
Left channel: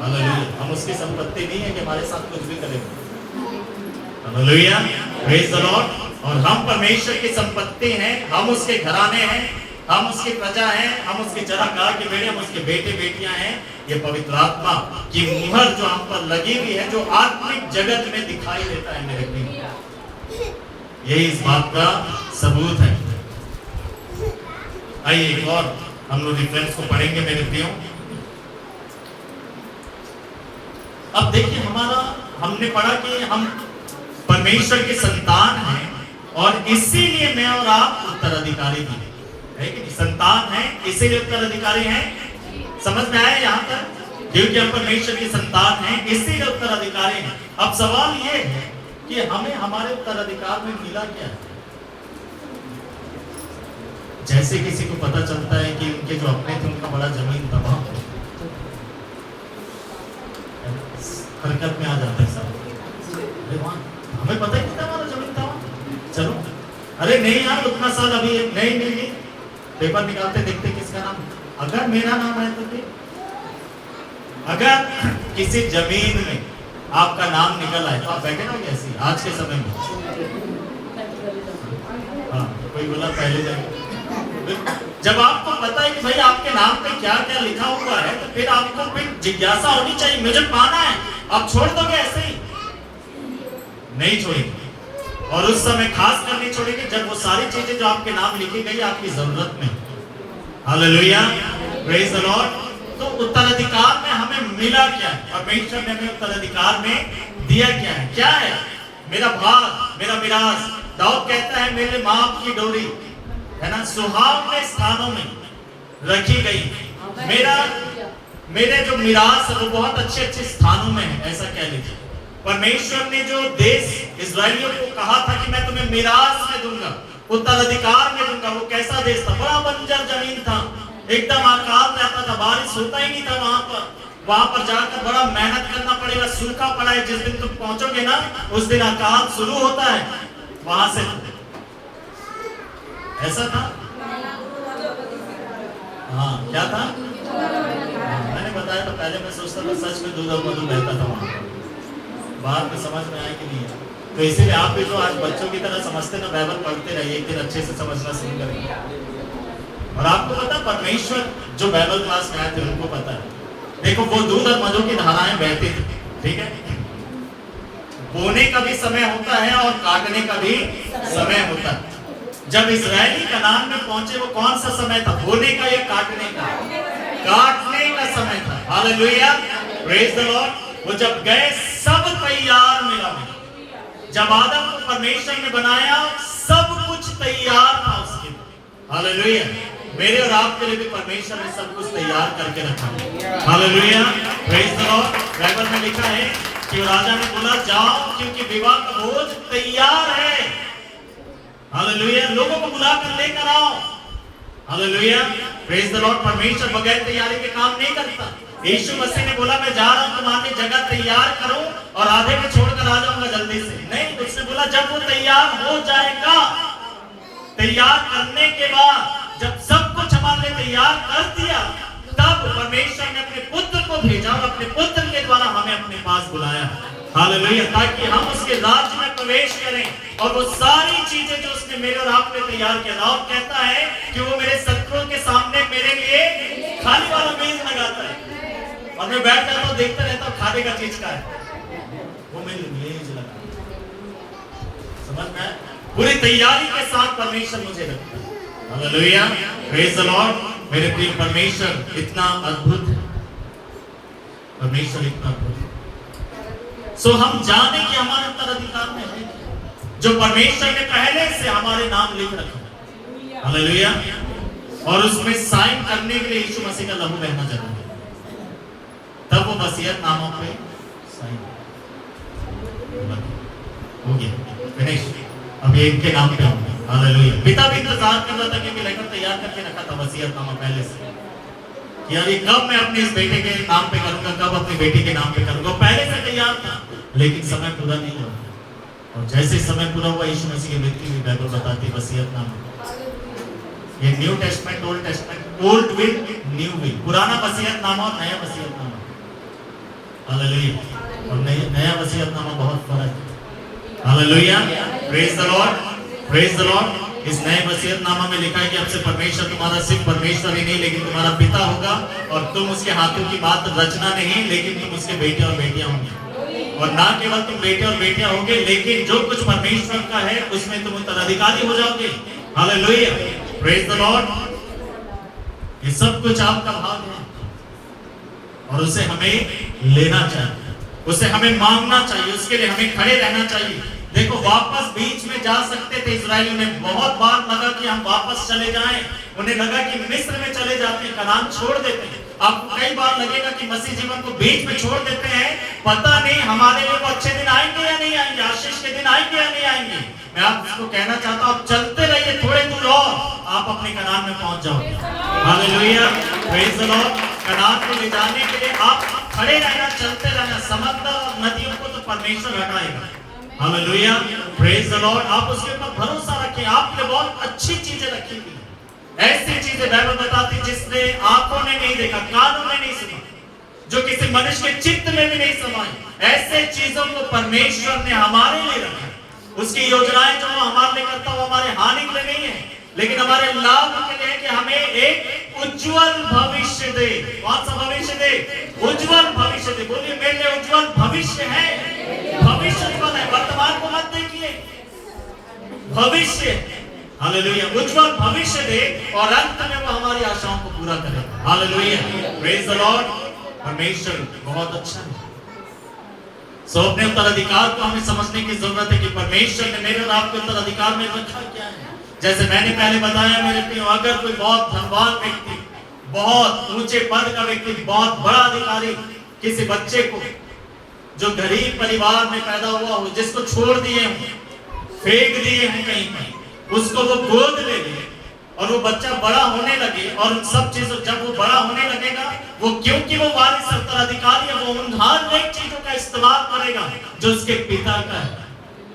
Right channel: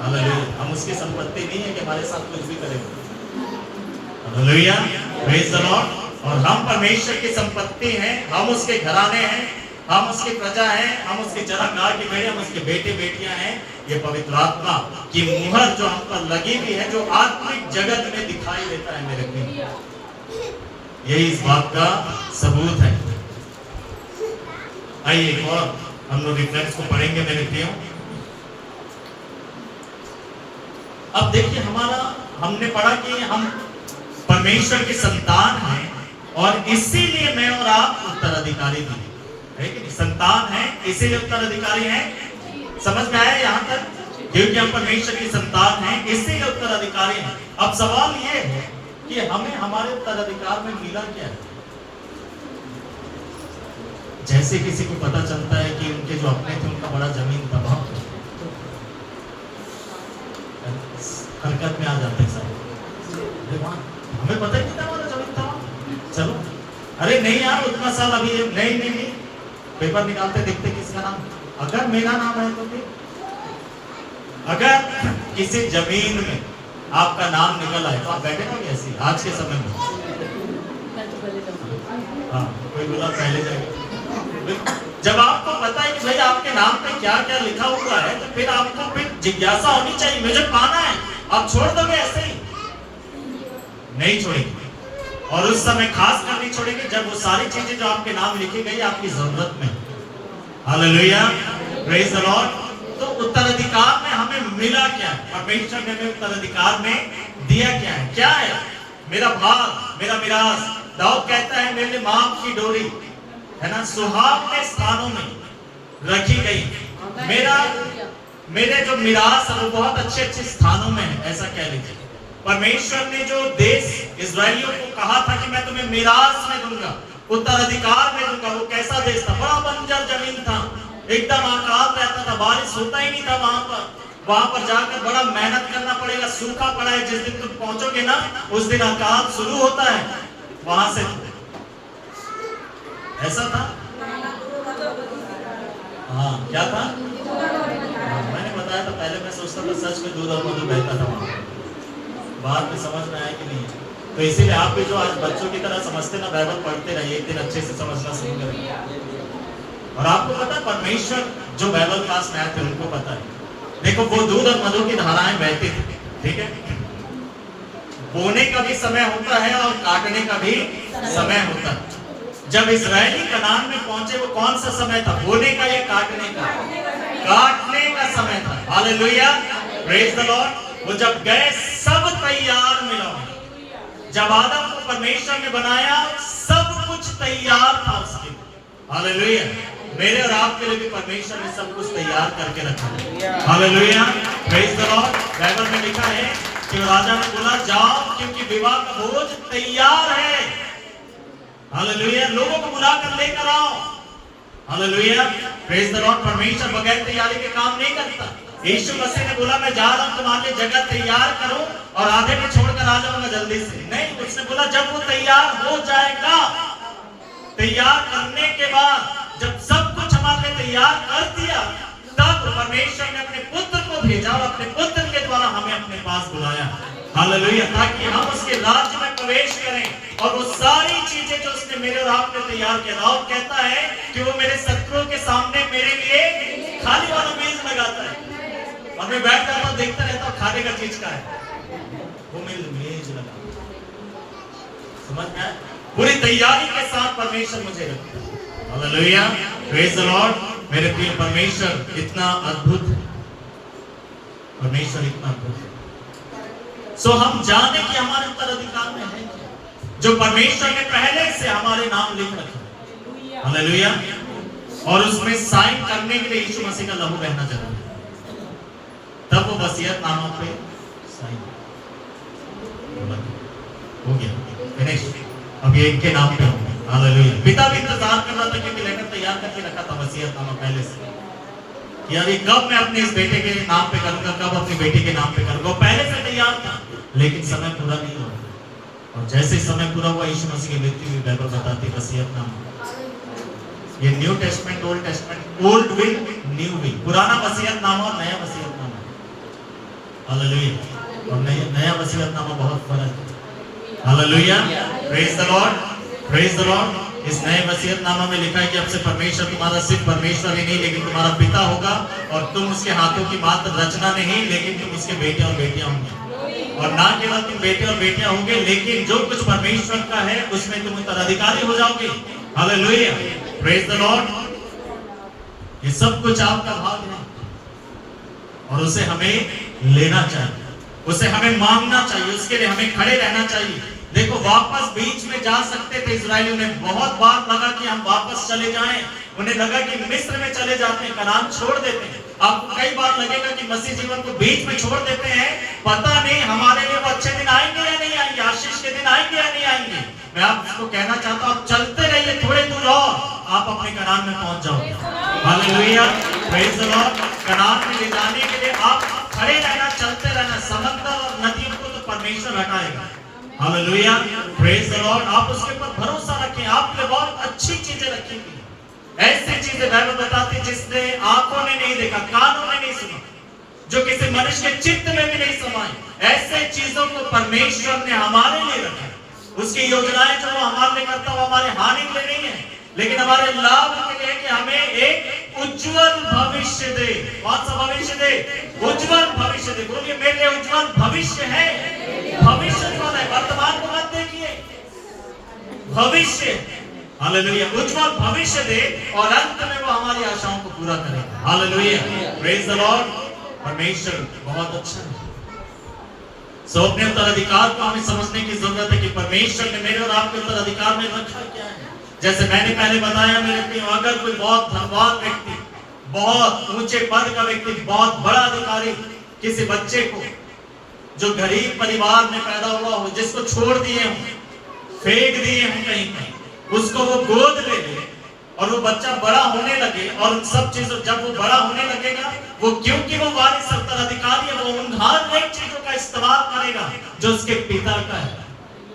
हालेलुया, हम उसकी संपत्ति नहीं है कि हमारे साथ कुछ भी करेगा। Hallelujah, praise the Lord. और हम परमेश्वर की संपत्ति हैं, हम उसके घराने हैं। हम उसकी प्रजा हैं, हम उसके जनांगीय के बेटे, हम उसके बेटे बेटियां हैं। ये पवित्र आत्मा की मुहर जो हम पर लगी हुई है, जो आत्मिक जगत में दिखाई देता है मेरे प्रिय, यही इस बात का सबूत है। आइए एक और हम लोग रेफरेंस को पढ़ेंगे मेरे प्रियो। अब देखिए हमने पढ़ा कि हम परमेश्वर के संतान हैं और इसीलिए मैं और आप उत्तराधिकारी भी है कि नहीं? संतान है इसीलिए उत्तराधिकारी हैं। समझ में आया यहाँ तक? क्योंकि हम परमेश्वर के संतान हैं इसीलिए उत्तराधिकारी हैं। अब सवाल ये है कि हमें हमारे उत्तराधिकार में मिला क्या है? जैसे किसी को पता चलता है कि उनके जो अपने थे उनका बड़ा जमीन था, वहां हरकत में आ जाते हैं सब। हमें पता ही नहीं था हमारा जमीन था वहां। चलो, अरे नहीं यार उतना साल अभी नहीं पेपर निकालते देखते किसका नाम, अगर मेरा नाम है तो फिर अगर किसी जमीन में आपका नाम निकल आए तो आप बैठे रहोगे ऐसे आज के समय में? हाँ, कोई बोला पहले जब आपको पता है कि भाई आपके नाम पे क्या क्या लिखा हुआ है तो फिर आपको फिर जिज्ञासा होनी चाहिए, मुझे पाना है। आप छोड़ दोगे ऐसे ही? नहीं छोड़ेंगे। और उस समय खास कर नहीं छोड़ेंगे जब वो सारी चीजें जो आपके नाम लिखी गई आपकी जरूरत में। Hallelujah, praise the Lord. तो उत्तराधिकार में हमें मिला क्या है? परमेश्वर ने हमें उत्तराधिकार में दिया क्या है? क्या है? मेरा भाग, मेरा मिरास। दाऊद कहता है मेरे माप की डोरी है ना सुहावने स्थानों में रखी गई। मेरे जो मिरास है वो बहुत अच्छे अच्छे स्थानों में है, ऐसा कह लीजिए। परमेश्वर ने जो देश इस्राएलियों को कहा था कि मैं तुम्हें मिरास में दूंगा, उत्तराधिकार में दूंगा, वो कैसा देश था? बड़ा बंजर जमीन था, एकदम अकाल रहता था, बारिश होता ही नहीं था वहां पर जाकर बड़ा मेहनत करना पड़ेगा। सूखा पड़ा है, जिस दिन तुम पहुंचोगे ना उस दिन अकाल शुरू होता है वहां से। ऐसा था? हाँ, क्या था? मैंने बताया था पहले, मैं सोचता था सच में दूध और मधु बहता था वहां, बाद में समझ में आया कि नहीं है। तो इसीलिए आप भी जो आज बच्चों की तरह समझते ना, बाइबल पढ़ते रहिए, एक दिन अच्छे से समझना शुरू करेंगे। और आपको पता है परमेश्वर जो बाइबल क्लास में आए थे उनको पता है, देखो वो दूध और मधु की धाराएं बहती थी, ठीक है? बोने का भी समय होता है और काटने का भी समय होता है। जब इस्राएली कनान में पहुंचे वो कौन सा समय था? बोने का या काटने का? काटने का समय था। Hallelujah, praise the Lord. वो जब गए सब तैयार मिला। जब आदम को परमेश्वर ने बनाया सब कुछ तैयार था उसके लिए। हालेलुया, मेरे और आपके लिए भी परमेश्वर ने सब कुछ तैयार करके रखा है। Hallelujah, praise the Lord. Bible में लिखा है कि राजा ने बोला जाओ क्योंकि विवाह का भोज तैयार है। हालेलुया, लोगों को बुलाकर लेकर आओ। Hallelujah, praise the Lord. परमेश्वर बगैर तैयारी के काम नहीं करता। यीशु मसीह ने बोला मैं जा रहा हूं तुम्हारे लिए जगह तैयार करूं और आधे में छोड़कर आ जाऊंगा जल्दी से। नहीं, उसने बोला जब वो तैयार हो जाएगा, तैयार करने के बाद जब सब कुछ हमारे लिए तैयार कर दिया तब परमेश्वर ने अपने पुत्र को भेजा और अपने पुत्र के द्वारा हमें अपने पास बुलाया। हालेलुया, ताकि हम उसके राज्य में प्रवेश करें और वो सारी चीजें जो उसने मेरे और आपने तैयार किया। दाऊद कहता है कि वो मेरे शत्रुओं के सामने मेरे लिए खाने वाला मेज लगाता है और मैं बैठ जाता हूं देखता रहता हूं खाने का चीज का है, वो मेज लगा। समझ में आया? पूरी तैयारी के साथ परमेश्वर मुझे रखता है। Hallelujah, praise the Lord. मेरे प्रिय परमेश्वर इतना अद्भुत है, परमेश्वर इतना अद्भुत है। सो हम जाने कि हमारे उत्तराधिकार में है जो परमेश्वर ने पहले से हमारे नाम लिख रखा। हालेलुया, और उसमें साइन करने के लिए यीशु मसीह का लहू रहना जरूरी है, तब वो वसीयत नामों पे साइन हो गया। फिनिश। अब ये इनके नाम पे होंगे। हालेलुया। पिता भी इंतजार कर रहा था कि लेकर तैयार करके रखा था वसीयतनामा पहले से, यार ये कब मैं अपने इस बेटे के नाम पे करूंगा, कब अपनी बेटी के नाम पे करूंगा। पहले से तैयार था लेकिन समय पूरा नहीं हुआ, और जैसे समय पूरा हुआ यीशु मसीह की मृत्यु भी बाइबल बताती वसीयतनामा। ये new testament old testament, old will new will, पुराना वसीयतनामा और नया वसीयतनामा। हालेलुया, और नया वसीयतनामा बहुत फर्क है। Hallelujah, praise the Lord, praise the Lord. इस नए वसीयतनामा में लिखा है कि अब से परमेश्वर तुम्हारा सिर्फ परमेश्वर ही नहीं लेकिन तुम्हारा पिता होगा, और तुम उसके हाथों की बात रचना नहीं लेकिन तुम उसके बेटे और बेटियां होंगे। और ना केवल तुम बेटे और बेटियां होंगे लेकिन जो कुछ परमेश्वर का है उसमें तुम उत्तराधिकारी हो जाओगे। Hallelujah, praise the Lord. ये सब कुछ आपका भाग है और उसे हमें लेना चाहिए, उसे हमें मांगना चाहिए, उसके लिए हमें खड़े रहना चाहिए। देखो, वापस बीच में जा सकते थे इजरायलियों ने, बहुत बार लगा कि हम वापस चले जाएं, उन्हें लगा कि मिस्र में चले जाते हैं, कनान छोड़ देते हैं। आपको कई बार लगेगा कि मसीह जीवन को बीच में छोड़ देते हैं, पता नहीं हमारे लिए वो अच्छे दिन आएंगे या नहीं आएंगे, आशीष के दिन आएंगे या नहीं आएंगे। मैं आपको कहना चाहता हूँ, चलते रहिए, थोड़े दूर और आप अपने कनान में पहुंच जाओगे। Hallelujah, praise the Lord. Kanan में ले जाने के लिए आप खड़े रहना, चलते रहना। समंदर और नदियों को तो परमेश्वर हटाएगा। Hallelujah, praise the lord. आप उसके ऊपर भरोसा रखें, आपके लिए बहुत अच्छी चीजें रखी हुई हैं। ऐसी चीजें बाइबल बताती जिसने आंखों ने नहीं देखा, कानों ने नहीं सुना, जो किसी मनुष्य के चित्त में भी नहीं समाई। ऐसे चीजों को परमेश्वर ने हमारे लिए रखा। उसकी योजनाएं जो वो हमारे लिए करता है वो हमारे हानि के लिए नहीं है लेकिन हमारे लाभ के लिए, कि हमें एक उज्जवल भविष्य दे। कौन सा भविष्य दे? उज्जवल भविष्य दे। बोलिए, मेरे लिए उज्जवल भविष्य है। भविष्य उज्जवल है, वर्तमान को मत देखिए, भविष्य। हालेलुया, उज्जवल भविष्य दे और अंत में वो हमारी आशाओं को पूरा करेगा। Hallelujah, praise the Lord. परमेश्वर बहुत अच्छा है। सो अपने उत्तराधिकार को हमें समझने की जरूरत है कि परमेश्वर ने मेरे और आपके उत्तराधिकार में रखा क्या है। जैसे मैंने पहले बताया, मेरे प्रियो, अगर कोई बहुत धनवान व्यक्ति, बहुत ऊंचे पद का व्यक्ति, बहुत बड़ा अधिकारी किसी बच्चे को जो गरीब परिवार में पैदा हुआ हो, जिसको छोड़ दिए हो, फेंक दिए हो कहीं पर, उसको वो गोद ले ले और वो बच्चा बड़ा होने लगे और उन सब चीजों, जब वो बड़ा होने लगेगा, वो क्योंकि वो वारिस उत्तराधिकारी है, वो उन हर एक चीजों का इस्तेमाल करेगा जो उसके पिता का है।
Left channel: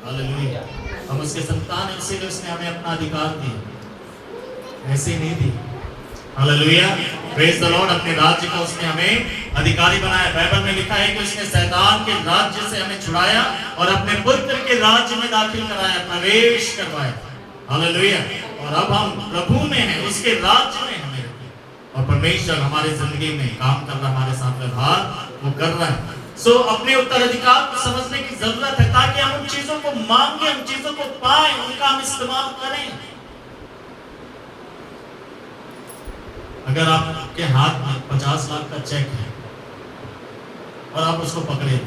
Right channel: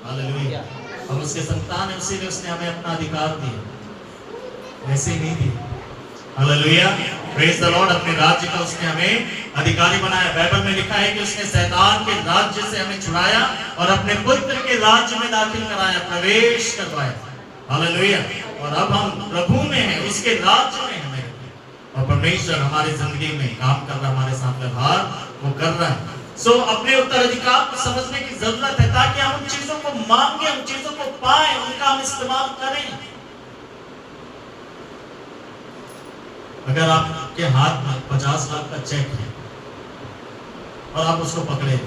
हालेलुया, हम उसके संतान है, उसीलिए उसने हमें अपना अधिकार दिया, ऐसे नहीं दिया। Hallelujah, praise the Lord. अपने राज्य का उसने हमें अधिकारी बनाया। बाइबल में लिखा है कि उसने शैतान के राज्य से हमें छुड़ाया और अपने पुत्र के राज्य में दाखिल कराया, प्रवेश करवाया। हालेलुया, और अब हम प्रभु में हैं, उसके राज्य में हमें, और परमेश्वर हमारे जिंदगी में काम कर रहा, हमारे साथ व्यवहार वो कर रहा है। सो अपने उत्तराधिकार को समझने की जरूरत है ताकि हम उन चीजों को मांगे, उन चीजों को पाएं, उनका हम इस्तेमाल करें। अगर आपके हाथ में 50 लाख का चेक है और आप उसको पकड़े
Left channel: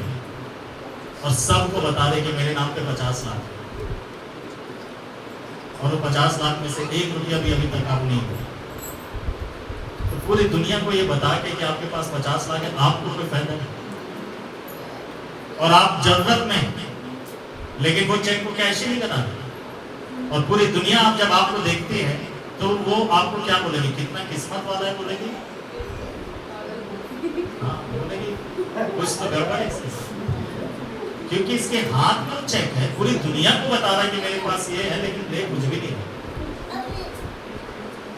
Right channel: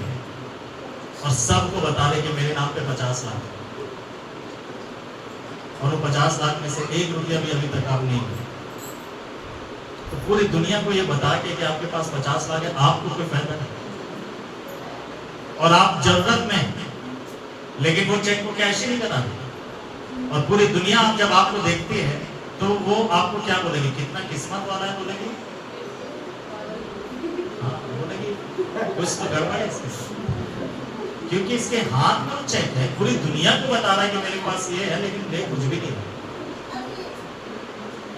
और सबको बता दे कि मेरे नाम पे 50 लाख है, और वो 50 लाख में से 1 रुपया भी अभी तक आप नहीं हो, तो पूरी दुनिया को ये बता के कि आपके पास 50 लाख है, आपको कोई फायदा नहीं, और आप जरूरत में, लेकिन वो चेक को कैश ही नहीं कराते। और पूरी दुनिया आप जब आपको देखती है तो वो आपको क्या बोलेगी? कितना किस्मत वाला है बोलेगी। हाँ, बोलेगी कुछ तो गड़बड़ है इसके, क्योंकि इसके हाथ में चेक है, पूरी दुनिया को बता रहा है कि मेरे पास ये है, लेकिन ले कुछ भी नहीं।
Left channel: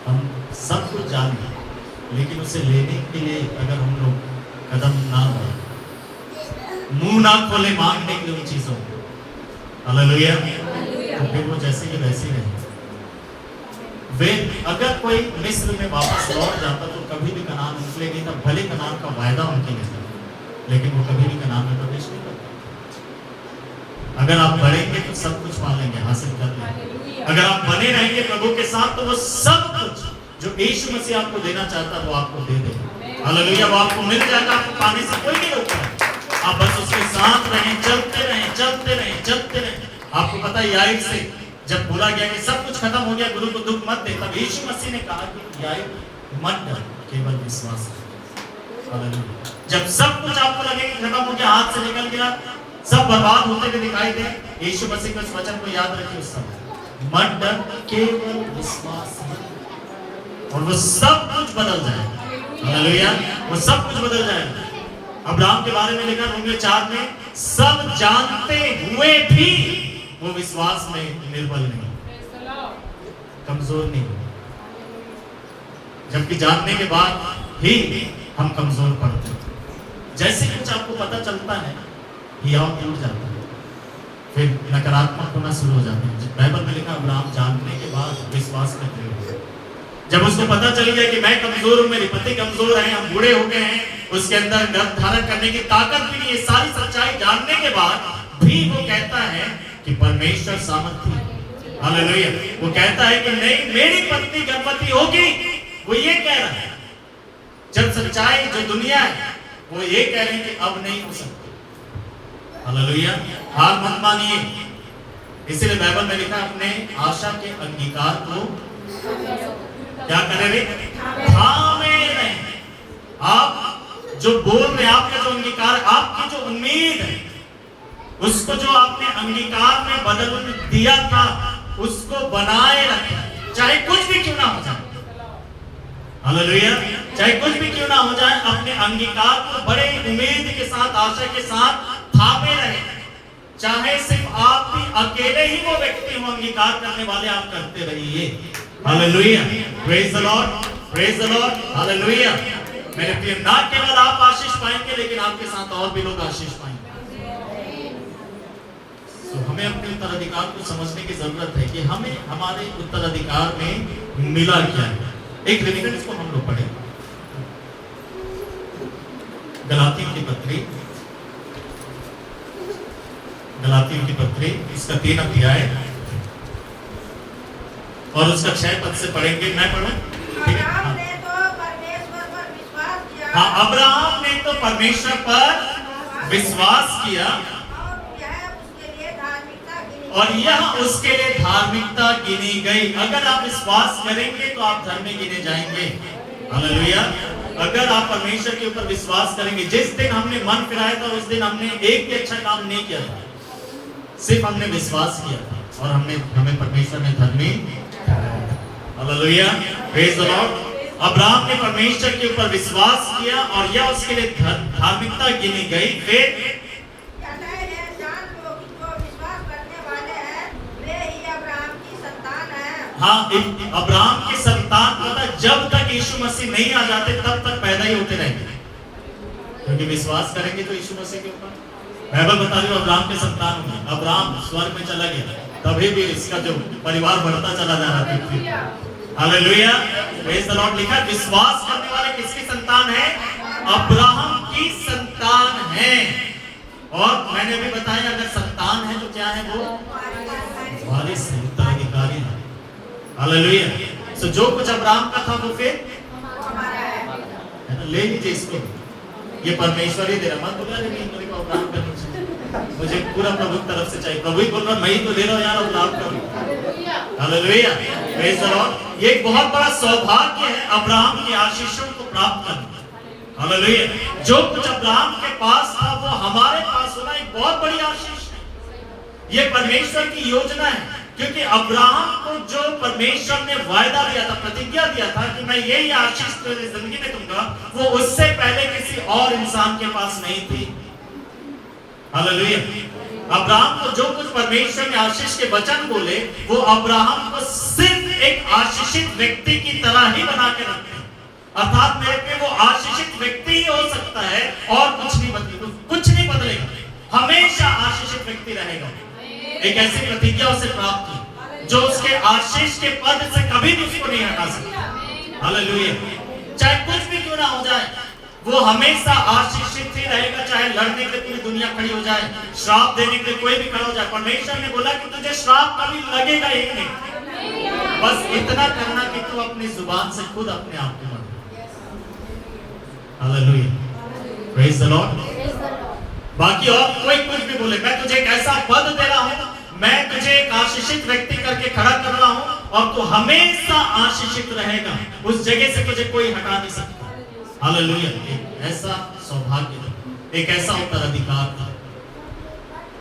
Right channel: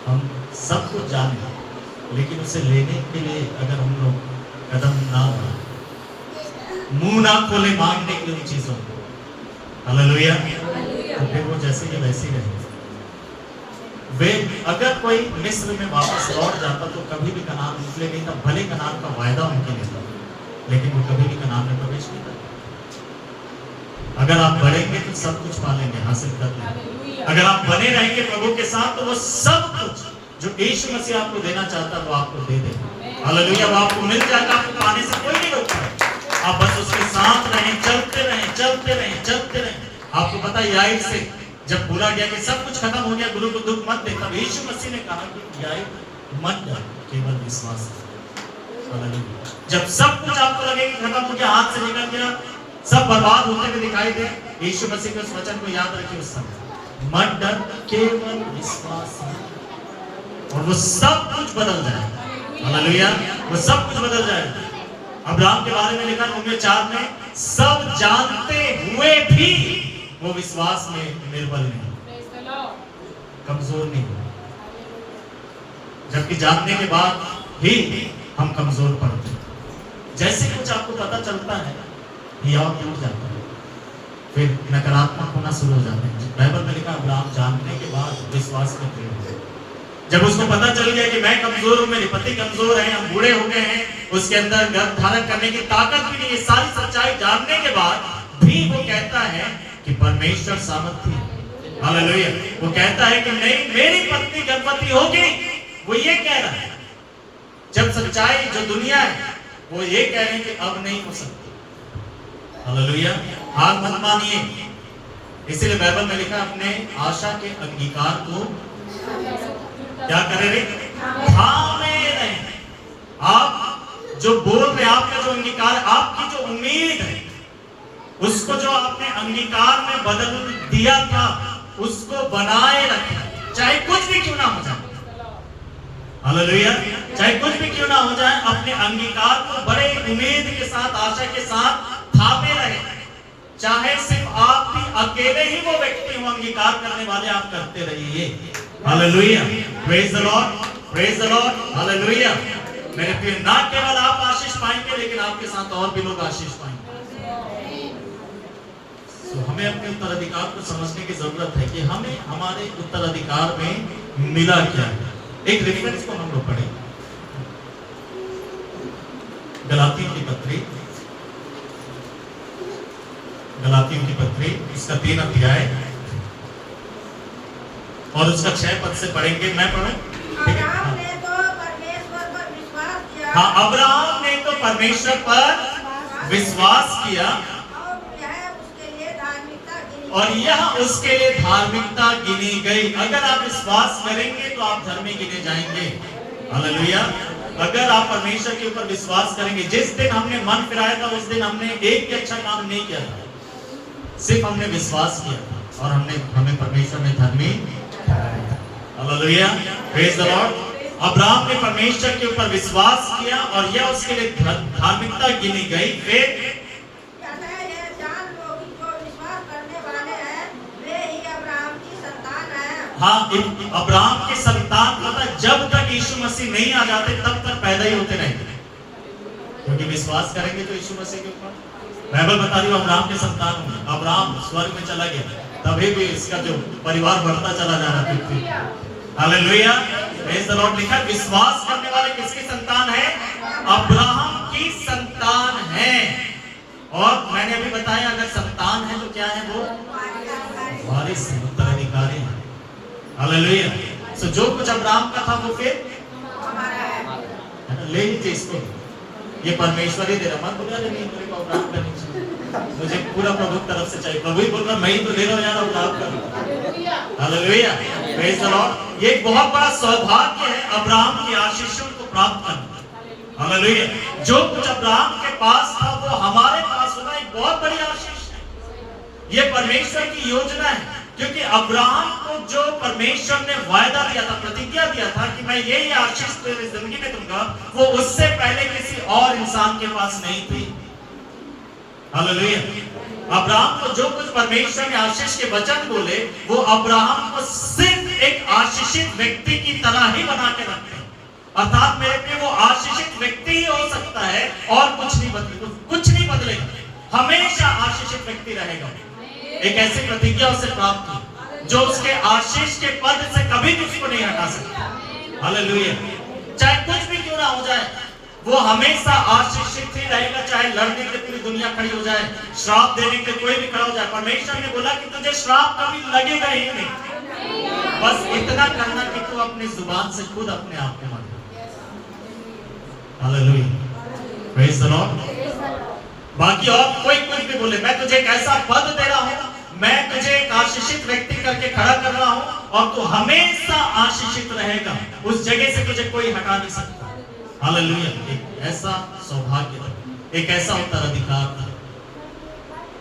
हम सब कुछ जाने, लेकिन उसे लेने के लिए अगर हम लोग कदम ना बढ़ाएं, मुंह ना खोले मांगने की उन चीजों को, हालेलुया, तो फिर वो जैसे कि वैसे ही रहे। वे अगर कोई मिस्र में वापस लौट जाता तो कभी भी कनान उनके लिए नहीं था, भले कनान का वायदा उनके लिए था, लेकिन वो कभी भी कनान में प्रवेश नहीं करता। अगर आप बढ़ेंगे तो सब कुछ पालेंगे, हासिल कर लेंगे। अगर आप बने रहेंगे प्रभु के साथ तो वो सब कुछ जो यीशु मसीह आपको देना चाहता है वो आपको दे देगा। हालेलुया, वो आपको मिल जाएगा, आपको पाने से कोई नहीं रोकता है। आप बस उसके साथ रहें, चलते रहें, चलते रहें, चलते रहें। आपको पता है याईर से जब बोला गया कि सब कुछ खत्म हो गया, गुरु को दुख मत दे, तब यीशु मसीह ने कहा कि याईर मत डर, केवल विश्वास कर। हालेलुया, जब सब कुछ आपको लगे कि खत्म हो गया, हाथ से निकल गया, सब बर्बाद होते हुए दिखाई दे, यीशु मसीह के उस वचन को याद रखिए उस समय, मत डर, केवल विश्वास कर, और वो सब कुछ बदल जाएगा। हालेलुया, वो सब कुछ बदल जाएगा। अब्राहम के बारे में लिखा रोमियो 4 में, सब जानते हुए भी वो विश्वास में निर्बल नहीं, कमजोर नहीं, जबकि जानने के बाद ही हम कमजोर पड़ते हैं। जैसे कुछ आपको पता चलता है, हियाव टूट जाता है, फिर नकारात्मक होना शुरू हो जाते हैं। बाइबल में लिखा अब्राहम जानने के बाद विश्वास में खड़े हुए। जब उसको पता चल गया कि मैं कमजोर हूं, मेरे पति कमजोर हैं, हम बूढ़े हो गए हैं, उसके अंदर गर्भ धारण करने की ताकत भी नहीं है, सारी सच्चाई जानने के बाद भी वो कहता है कि परमेश्वर सामर्थी है। हालेलुया। वो कहता है कि नहीं, मेरी पत्नी गर्भवती होगी। वो ये कह रहा है, जब सच्चाई जो दुनिया है वो ये कह रहे हैं कि अब नहीं हो सकती। हालेलुया। हार मत मानिए। इसलिए बाइबल में लिखा अपने आशा के अंगीकार को क्या करे रे? थामे रहे। आप जो बोल रहे, आपका जो अंगीकार, आपकी जो उम्मीद है, उसको जो आपने अंगीकार में बदल दिया था, उसको बनाए रखें, चाहे कुछ भी क्यों ना हो जाए। हालेलुया। चाहे कुछ भी क्यों ना हो जाए, अपने अंगीकार को बड़े उम्मीद के साथ, आशा के साथ थामे रहे। चाहे सिर्फ आप भी अकेले ही वो व्यक्ति हो अंगीकार करने वाले, आप करते रहिए। Hallelujah. Praise the Lord, praise the lord. Hallelujah. मेरे प्रिय, ना केवल आप आशीष पाएंगे, लेकिन आपके साथ और भी लोग आशीष पाएंगे। तो हमें अपने उत्तराधिकार को समझने की जरूरत है कि हमें हमारे उत्तराधिकार में मिला क्या है। एक रेफरेंस को हम लोग पढ़े, गलातियों की पत्री, गलातियों की पत्री, इसका 3 अध्याय और उसका 6 पद से पढ़ेंगे। मैं पढ़ूं? ठीक है। अब्राहम ने तो परमेश्वर पर विश्वास किया। हाँ, अब्राहम ने तो परमेश्वर पर विश्वास किया और यह उसके लिए धार्मिकता गिनी गई। अगर आप विश्वास करेंगे तो आप धर्मी गिने जाएंगे। हालेलुया। अगर आप परमेश्वर के ऊपर विश्वास करेंगे, जिस दिन हमने मन फिराया था उस दिन हमने एक भी अच्छा काम नहीं किया था, सिर्फ हमने विश्वास किया था और हमें परमेश्वर ने धर्मी ठहराया था। Hallelujah. Praise the Lord. Abraham ने परमेश्वर के ऊपर विश्वास किया और यह उसके लिए धार्मिकता गिनी गई। फिर हाँ, अब्राहम की संतान पता, जब तक यीशु मसीह नहीं आ जाते तब तक पैदा ही होते रहेंगे, क्योंकि विश्वास करेंगे तो यीशु मसीह के ऊपर। बाइबल बता रही है अब्राहम के संतान होंगे। अब्राहम स्वर्ग में चला गया, तभी भी इसका जो परिवार बढ़ता चला जा रहा है। हालेलुया। Praise the Lord. लिखा विश्वास करने वाले किसकी संतान है? अब्राहम की संतान है। और मैंने अभी बताया, अगर संतान है तो क्या है? वो वारिस, उत्तराधिकारी है। हालेलुया। सो जो कुछ अब्राहम का था वो फिर ले लीजिए इसको, ये परमेश्वर ही दे रहा। मत बोलिए अरे नहीं, मेरे को अब्राहम का नहीं चाहिए, मुझे पूरा प्रभु की तरफ से चाहिए। प्रभु ही बोल रहा, मैं ही तो ले रहा हूं यार, अब्राहम का। हालेलुया। Praise the Lord. ये एक बहुत बड़ा सौभाग्य है अब्राहम की आशीषों को प्राप्त करना। हालेलुया। जो कुछ अब्राहम के पास था वो हमारे पास होना एक बहुत बड़ी आशीष है। ये परमेश्वर की योजना है, क्योंकि अब्राहम को जो परमेश्वर ने वायदा दिया था, प्रतिज्ञा दिया था कि मैं यही आशीष तेरी जिंदगी में दूंगा, वो उससे पहले किसी और इंसान के पास नहीं थी। हालेलुया। अब्राहम को जो कुछ परमेश्वर ने आशीष के वचन बोले, वो अब्राहम को सिर्फ एक आशीषित व्यक्ति की तरह ही बना के रखते हैं। अर्थात मेरे पे वो आशीषित व्यक्ति ही हो सकता है और कुछ नहीं बदलेगा, हमेशा आशीषित व्यक्ति रहेगा। एक ऐसी प्रतिज्ञा उसे प्राप्त की जो उसके आशीष के पद से कभी भी उसको नहीं हटा सकता। हालेलुया। चाहे कुछ भी क्यों ना हो जाए, वो हमेशा आशीषित ही रहेगा। चाहे लड़ने के लिए पूरी दुनिया खड़ी हो जाए, श्राप देने के लिए कोई भी खड़ा हो जाए, परमेश्वर ने बोला कि तुझे श्राप कभी लगेगा ही नहीं। बस इतना करना कि तू अपनी जुबान से खुद अपने आप को मान। हालेलुया। Praise the Lord. बाकी और कोई कुछ भी बोले, मैं तुझे एक ऐसा पद दे रहा हूं, मैं तुझे एक आशीषित व्यक्ति करके खड़ा कर रहा हूं और तू हमेशा आशीषित रहेगा। उस जगह से तुझे कोई हटा नहीं सकता। हालेलुया। एक ऐसा सौभाग्य था, एक ऐसा उत्तराधिकार था।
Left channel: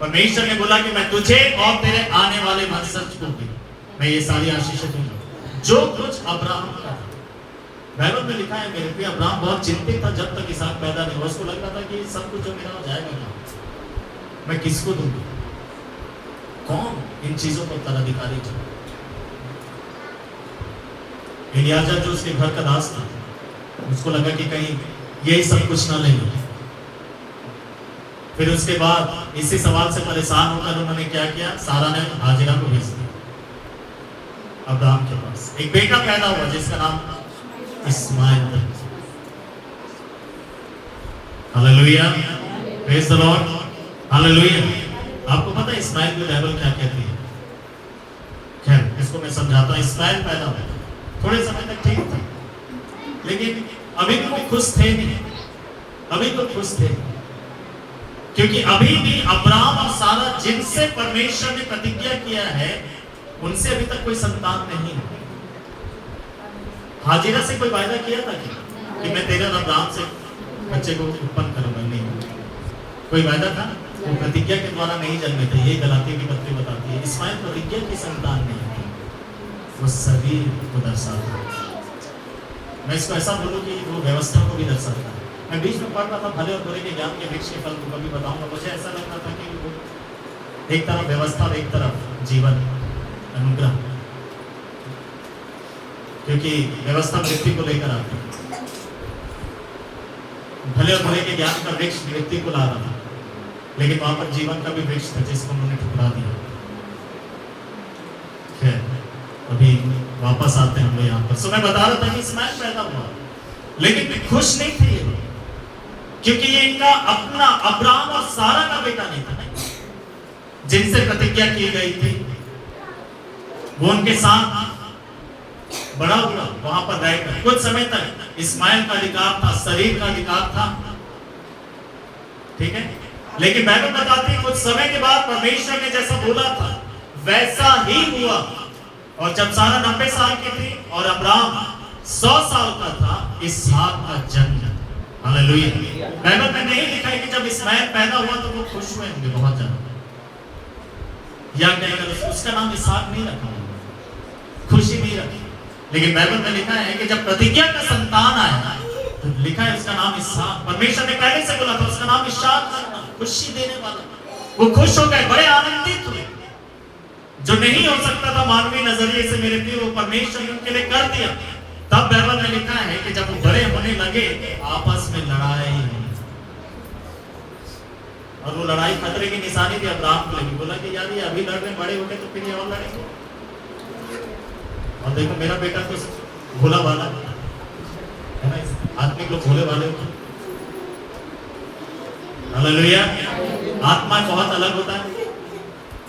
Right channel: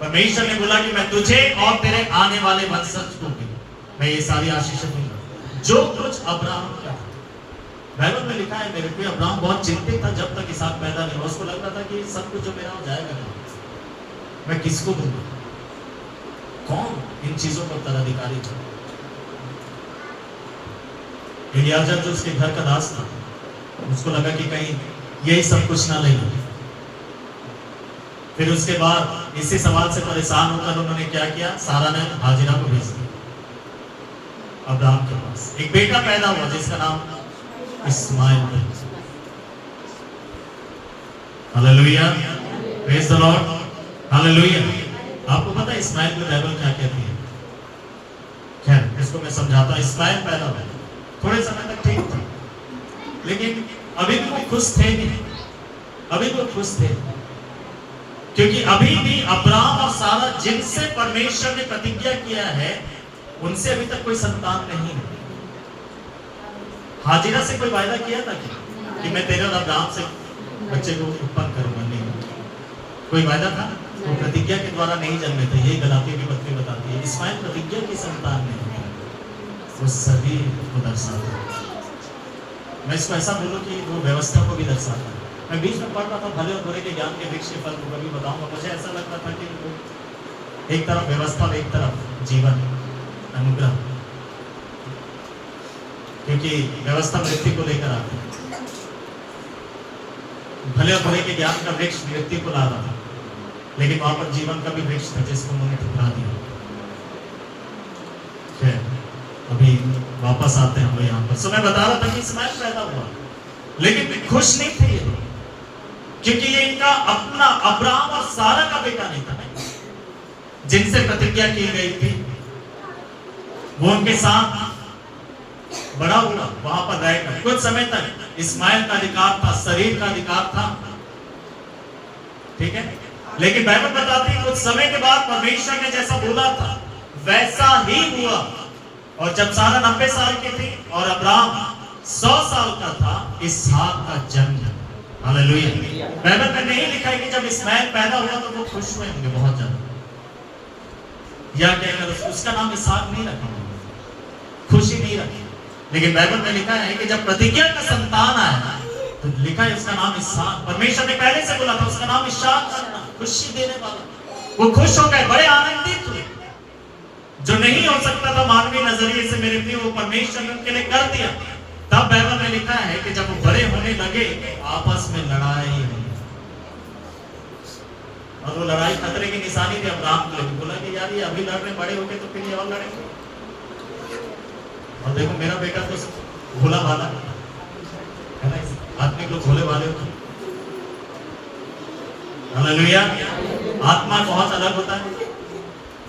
परमेश्वर ने बोला कि मैं तुझे और तेरे आने वाले वंशज को भी मैं ये सारी आशीषें दूंगा। जो कुछ अब्राहम का था, बाइबल में लिखा है मेरे प्रिय, अब्राहम बहुत चिंतित था जब तक इसहाक पैदा नहीं हुआ। उसको लग रहा था कि सब कुछ जो मेरा हो जाएगा नहीं, मैं किसको दूंगा? कौन इन चीजों का उत्तराधिकारी था? एलियाजर जो उसके घर का दास था, उसको लगा कि कहीं यही सब कुछ ना ले लो। फिर उसके बाद इसी सवाल से परेशान होकर उन्होंने क्या किया, सारा ने हाजिरा को भेज दिया अब्राहम के पास। एक बेटा पैदा हुआ जिसका नाम इस्माइल था। Hallelujah, praise the lord, hallelujah. आपको पता है इस्माइल की बाइबल क्या कहती है? खैर इसको मैं समझाता हूँ। इस्माइल पैदा हुआ, थोड़े समय तक ठीक था, लेकिन अभी भी वो खुश थे नहीं, अभी वो खुश थे, क्योंकि अभी भी अब्राहम और सारा जिनसे परमेश्वर ने प्रतिज्ञा किया है उनसे अभी तक कोई संतान नहीं है। हाजिरा से कोई वायदा किया था कि मैं तेरे और अब्राहम से बच्चे को उत्पन्न करूंगा? नहीं, कोई वायदा था? वो प्रतिज्ञा के द्वारा नहीं जन्मे थे। ये गलातियों की पत्री बताती है। इस्माइल प्रतिज्ञा की संतान नहीं था, वो सभी को दर्शाता है। मैं इसको ऐसा बोलूं कि वो व्यवस्था को भी दर्शाता है। मैं बीच में पढ़ रहा था भले और बुरे के ज्ञान के वृक्ष के फल को कभी बताऊंगा। मुझे ऐसा लग रहा था कि वो एक तरफ व्यवस्था और एक तरफ जीवन अनुग्रह, क्योंकि व्यवस्था व्यक्ति को लेकर आती है, भले और बुरे के ज्ञान का वृक्ष व्यक्ति को ला रहा था, लेकिन वहां पर जीवन का भी वृक्ष था जिसको उन्होंने ठुकरा दिया। खैर अभी वापस आते हैं हम लोग यहाँ पर। सो मैं बता रहा था कि इस्माइल पैदा हुआ, लेकिन खुश नहीं थे ये लोग, क्योंकि ये इनका अपना अब्राहम और सारा का बेटा नहीं था, नहीं, जिनसे प्रतिज्ञा की गई थी। वो उनके साथ बड़ा हुआ, वहां पर रहकर कुछ समय तक इस्माइल का अधिकार था, शरीर का अधिकार था, ठीक है। लेकिन बाइबल बताती है कुछ समय के बाद परमेश्वर ने जैसा बोला था वैसा ही हुआ। और जब सारा 90 साल की थी और अब्राहम 100 साल का था, इसहाक का जन्म। हालेलुया। बाइबल में नहीं लिखा है कि जब इस्माइल पैदा हुआ तो वो खुश हुए होंगे बहुत ज्यादा, या कहकर उसका नाम इसहाक नहीं रखा, खुशी नहीं रखी। लेकिन बाइबल में लिखा है कि जब प्रतिज्ञा का संतान आया तो लिखा है उसका नाम इसहाक। परमेश्वर ने पहले से बोला था उसका नाम इसहाक रखना, खुशी देने वाला। वो खुश हो गए, बड़े आनंदित हुए, जो नहीं हो सकता था मानवीय नजरिए से मेरे प्रिय, वो परमेश्वर ने उनके लिए कर दिया। तब बाइबल में लिखा है कि जब वो बड़े होने लगे आपस में लड़ाई हुई, और वो लड़ाई खतरे की निशानी थी अब्राहम के लिए। बोला कि यार ये अभी लड़ रहे, बड़े होके तो फिर ये और लड़ेंगे। और देखो मेरा बेटा तो भोला वाला है ना, आदमी लोग भोले वाले होते। हालेलुया। आत्मा बहुत अलग होता है,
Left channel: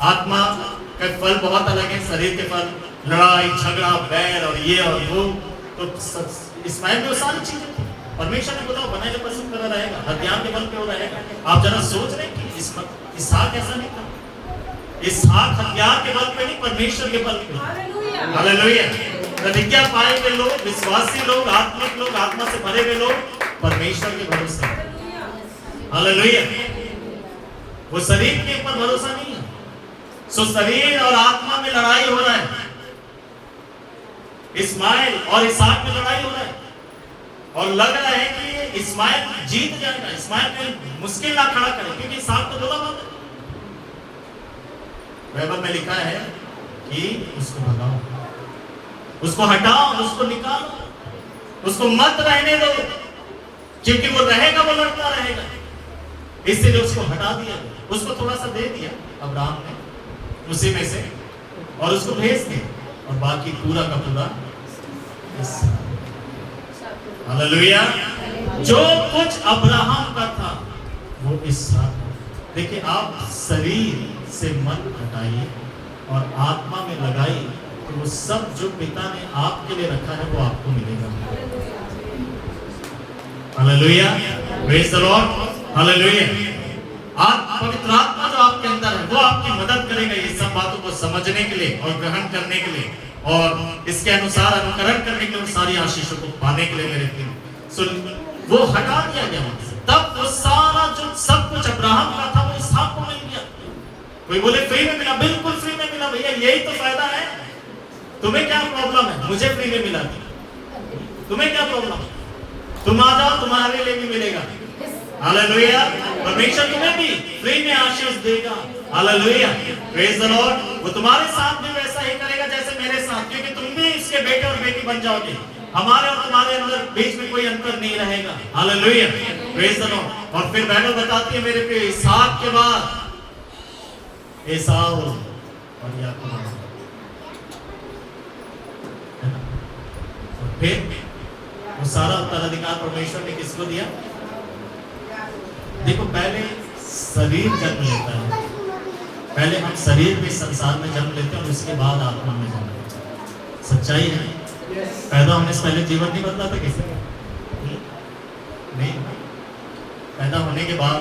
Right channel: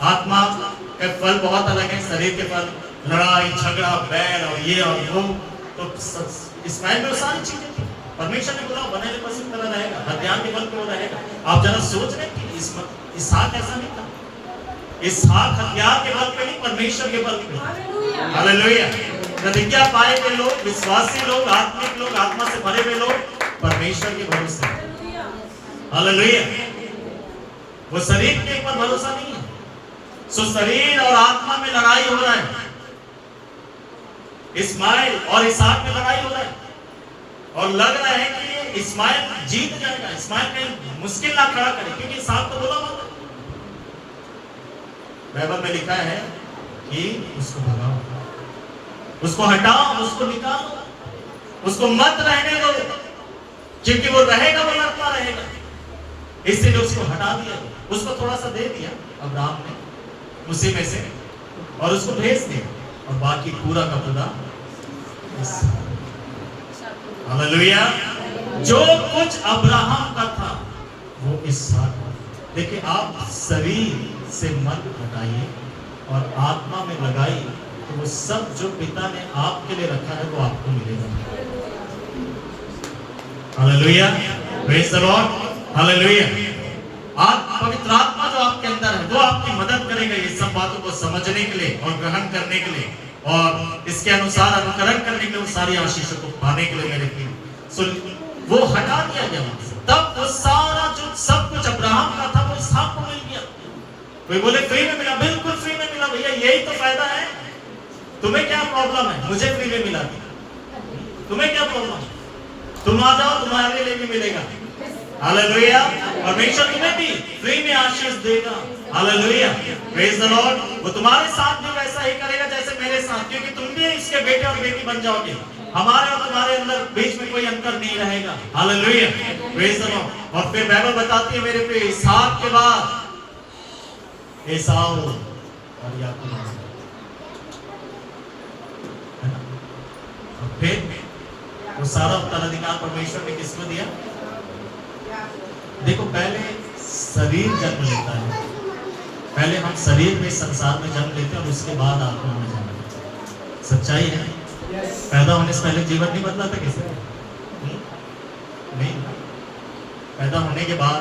आत्मा के फल बहुत अलग है, शरीर के फल लड़ाई झगड़ा बैर और ये और वो। तो इस्माइल में वो सारी चीजें थी। परमेश्वर ने बोला बने पशु तरह रहेगा, हथियार के बल पे वो रहेगा। आप जरा सोच रहे कि इसहाक ऐसा नहीं था, इसहाक हथियार के बल पे नहीं, परमेश्वर के बल पे। हालेलुया। प्रतिज्ञा पाए हुए लोग, विश्वासी लोग, आत्मिक लोग, आत्मा से भरे हुए लोग परमेश्वर के भरोसे। हालेलुया। वो शरीर के ऊपर भरोसा नहीं है। सो शरीर और आत्मा में लड़ाई हो रहा है, इस्माइल और इसहाक में लड़ाई हो रहा है, और लग रहा है कि इस्माइल जीत जाएगा, इस्माइल कहीं मुश्किल ना खड़ा करे, क्योंकि इसहाक तो बोला बात है। बाइबल में लिखा है कि उसको भगाओ, उसको हटाओ, उसको निकालो, उसको मत रहने दो, क्योंकि वो रहेगा, वो लड़ता रहेगा। इसलिए उसको हटा दिया, उसको थोड़ा सा दे दिया अब्राहम ने उसी में से, और उसको भेज दिया, और बाकी पूरा का पूरा। हालेलुया। जो कुछ अब्राहम का था वो इसहाक। देखिए आप शरीर से मन हटाइए और आत्मा में लगाइए, तो वो सब जो पिता ने आपके लिए रखा है वो आपको मिलेगा। Hallelujah. Praise the lord. Hallelujah. आज पवित्र आत्मा जो आपके अंदर है वो आपकी मदद करेगा ये सब बातों को समझने के लिए और ग्रहण करने के लिए, और इसके अनुसार अनुकरण करने के लिए, सारी आशीषों को पाने के लिए। मेरे प्रिय वो हटा दिया गया वहां से। तब वो सारा जो सब कुछ अब्राहम का था वो इसहाक को मिल गया। कोई बोले फ्री में मिला, बिल्कुल फ्री में मिला भैया, यही तो फायदा है। तुम्हें क्या प्रॉब्लम है? मुझे फ्री में मिला, तुम्हें क्या प्रॉब्लम? तुम आ जाओ, तुम्हारे लिए भी मिलेगा। हालेलुया। परमेश्वर तुम्हें भी फ्री में आशीष देगा। हालेलुया। Praise the Lord. वो तुम्हारे साथ भी वैसा ही करेगा जैसे मेरे साथ, क्योंकि तुम भी इसके बेटे और बेटी बन जाओगे। हमारे और तुम्हारे अंदर बीच में कोई अंतर नहीं रहेगा। Hallelujah, praise the Lord. और फिर बाइबल बताती है मेरे प्रिय, इसहाक के बाद एसाव और याकूब, है ना? और फिर वो सारा उत्तराधिकार परमेश्वर ने किसको दिया? देखो, पहले शरीर जन्म लेता है, पहले हम शरीर में संसार में जन्म लेते हैं और उसके बाद आत्मा में जन्म लेते हैं। सच्चाई है। पैदा होने से पहले जीवन नहीं बदला था किसी का? नहीं। पैदा होने के बाद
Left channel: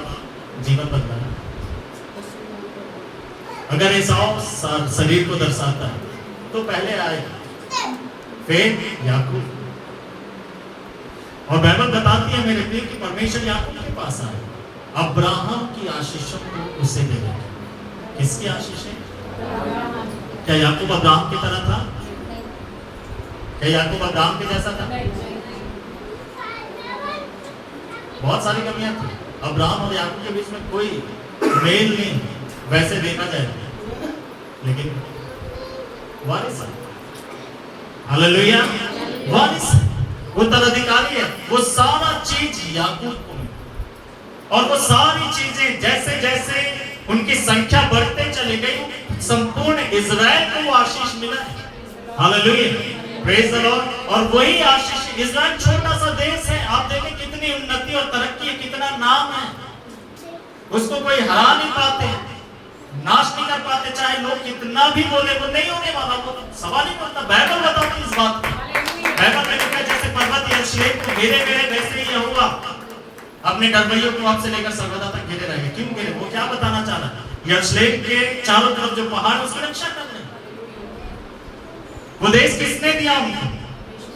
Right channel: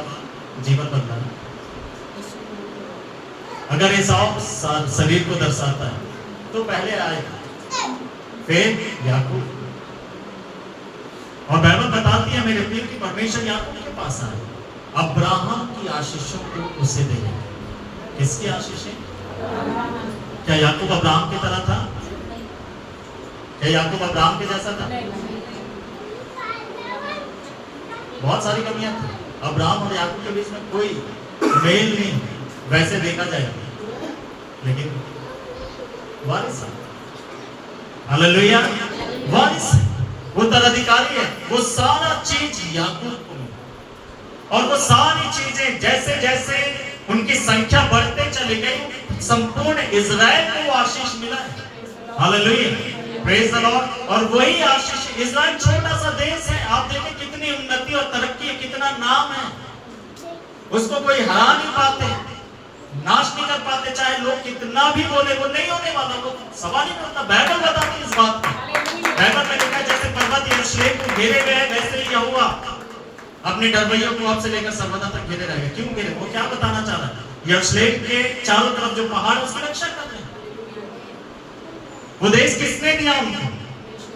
जीवन बदला ना। अगर एसाव शरीर को दर्शाता है तो पहले आए, फिर याकूब। और बाइबल बताती है मेरे प्रिय कि परमेश्वर याकूब के पास आए, अब्राहम की आशीषों को उसे देने। किसकी आशीषें? क्या याकूब अब्राहम की तरह था? क्या याकूब अब्राहम के जैसा था? बहुत सारी कमियां थी। अब्राहम और याकूब के बीच में कोई मेल नहीं वैसे देखा जाए, लेकिन वारिस है। हालेलुया, वारिस है, उत्तराधिकारी है। वो सारा चीज याकूब को मिला और वो सारी चीजें जैसे जैसे उनकी संख्या बढ़ते चली गई, संपूर्ण इजराइल को वो आशीष मिला है। Hallelujah, praise the Lord. और वही आशीष, इजराइल छोटा सा देश है, आप देखें कितनी उन्नति और तरक्की है, कितना नाम है, उसको कोई हरा नहीं पाते, नाश नहीं कर पाते, चाहे लोग कितना भी बोले, वो नहीं होने वाला, वो सवाल ही नहीं होता। बाइबल बताती है इस बात को। बाइबल में लिखा है जैसे पर्वत यरूशलेम को घेरे गए वैसे ही यहोवा अपने डरवैयों को आपसे लेकर सर्वदा तक घेरे रहेंगे। क्यों घेरे? वो क्या बताना चाह रहा है? यरूशलेम के चारों तरफ जो पहाड़ है उसकी रक्षा कर रहे हैं। वो देश किसने दिया उनको,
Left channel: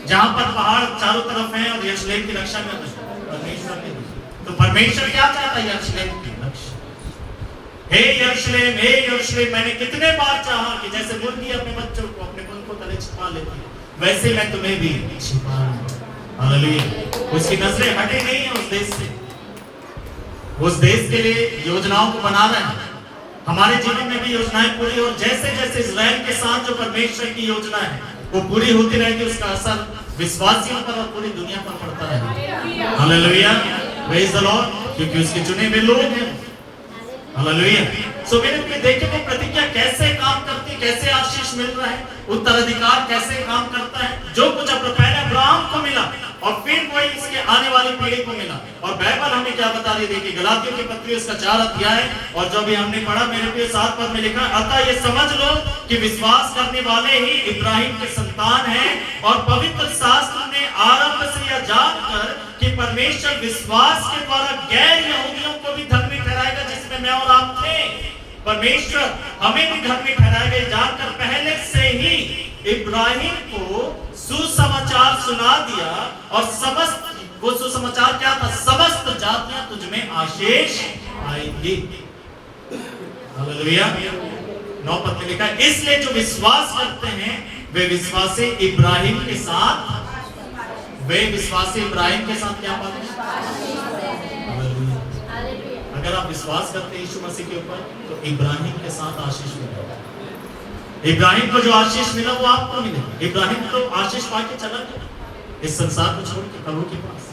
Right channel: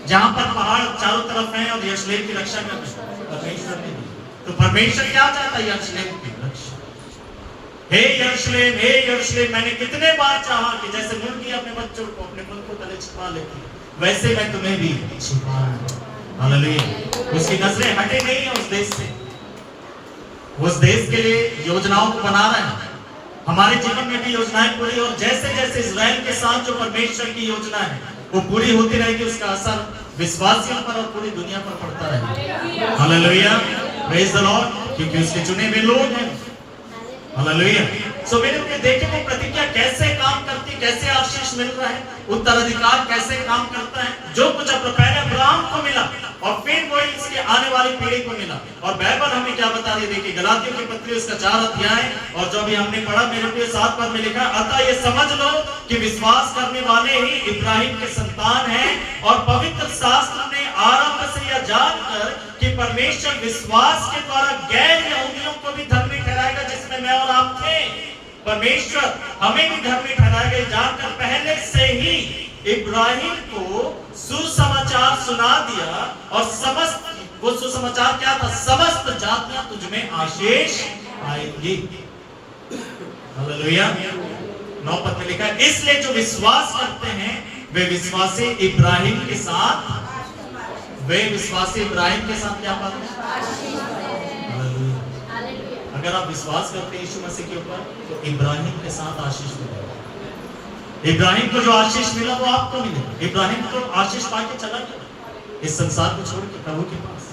जहां पर पहाड़ चारों तरफ हैं और यरूशलेम की रक्षा कर रहे हैं? परमेश्वर ने दी। तो परमेश्वर क्या चाहता है? यरूशलेम की रक्षा। हे यरूशलेम, हे यरूशलेम, मैंने कितने बार चाहा कि जैसे मुर्गी अपने बच्चों को अपने मुंह को तले छिपा लेती है, वैसे मैं तुम्हें भी छिपा लूं। हालेलुया। उसकी नजरें हटे नहीं है उस देश से, उस देश के लिए योजनाओं को बना रहे हैं। हमारे जीवन में भी योजनाएं पूरी, और जैसे जैसे इजराइल के साथ जो परमेश्वर की योजना है वो पूरी होती रहेगी, उसका असर विश्वासियों पर और पूरी दुनिया पर पड़ता रहेगा। हालेलुया, प्रेज द लॉर्ड, क्योंकि उसके चुने हुए लोग हैं। हालेलुया। सो मेरे प्रिय, देखिए वो प्रतिज्ञा कैसे काम करती, कैसे आशीष मिल रहा है, उत्तराधिकार कैसे काम करता है। जो कुछ अब पहले अब्राहम को मिला और फिर वही इसके आने वाली पीढ़ी को मिला। और बाइबल हमें क्या बता रही है? देखिए गलातियों की पत्री उसका 4 अध्याय और जो भी हमने पढ़ा मेरे प्रिय 7 पद में लिखा, अतः ये समझ लो कि विश्वास करने वाले ही इब्राहिम के संतान हैं। और पवित्र शास्त्र ने आरंभ से यह जानकर कि परमेश्वर विश्वास के द्वारा गैर यहूदियों को भी धर्मी ठहराएगा, जिसमें मैं और आप थे। परमेश्वर हमें भी धर्मी ठहराएगा जानकर पहले से ही इब्राहिम को सुसमाचार सुना दिया। और समस्त, वो सुसमाचार क्या था? समस्त जातियां तुझ में आशीष पाएंगी। हालेलुया। 9 पद में लिखा है, इसलिए जो विश्वास करते हैं वे विश्वासी इब्राहिम के साथ, वे विश्वासी इब्राहिम के साथ क्या पाते हैं? अगर आप विश्वास करते हैं यीशु मसीह के ऊपर तो इब्राहिम के साथ आशीष मिलेगा। इब्राहिम को जो आशीष मिला वो आपको मिलेगा। इब्राहिम तो आशीष पाके चला गया इस संसार को छोड़ के प्रभु के पास।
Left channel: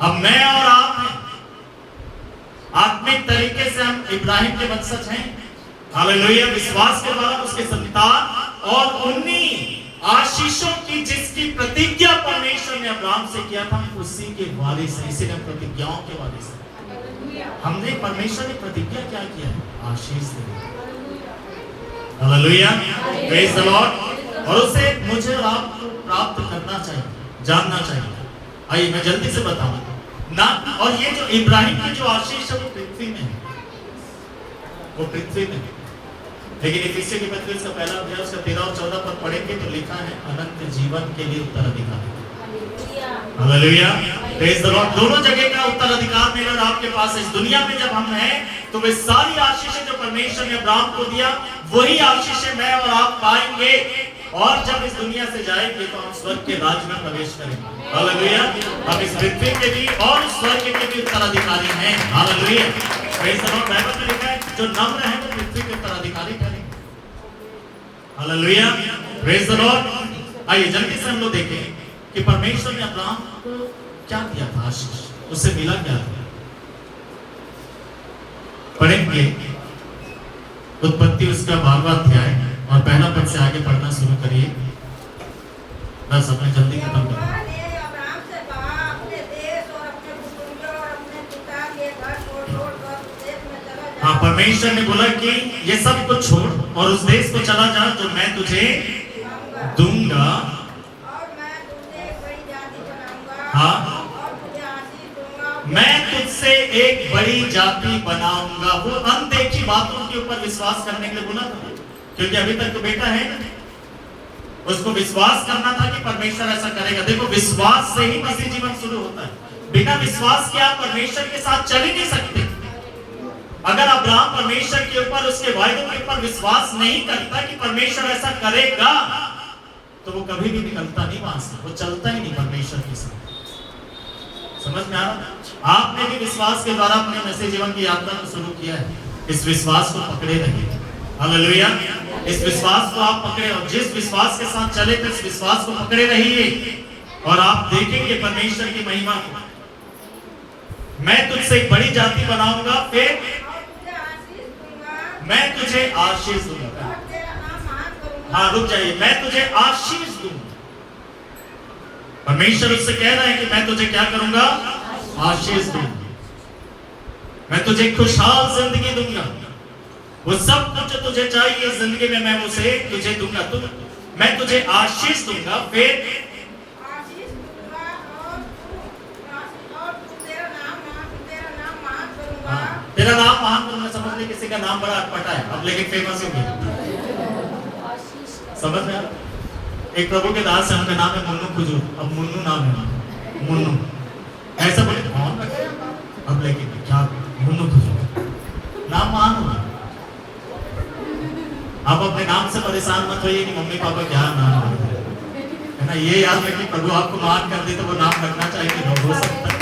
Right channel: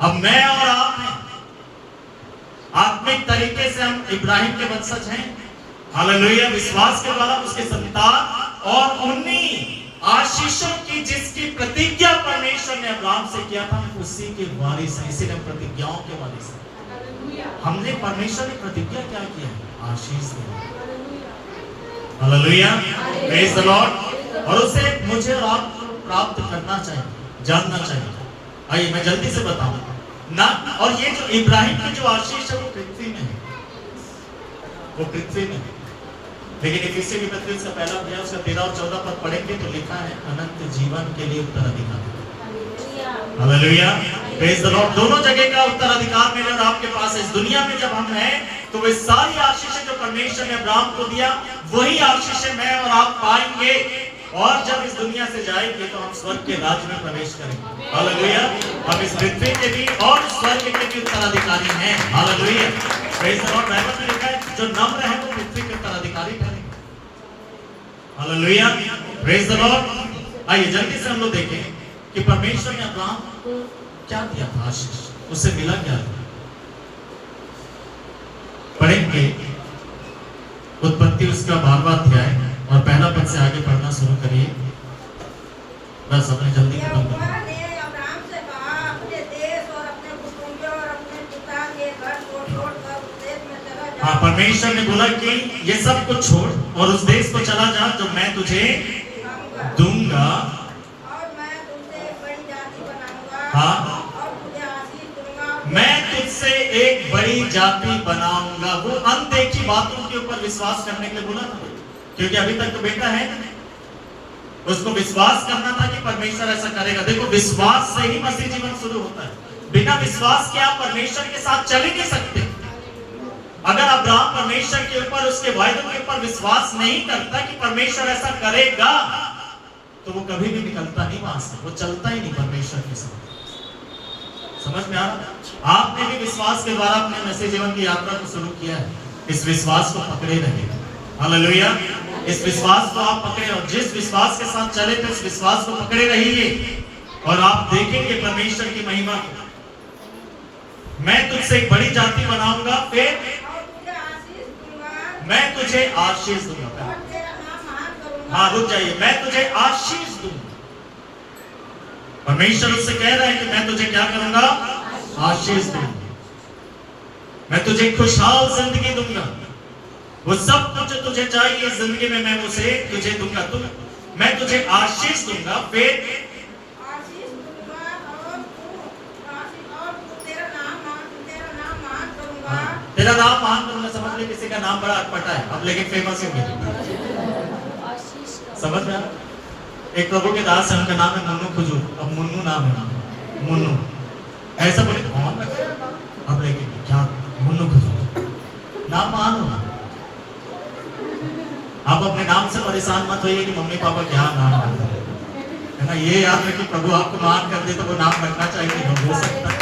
अब मैं और आप हैं, आत्मिक तरीके से हम इब्राहिम के वंशज हैं। हालेलुया। विश्वास के द्वारा उसके संतान और उन्हीं आशीषों की जिसकी प्रतिज्ञा परमेश्वर ने अब्राहम से किया था, उसी के वारिस हैं। इसीलिए हम प्रतिज्ञाओं के वारिस हैं। हमने, परमेश्वर ने प्रतिज्ञा क्या किया है? आशीष देना। Hallelujah, praise the Lord. और उसे मुझे और आपको प्राप्त करना चाहिए, जानना चाहिए। आइए मैं जल्दी से बताऊं ना। और ये जो इब्राहिम की जो आशीष है वो पृथ्वी में है, वो पृथ्वी में। लेकिन इफिसियों की पत्री उसका पहला अध्याय उसका 13 और 14 पद पढ़ेंगे तो लिखा है अनंत जीवन के लिए उत्तराधिकार। Hallelujah, praise the Lord. दोनों जगह का उत्तराधिकार मेरे और आपके पास है। इस दुनिया में जब हम हैं तो वे सारी आशीषें जो परमेश्वर ने अब्राहम को दिया वही आशीषें मैं और आप पाएंगे। और जब इस दुनिया से जाएंगे तो हम स्वर्ग के राज्य में प्रवेश करेंगे। हालेलुया। हम इस पृथ्वी के भी और स्वर्ग के भी उत्तराधिकारी हैं। Hallelujah, praise the Lord. Bible में लिखा है जो नम्र है वो पृथ्वी के उत्तराधिकारी ठहरेंगे। Hallelujah, praise the Lord. आइए जल्दी से हम लोग देखें कि परमेश्वर ने अब्राहम को क्या दिया था आशीष, उससे मिला क्या था। पढ़ेंगे उत्पत्ति उसका 12वां अध्याय और पहला पद से आगे पढ़ना शुरू करिए। बस अपने जल्दी खत्म करो। यहोवा ने अब्राहम से कहा, अपने देश और अपने कुटुंब और अपने पिता के घर छोड़ कर उस देश में चला जा। हाँ, परमेश्वर ने बोला कि ये सब कुछ छोड़ और उस देश को चला जा जो मैं तुझे दूंगा, और मैं तुझसे एक बड़ी जाति बनाऊंगा। हाँ, और तुझे आशीष दूंगा। मैं तुझसे एक बड़ी जाति बनाऊंगा। वो अनदेखी बातों के ऊपर विश्वास करने के लिए बोला था, क्योंकि अभी तक तो बेटा है ना, उसको विश्वास करना था कि परमेश्वर ऐसा करेगा। देखो, विश्वास से ही मसीह जीवन शुरू होता है। बिना विश्वास के आप परमेश्वर के साथ चल ही नहीं सकते। अगर अब्राहम परमेश्वर के ऊपर, उसके वायदों के ऊपर विश्वास नहीं करता कि परमेश्वर ऐसा करेगा, तो वो कभी भी निकलता नहीं वहां से, वो चलता ही नहीं परमेश्वर के साथ। समझ में आ रहा? आपने भी विश्वास के द्वारा अपने मसीह जीवन की यात्रा को शुरू किया है। इस विश्वास को पकड़े रहिए। हालेलुया। इस विश्वास को आप पकड़े और जिस विश्वास के साथ चले थे उस विश्वास को पकड़े रहिए और आप देखेंगे परमेश्वर की महिमा को। मैं तुझसे एक बड़ी जाति बनाऊंगा, फिर और तुझे आशीष दूंगा। मैं तुझे आशीष दूंगा। और तेरा नाम महान करूंगा। हाँ, रुक जाइए। मैं तुझे आशीष दूंगा। परमेश्वर उससे कह रहा है कि मैं तुझे क्या करूंगा? आशीष दूंगा। मैं तुझे खुशहाल जिंदगी दूंगा। वो सब कुछ जो तुझे चाहिए जिंदगी में मैं उसे तुझे दूंगा। मैं तुझे आशीष दूंगा, फिर आशीष दूंगा और तेरा नाम महान करूंगा। हाँ, तेरा नाम महान करूंगा। समझ ले, किसी का नाम बड़ा अटपटा है अब, लेकिन फेमस हो गया। समझ में आ? एक प्रभु के दास है, उनका नाम है मुन्नू खुजूर। अब मुन्नू नाम है, मुन्नू। ऐसा बोले कौन रखे अब, लेकिन क्या मुन्नू खुजूर नाम महान होगा। आप अपने नाम से परेशान मत होइए कि मम्मी पापा क्या नाम रखते हैं, है ना। ये याद रखिए, प्रभु आपको मान कर दे तो वो नाम रखना चाहिए कि नहीं, हो सकता है।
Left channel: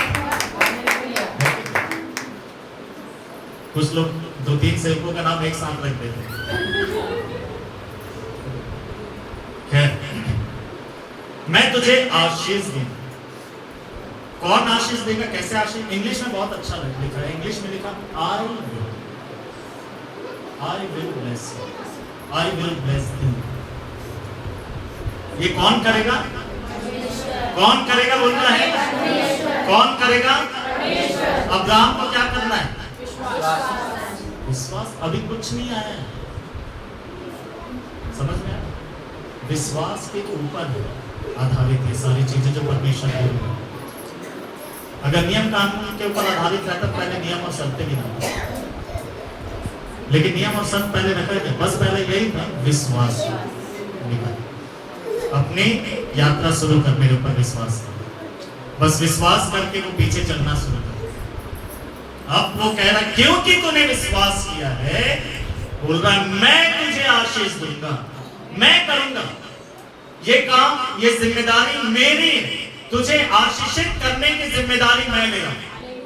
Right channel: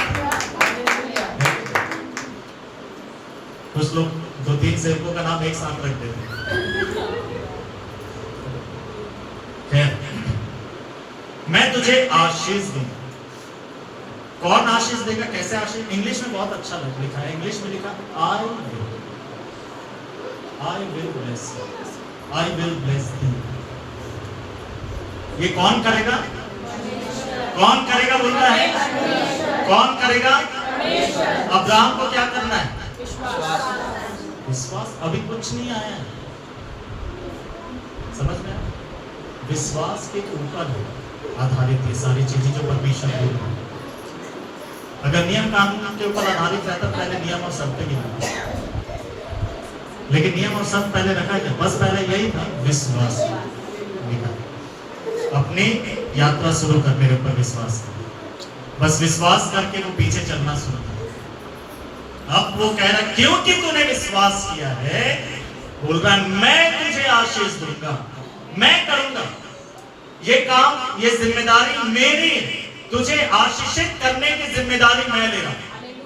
कुछ लोग 2-3 सेवकों का नाम एक साथ रख देते हैं। मैं तुझे आशीष दूंगा। कौन आशीष देगा, कैसे आशीष? इंग्लिश में बहुत अच्छा लिखा है। इंग्लिश में लिखा I will bless you, I will bless you. ये कौन करेगा? कौन करेगा बोल रहा है? कौन करेगा? अब्राहम को क्या करना है? विश्वास। अभी कुछ नहीं आया है, समझ में आया? विश्वास के ऊपर आधारित ये सारी चीजें जो परमेश्वर बोल रहा है। अगर नियम कानून के ऊपर आधारित रहता, पहले नियम और शर्तें भी ना, लेकिन नियम और शर्त पहले रखा क्या? बस पहले यही था, विश्वास। अपनी यात्रा शुरू कर, मेरे ऊपर विश्वास कर। बस विश्वास करके वो पीछे चलना शुरू कर। अब वो कह रहा है क्योंकि तूने विश्वास किया है, बोल रहा है मैं तुझे आशीष दूंगा, मैं करूंगा ये काम, ये जिम्मेदारी मेरी है। तुझे आशीषित करने की जिम्मेदारी मैं ले रहा हूं।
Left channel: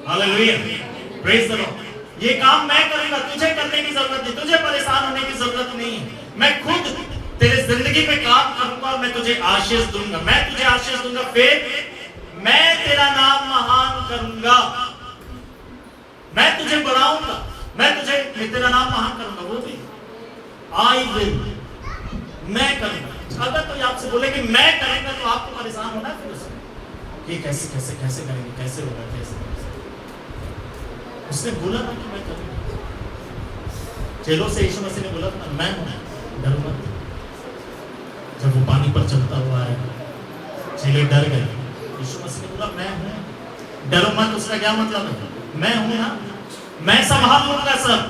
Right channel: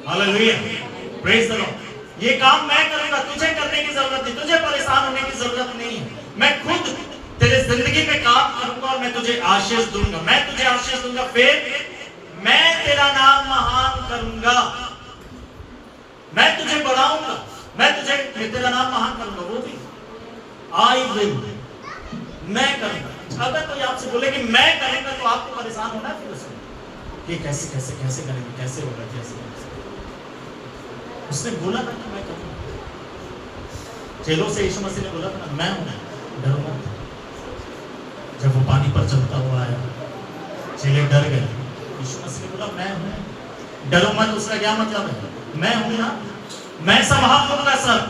Hallelujah, praise the Lord. ये काम मैं करूंगा, तुझे करने की जरूरत नहीं, तुझे परेशान होने की जरूरत नहीं। मैं खुद तेरे जिंदगी में काम करूंगा और मैं तुझे आशीष दूंगा। मैं तुझे आशीष दूंगा, फिर मैं तेरा नाम महान करूंगा। मैं तुझे बढ़ाऊंगा, मैं तेरा नाम महान करूंगा। वो भी आई विल, मैं करूंगा। अगर कोई आपसे बोले कि मैं करूंगा, तो आपको परेशान होना है फिर उसमें कि कैसे कैसे कैसे करेंगे, कैसे होगा, कैसे होगा। उसने बोला ना कि मैं करूंगा। चेलों से यीशु मसीह ने बोला था ना, मैं हूं, डरो मत। जब वो पानी पर चलता हुआ है, चेले डर गए। यीशु मसीह ने बोला मैं हूं, डरो मत। उसका क्या मतलब है? मैं हूं ना, मैं संभाल लूंगा सब।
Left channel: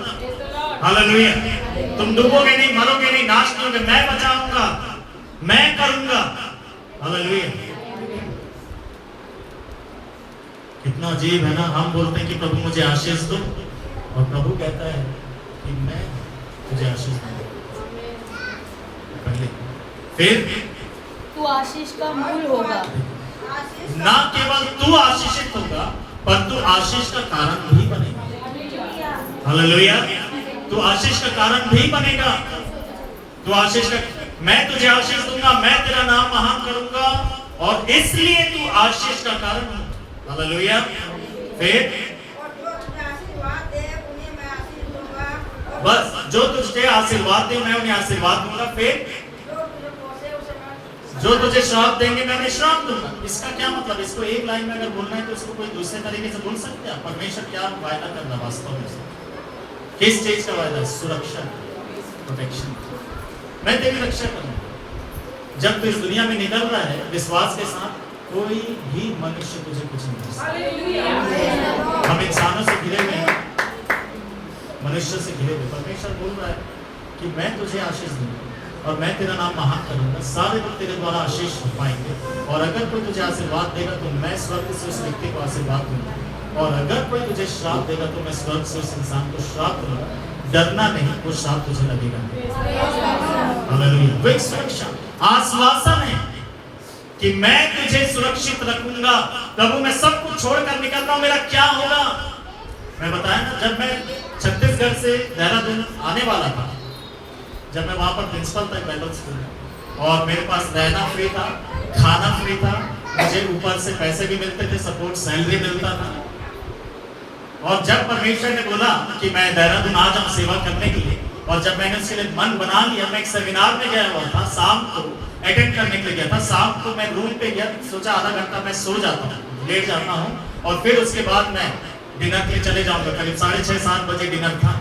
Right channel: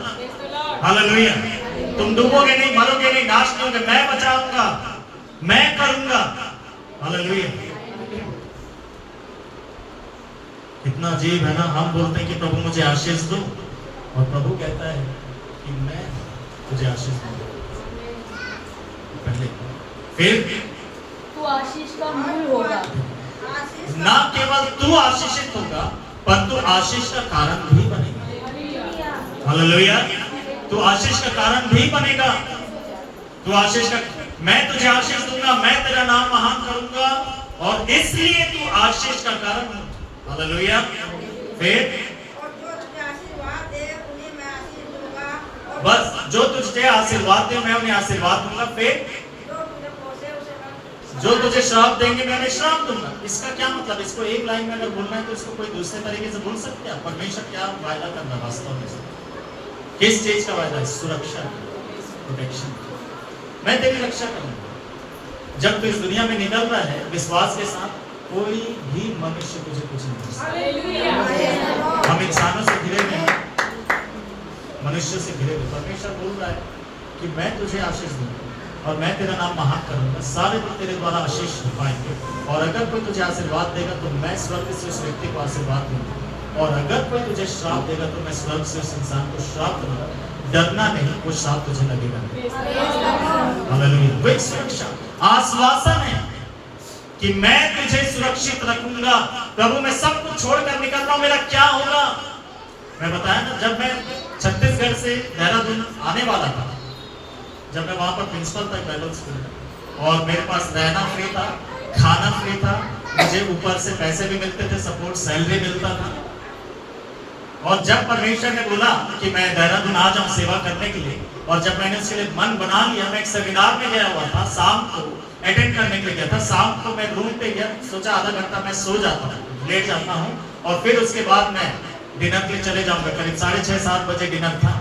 हालेलुया। तुम डूबोगे नहीं, मरोगे नहीं, नाश नहीं होगे, मैं बचाऊंगा, मैं करूंगा। हालेलुया। कितना अजीब है ना, हम बोलते हैं कि प्रभु मुझे आशीष दो, और प्रभु कहता है कि मैं तुझे आशीष दूंगा पहले, फिर तू आशीष का मूल होगा। ना केवल तू आशीषित होगा, पर तू आशीष का कारण भी बनेगा। हालेलुया। तू आशीष का कारण भी बनेगा। तू आशीष का, मैं तुझे आशीष दूंगा, मैं तेरा नाम महान करूंगा, और इसलिए तू आशीष का कारण हो। हालेलुया। फिर और जो तुझे आशीर्वाद दे उन्हें मैं आशीष दूंगा, और बस जो तुझे आशीर्वाद दे मैं उन्हें आशीर्वाद दूंगा। फिर जो तुझे कोसे उसे मैं जो तुझे श्राप देंगे मैं उन्हें श्राप दूंगा। इसका क्या मतलब? इसको एक लाइन में अगर बोलना है तो इसको कोई दूसरे तरीके से बोल सकते हैं? परमेश्वर क्या वायदा कर रहा है वास्तव में? किस चीज का वायदा? सुरक्षा, प्रोटेक्शन। मैं तेरी रक्षा करूंगा। जब तू इस दुनिया में निकल रहा है विश्वास के साथ, कोई भी मनुष्य तुझे कुछ नहीं कर सकता। हालेलुया। हम इंसानों से घिरे हुए हैं, मनुष्यों से घिरे हुए। परमेश्वर बोल रहा है कि मैं तुझे आशीष दूंगा और मैं तेरा नाम महान करूंगा। सारे लोग तेरे द्वारा आशीष हो पाएंगे। और अगर कोई तुझे आशीर्वाद देगा तो मैं स्वर्ग से उस व्यक्ति को आशीर्वाद दूंगा, और अगर कोई तुझे श्राप देगा तो मैं स्वर्ग से उस इंसान को श्राप दूंगा। डरना नहीं, वो श्राप तुझे लगेगा। हालेलुया। वो एक सुरक्षा, आश्वासन है कि मैं तुझे सुरक्षित रखूंगा। प्रभु मैं सब कुछ छोड़कर निकल रहा हूं, मेरा क्या होगा? मैं बताया ना, जब मैं छत्तीसगढ़ से देहरादून आने वाला था, जब मैं वहां पर प्रिंसिपल था बाइबल स्कूल में, और मेरे पास रहना फ्री था, खाना फ्री था, मुझे ऊपर से पैसे भी मिलते थे, सपोर्ट सैलरी मिलता था। और जब परमेश्वर ने बोला कि मैं देहरादून आ जाऊं सेवा करने के लिए, और जब मैंने उसके लिए मन बना लिया, मैं एक सेमिनार में गया हुआ था, शाम को अटेंड करने के लिए गया था। शाम को मैं रूम पे गया, सोचा आधा घंटा मैं सो जाता हूँ, लेट जाता हूँ, और फिर उसके बाद मैं डिनर के लिए चले जाऊंगा। करीब 6:30-7 बजे डिनर था।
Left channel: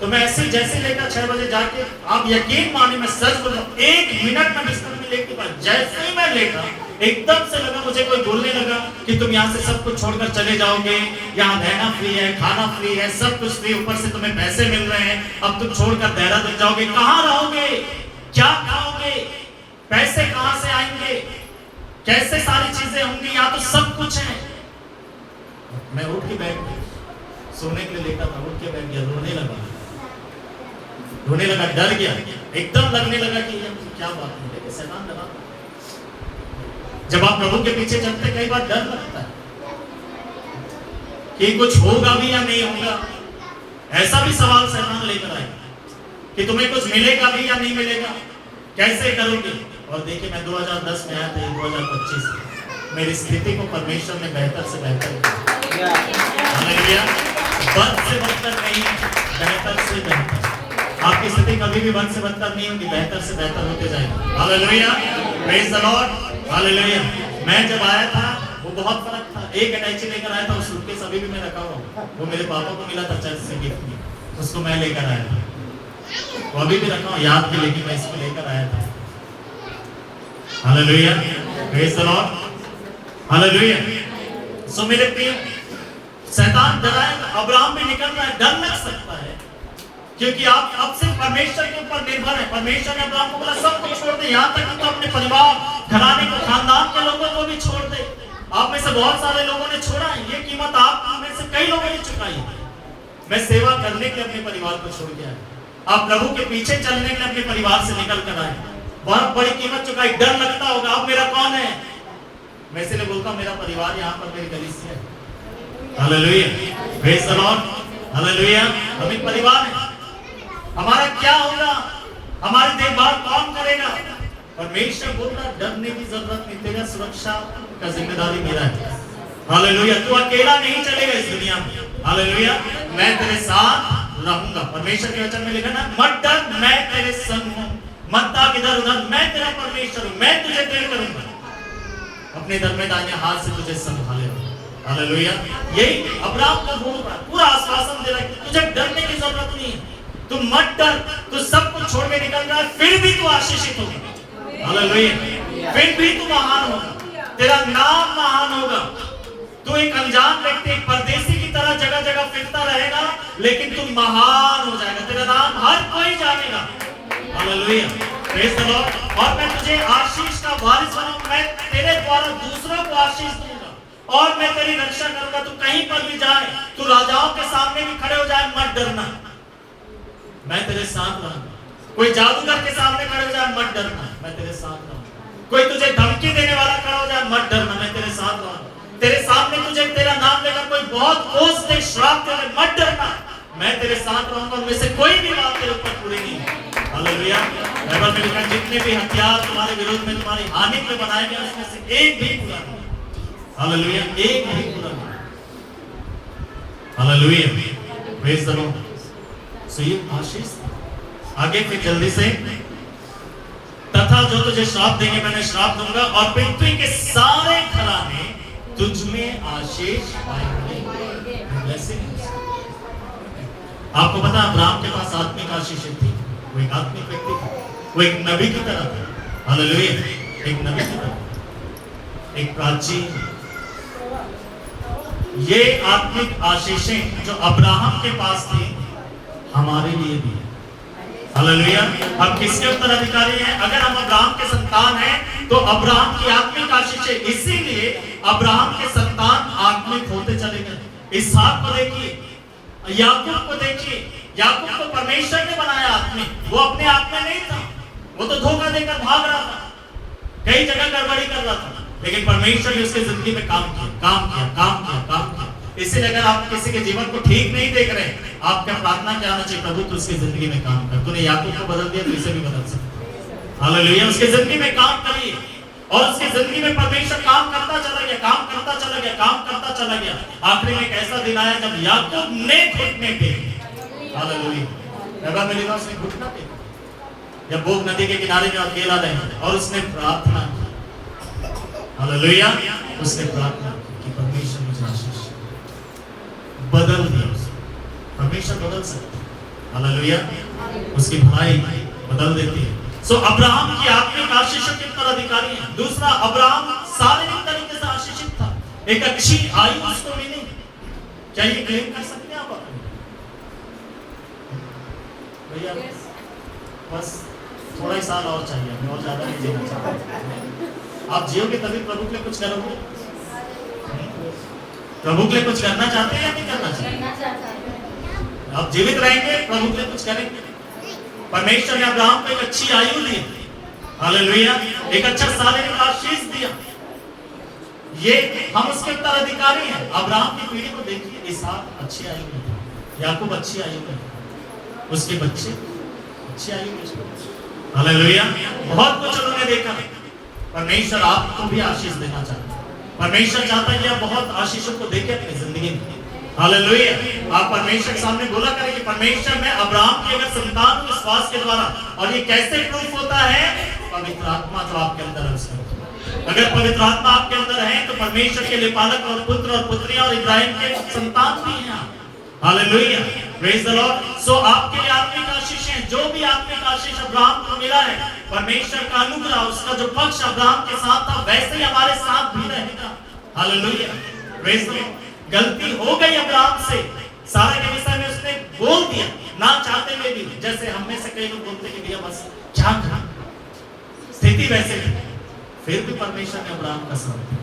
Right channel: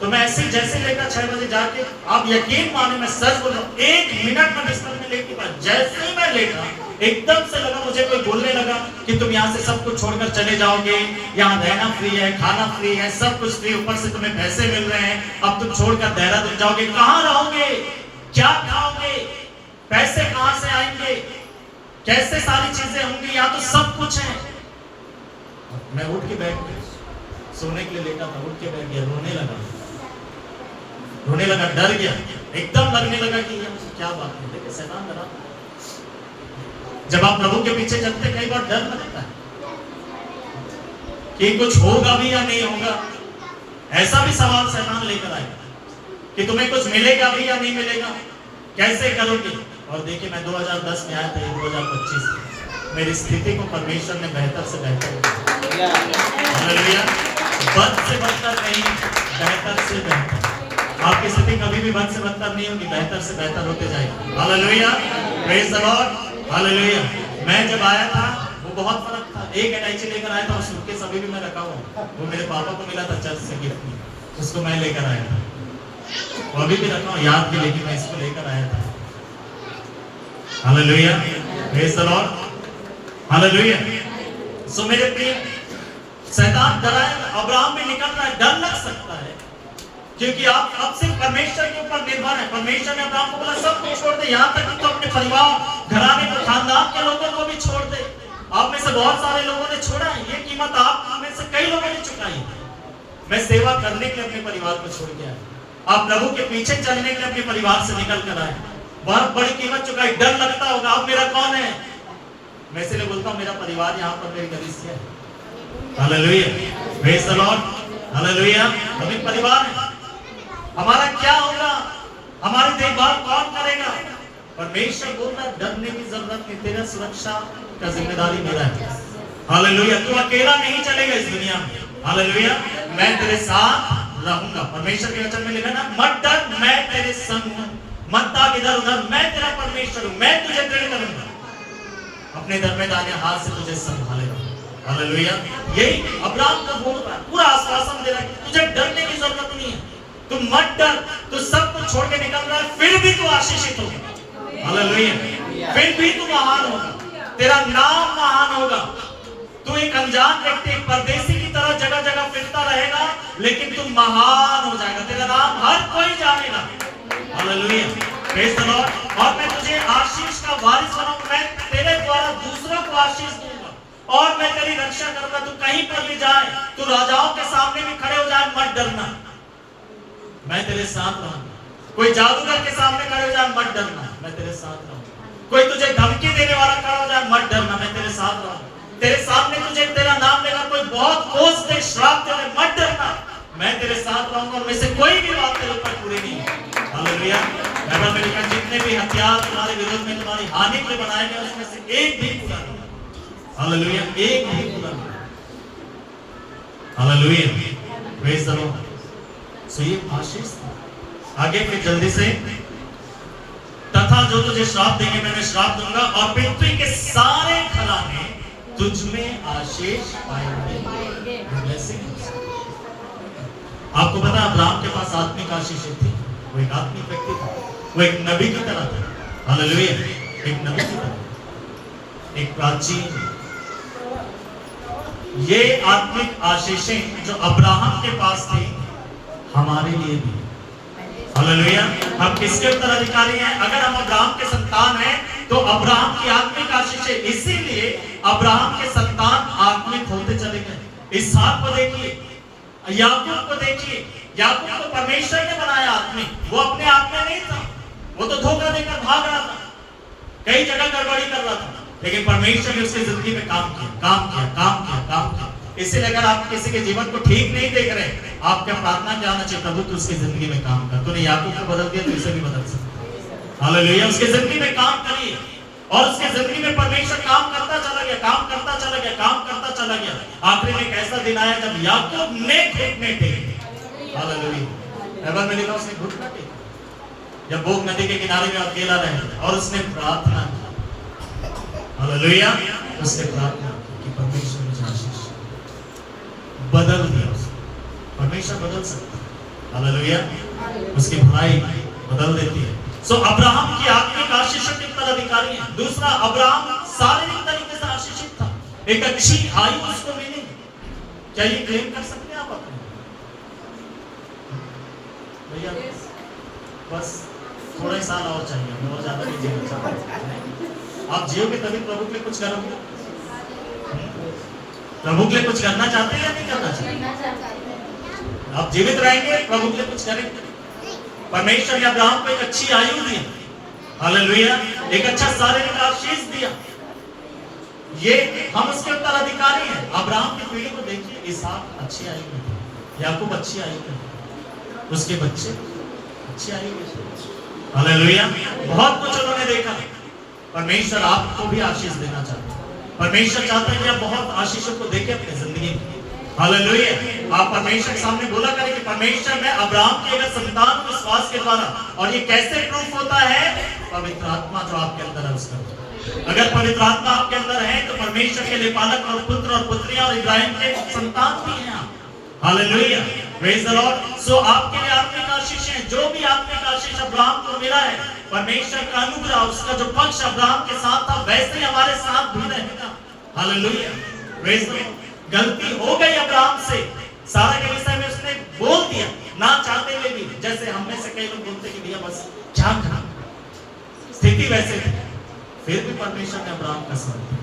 तो मैं ऐसे जैसे लेकर 6 बजे जाके, आप यकीन माने मैं सच बोल रहा हूँ, 1 मिनट में बिस्तर में लेट के बाद जैसे ही मैं लेटा, एकदम से लगा, मुझे कोई बोलने लगा कि तुम यहाँ से सब कुछ छोड़कर चले जाओगे, यहाँ रहना फ्री है, खाना फ्री है, सब कुछ फ्री, ऊपर से तुम्हें पैसे मिल रहे हैं, अब तुम छोड़कर देहरादून जाओगे, कहाँ रहोगे, क्या खाओगे, पैसे कहाँ से आएंगे, कैसे सारी चीजें होंगी, यहाँ तो सब कुछ है। मैं उठ के बैठ गया, सोने के लिए लेटा था, उठ के बैठ गया, रोने लगा, डर गया, एकदम लगने लगा कि ये क्या बात है। देखिए शैतान डरा। जब आप प्रभु के पीछे चलते कई बार डर लगता है कि कुछ होगा भी या नहीं होगा। ऐसा भी सवाल शैतान लेकर आएगा कि तुम्हें कुछ मिलेगा भी या नहीं मिलेगा, कैसे करोगे। और देखिए मैं 2010 में आया था, ये 2025 मेरी स्थिति को परमेश्वर ने बेहतर से बेहतर किया। हालेलुया। बद से बदतर नहीं, बेहतर से बेहतर। आपकी स्थिति कभी भी बद से बदतर नहीं होगी, बेहतर से बेहतर होते जाएगी। Hallelujah. Praise the lord. Hallelujah. मैं जब आया था वो बहुत फर्क था। एक अटैची लेकर आया था, उस सूटकेस अभी भी मैं रखा हुआ, वो मेरे पापा को मिला था चर्च से गिफ्ट में, उसको मैं लेकर आया था, वो अभी भी रखा हूं याद के लिए कि मैं इसको लेकर आया था। Hallelujah. Praise the lord. Hallelujah. So मेरे प्रिय, शैतान डराएगा, अब्राहम भी निकल रहा है, डर लग सकता है, क्योंकि आप अब सिर्फ परमेश्वर के ऊपर निर्भर है। परमेश्वर ने अब्राहम को बोला सब कुछ छोड़ दे, यहाँ तक कि तो अपने परिवार, घराने को, खानदान के लोगों को भी छोड़ दे। आप में से बहुत सारे लोगों ने छोड़ा है, ये कीमत आप में से कई लोगों ने चुकाई है। मैं सेवा करने के लिए अपने परिवार को छोड़ के आया, आप प्रभु के पीछे चलने के लिए अपने परिवार से निकल कर आए, बहुत बड़ी कीमत चुकाई। डर लगता होगा अब मेरा कौन है, मैं इसलिए बोलता हूँ मेरा परिवार यहाँ पर मेरी कलीसिया है। Hallelujah. Praise the lord. Hallelujah. हम एक परिवार है। हमारा क्या होगा, हमारी देखभाल कौन करेगा? परमेश्वर बोल रहा है डरने की जरूरत नहीं, तेरा सुरक्षा का जिम्मेदारी मेरा है। हालेलुया। तू अकेला नहीं चलेगा इस दुनिया में। हालेलुया। मैं तेरे साथ रहूंगा। परमेश्वर के वचन में लिखा ना, मत डर, मैं तेरे संग हूं, मत भाग इधर उधर, मैं तेरा परमेश्वर हूं, मैं तुझे दृढ़ करूंगा, अपने दरमे दाहिने हाथ से तुझे संभालेगा। हालेलुया। यही अब्राहम को बोल रहा है, पूरा आश्वासन दे रहा है कि तुझे डरने की जरूरत नहीं है, तू मत डर, तू सब कुछ छोड़ के निकल रहा है, फिर भी तू आशीषित होगा। हालेलुया। फिर भी तू महान होगा, तेरा नाम महान होगा। तू एक अनजान व्यक्ति, एक परदेसी की तरह जगह जगह फिरता रहेगा, लेकिन तू महान हो जाएगा, तेरा नाम हर कोई जानेगा। हालेलुया। Praise the Lord. और मैं तुझे आशीष का वारिस बनाऊंगा, मैं तेरे द्वारा दूसरों को आशीष दूंगा, और मैं तेरी रक्षा करूंगा। तू कहीं पर भी जाए, तू राजाओं के सामने भी खड़े हो जाए, मत डरना, मैं तेरे साथ रहूंगा। कोई जादूगर के सामने खड़े हो जाए, मत डरना, मैं तेरे साथ रहूंगा। कोई तुझे धमकी देने वाला खड़ा हो जाए, मत डरना, मैं तेरे साथ रहूंगा। तेरे सामने तुझे तेरा नाम लेकर कोई बहुत कोस दे, श्राप दे, मत डरना, मैं तेरे साथ रहूंगा, उनमें से कोई भी बात तेरे ऊपर पूरी नहीं है। हालेलुया। बाइबल में लिखा जितने भी हथियार तुम्हारे विरोध में तुम्हारी हानि के लिए बनाए गए उसमें से एक भी पूरा नहीं। हालेलुया, एक भी पूरा नहीं। Hallelujah, praise the lord. So ये आशीष आगे फिर जल्दी से, तथा जो तुझे श्राप देंगे मैं श्राप दूंगा और पृथ्वी के सारे घराने तुझ में आशीष पाएंगे। आपको पता अब्राहम के पास आत्मिक आशीष थी, वो एक आत्मिक व्यक्ति था, वो एक नबी की तरह था। हालेलुया, एक नबी की तरह, एक प्राचीन। ये आत्मिक आशीषें जो अब्राहम के पास थी हमारे लिए भी। हालेलुया, हम किसके उत्तराधिकारी हैं? अगर हम अब्राहम के संतान हैं तो अब्राहम की आत्मिक आशीषें, इसीलिए अब्राहम के संतान आत्मिक होते चले गए। इसहाक को देखिए, याकूब को देखिए, याकूब को परमेश्वर ने बनाया आत्मिक, वो अपने आप में नहीं था, वो तो धोखा देकर भाग रहा था, कई जगह गड़बड़ी कर रहा था, लेकिन परमेश्वर ने उसकी जिंदगी में काम किया, काम किया, काम किया, काम किया। इसलिए अगर आप किसी के जीवन को ठीक नहीं देख रहे, आपका प्रार्थना क्या होना चाहिए? प्रभु तू उसकी जिंदगी में काम कर, तूने याकूब को बदल दिया तो इसे भी बदल सकता। हालेलुया, उसकी जिंदगी में काम करिए और उसकी जिंदगी में परमेश्वर काम करता चला गया, काम करता चला गया, काम करता चला गया। आखिरी में एक ऐसा दिन आया जब याकूब ने घुटने टेके। हालेलुया, बाइबल में लिखा उसने घुटना टेका जब बोग नदी के किनारे में अकेला रहे और उसने प्रार्थना की। हालेलुया, उसने प्रार्थना की कि परमेश्वर मुझे आशीष बदल दिया। परमेश्वर बदल सकता है। हालेलुया, उसकी भलाई बदल देती है। सो अब्राहम की आत्मिक आशीषों के उत्तराधिकारी हैं। दूसरा, अब्राहम शारीरिक तरीके से आशीषित था, एक अच्छी आयु उसको मिली। क्या ये क्लेम कर सकते हैं आप अपने? भैया बस थोड़ा ही साल और चाहिए, हमें और ज्यादा नहीं जीना चाहते। आप जियोगे तभी प्रभु के लिए कुछ करोगे। प्रभु के लिए कुछ करना चाहते हैं या नहीं करना चाहते? आप जीवित रहेंगे, प्रभु के लिए कुछ करेंगे। परमेश्वर ने अब्राहम को एक अच्छी आयु दी। हालेलुया, एक अच्छा शारीरिक आशीष दिया। ये हम उसके उत्तराधिकारी हैं। अब्राहम की पीढ़ी को देखिए, इसहाक अच्छी आयु में था, याकूब अच्छी आयु में था, उसके बच्चे अच्छी आयु में थे। हालेलुया, बहुत कुछ उन्होंने देखा। परमेश्वर आपको भी आशीष देना चाहता है। परमेश्वर चाहता है कि आप बहुत आशीषों को देखें अपनी जिंदगी में। हालेलुया, आप परमेश्वर के सामने बोला करें कि परमेश्वर मैं अब्राहम की अगर संतान हूं विश्वास के द्वारा। और ये कैसे प्रूफ होता है? पवित्र आत्मा जो आपके अंदर है उसका। अगर पवित्र आत्मा आपके अंदर है तो परमेश्वर के लिए पालक और पुत्र और पुत्रियां और इब्राहिम के संतान भी हैं। Hallelujah, praise the lord. So आपके लिए आत्मिक आशीष है। जो भी आत्मिक आशीष अब्राहम को मिला है, परमेश्वर का अनुग्रह, उसका जो पक्ष अब्राहम के साथ था वैसे ही हमारे साथ भी रहेगा। Hallelujah, praise the Lord. गलती हो गई अब्राहम से, सारा के विषय में उसने बोल दिया ना चाहते हुए भी। जैसे हम में से कई लोग बोलते कि भैया बस क्या करना, स्थिति वैसे थी, फिर भी परमेश्वर ने अब्राहम का साथ दिया।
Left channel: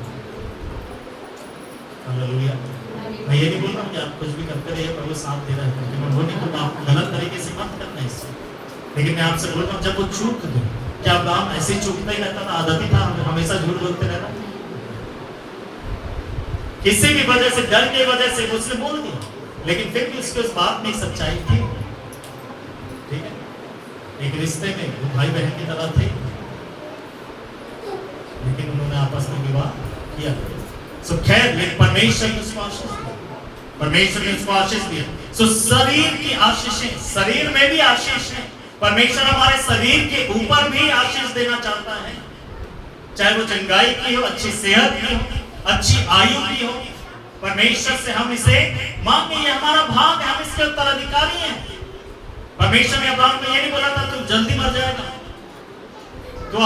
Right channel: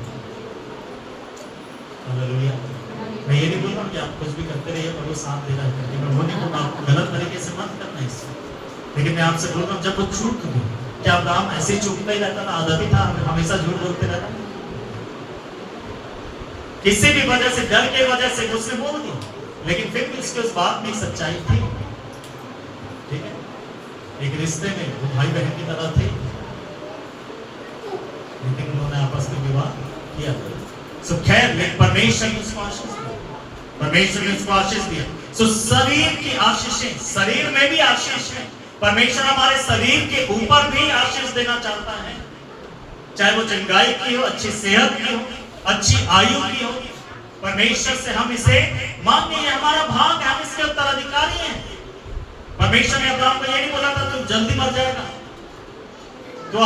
हालेलुया, मैं ये नहीं बोल रहा हूँ कि आप कुछ भी करते रहिए पर वो साथ दे रहा है करके, मैं वो नहीं बोल रहा आपको गलत तरीके से मत करना इससे। लेकिन मैं आपसे बोल रहा हूँ जब वो चूक गई, क्या अब्राहम ऐसे ही चूकता ही रहता था? आदत ही था हमेशा झूठ बोलते रहना। किसी भी वजह से, डर की वजह से उसने बोल दिया, लेकिन फिर भी उसके उस बात में एक सच्चाई थी। ठीक है, एक रिश्ते में वो भाई बहन की तरह थे, लेकिन उन्होंने आपस में विवाह किया। सो खैर, लेकिन परमेश्वर ने उसको आशीष दिया, परमेश्वर ने उसको आशीष दिया। सो शरीर की आशीषें, शरीर में भी आशीष है। परमेश्वर हमारे शरीर के ऊपर भी आशीष देना चाहता है, चाहे वो चंगाई की हो, अच्छी सेहत की हो, अच्छी आयु की हो। परमेश्वर से हम इसे मांगे, ये हमारा भाग है, हम इसके उत्तराधिकारी हैं। परमेश्वर ने अब्राहम को ये नहीं बोला था तुम जल्दी मर जाएगा, तो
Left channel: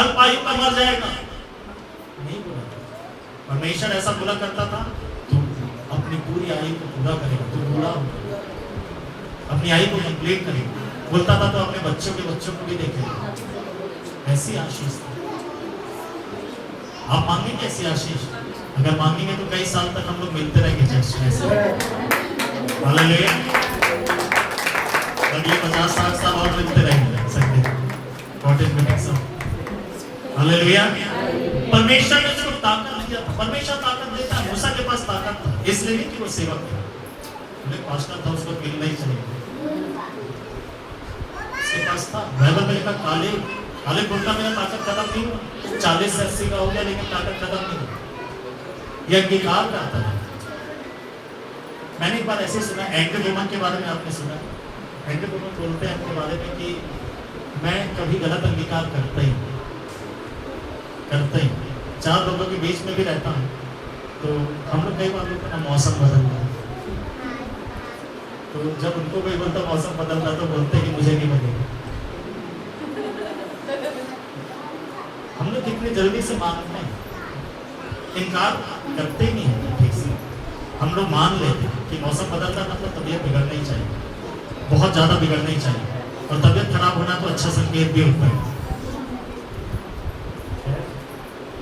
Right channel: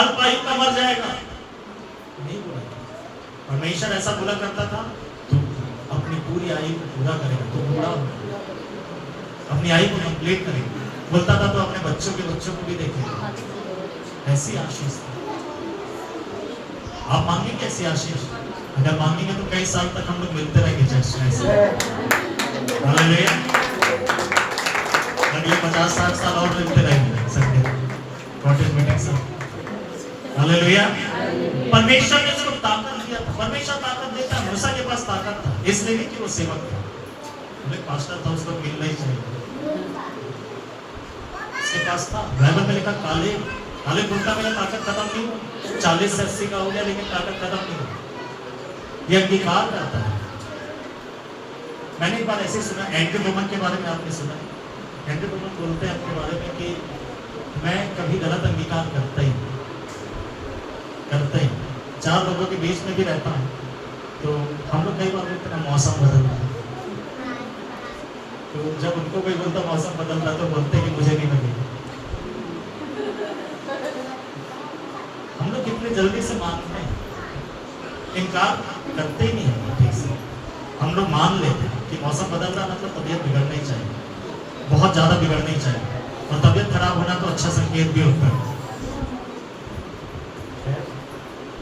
अल्प आयु का मर जाएगा, नहीं बोला। परमेश्वर ऐसा बोला करता था तुम अपनी पूरी आयु को पूरा करेगा, तुम बूढ़ा हो अपनी आयु को कंप्लीट करेगा। बोलता था तो अपने बच्चों के बच्चों को भी देखेगा। ऐसी आशीष थी। आप मांगेंगे ऐसी आशीष? अगर मांगेंगे तो कई साल तक हम लोग मिलते रहेंगे चर्च में ऐसे। हालेलुया, अगले 50-60 साल और मिलते रहेंगे संडे कॉटेज मीटिंग सब। हालेलुया, परमेश्वर ने उसको ताकत दिया था। परमेश्वर ताकत देता है। मूसा के पास ताकत था, इसलिए नहीं कि वो सेवक था, पास्टर था, उसको मिलना ही चाहिए। उसके पास था। बाइबल में लिखा काले काले कुर्ता मेरा ताकत खत्म नहीं हुआ, 40 से 80 का हो गया लेकिन ताकत खत्म नहीं हुआ। ये अंगीकार करता है। मैंने एक बार ऐसे सुना, एंड्रू वुमन के बारे में आपने सुना है? एंड्रू वुमन बोलते हैं अपने बारे में कि मैं कभी गलत अंगीकार करता ही 4 लोगों के बीच में भी रहता हूँ तो हम लोग कई बार बोलते हैं ना मौसम बदल रहा है, तो जब उनको कोई बोलता मौसम बदल रहा तो बोलते कि मुझे नहीं लगेगा। हम लोग कितने जल्दी से मानते हैं, इनकार करते ही नहीं है ठीक से। हम लोग मान लेते हैं कि मौसम बदल रहा मतलब तबीयत बिगड़ना ही चाहिए, बहुत ज़्यादा बिगड़ना ही चाहिए, और तबीयत खराब होना तो अच्छा संकेत भी होता है।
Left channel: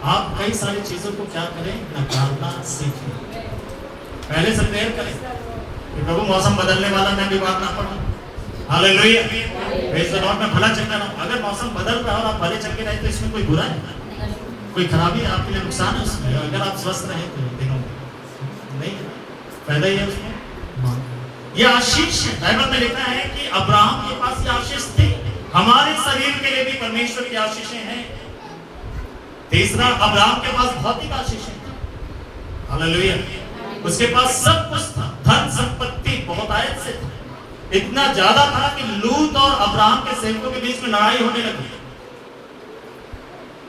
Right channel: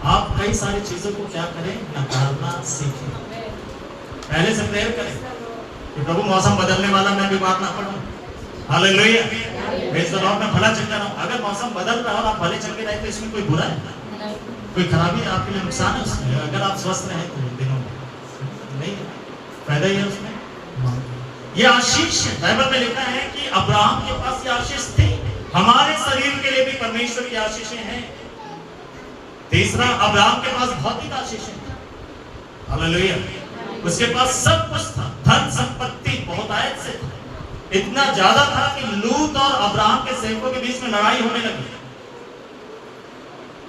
आप कई सारी चीज़ों को क्या करें, नकारना सीखें। पहले से प्रेयर करें कि प्रभु मौसम बदलने वाला मैं बीमार ना पड़ूं। हालेलुया, प्रेज़ द लॉर्ड, मैं भला चंगा रहूं। अगर मौसम बदल रहा है और आप भले चंगे रहे तो इसमें कोई बुरा है, कोई खराबी है, आपके लिए नुकसान है उसमें। अगर आप स्वस्थ रहे तो दिनों में नहीं है, फायदा ही है उसमें। ये आशीष है। बाइबल में लिखा है कि अब्राहम के पास ये आशीष थी, हमारे शरीर के लिए भी परमेश्वर की आशीषें हैं। तीसरा, अब्राहम के पास भौतिक आशीषें थी। हालेलुया, उसके पास सब कुछ था, धन संपत्ति बहुत आयत से था, इतना ज्यादा था कि लूत और अब्राहम के सेवकों के बीच में लड़ाई होने लगी,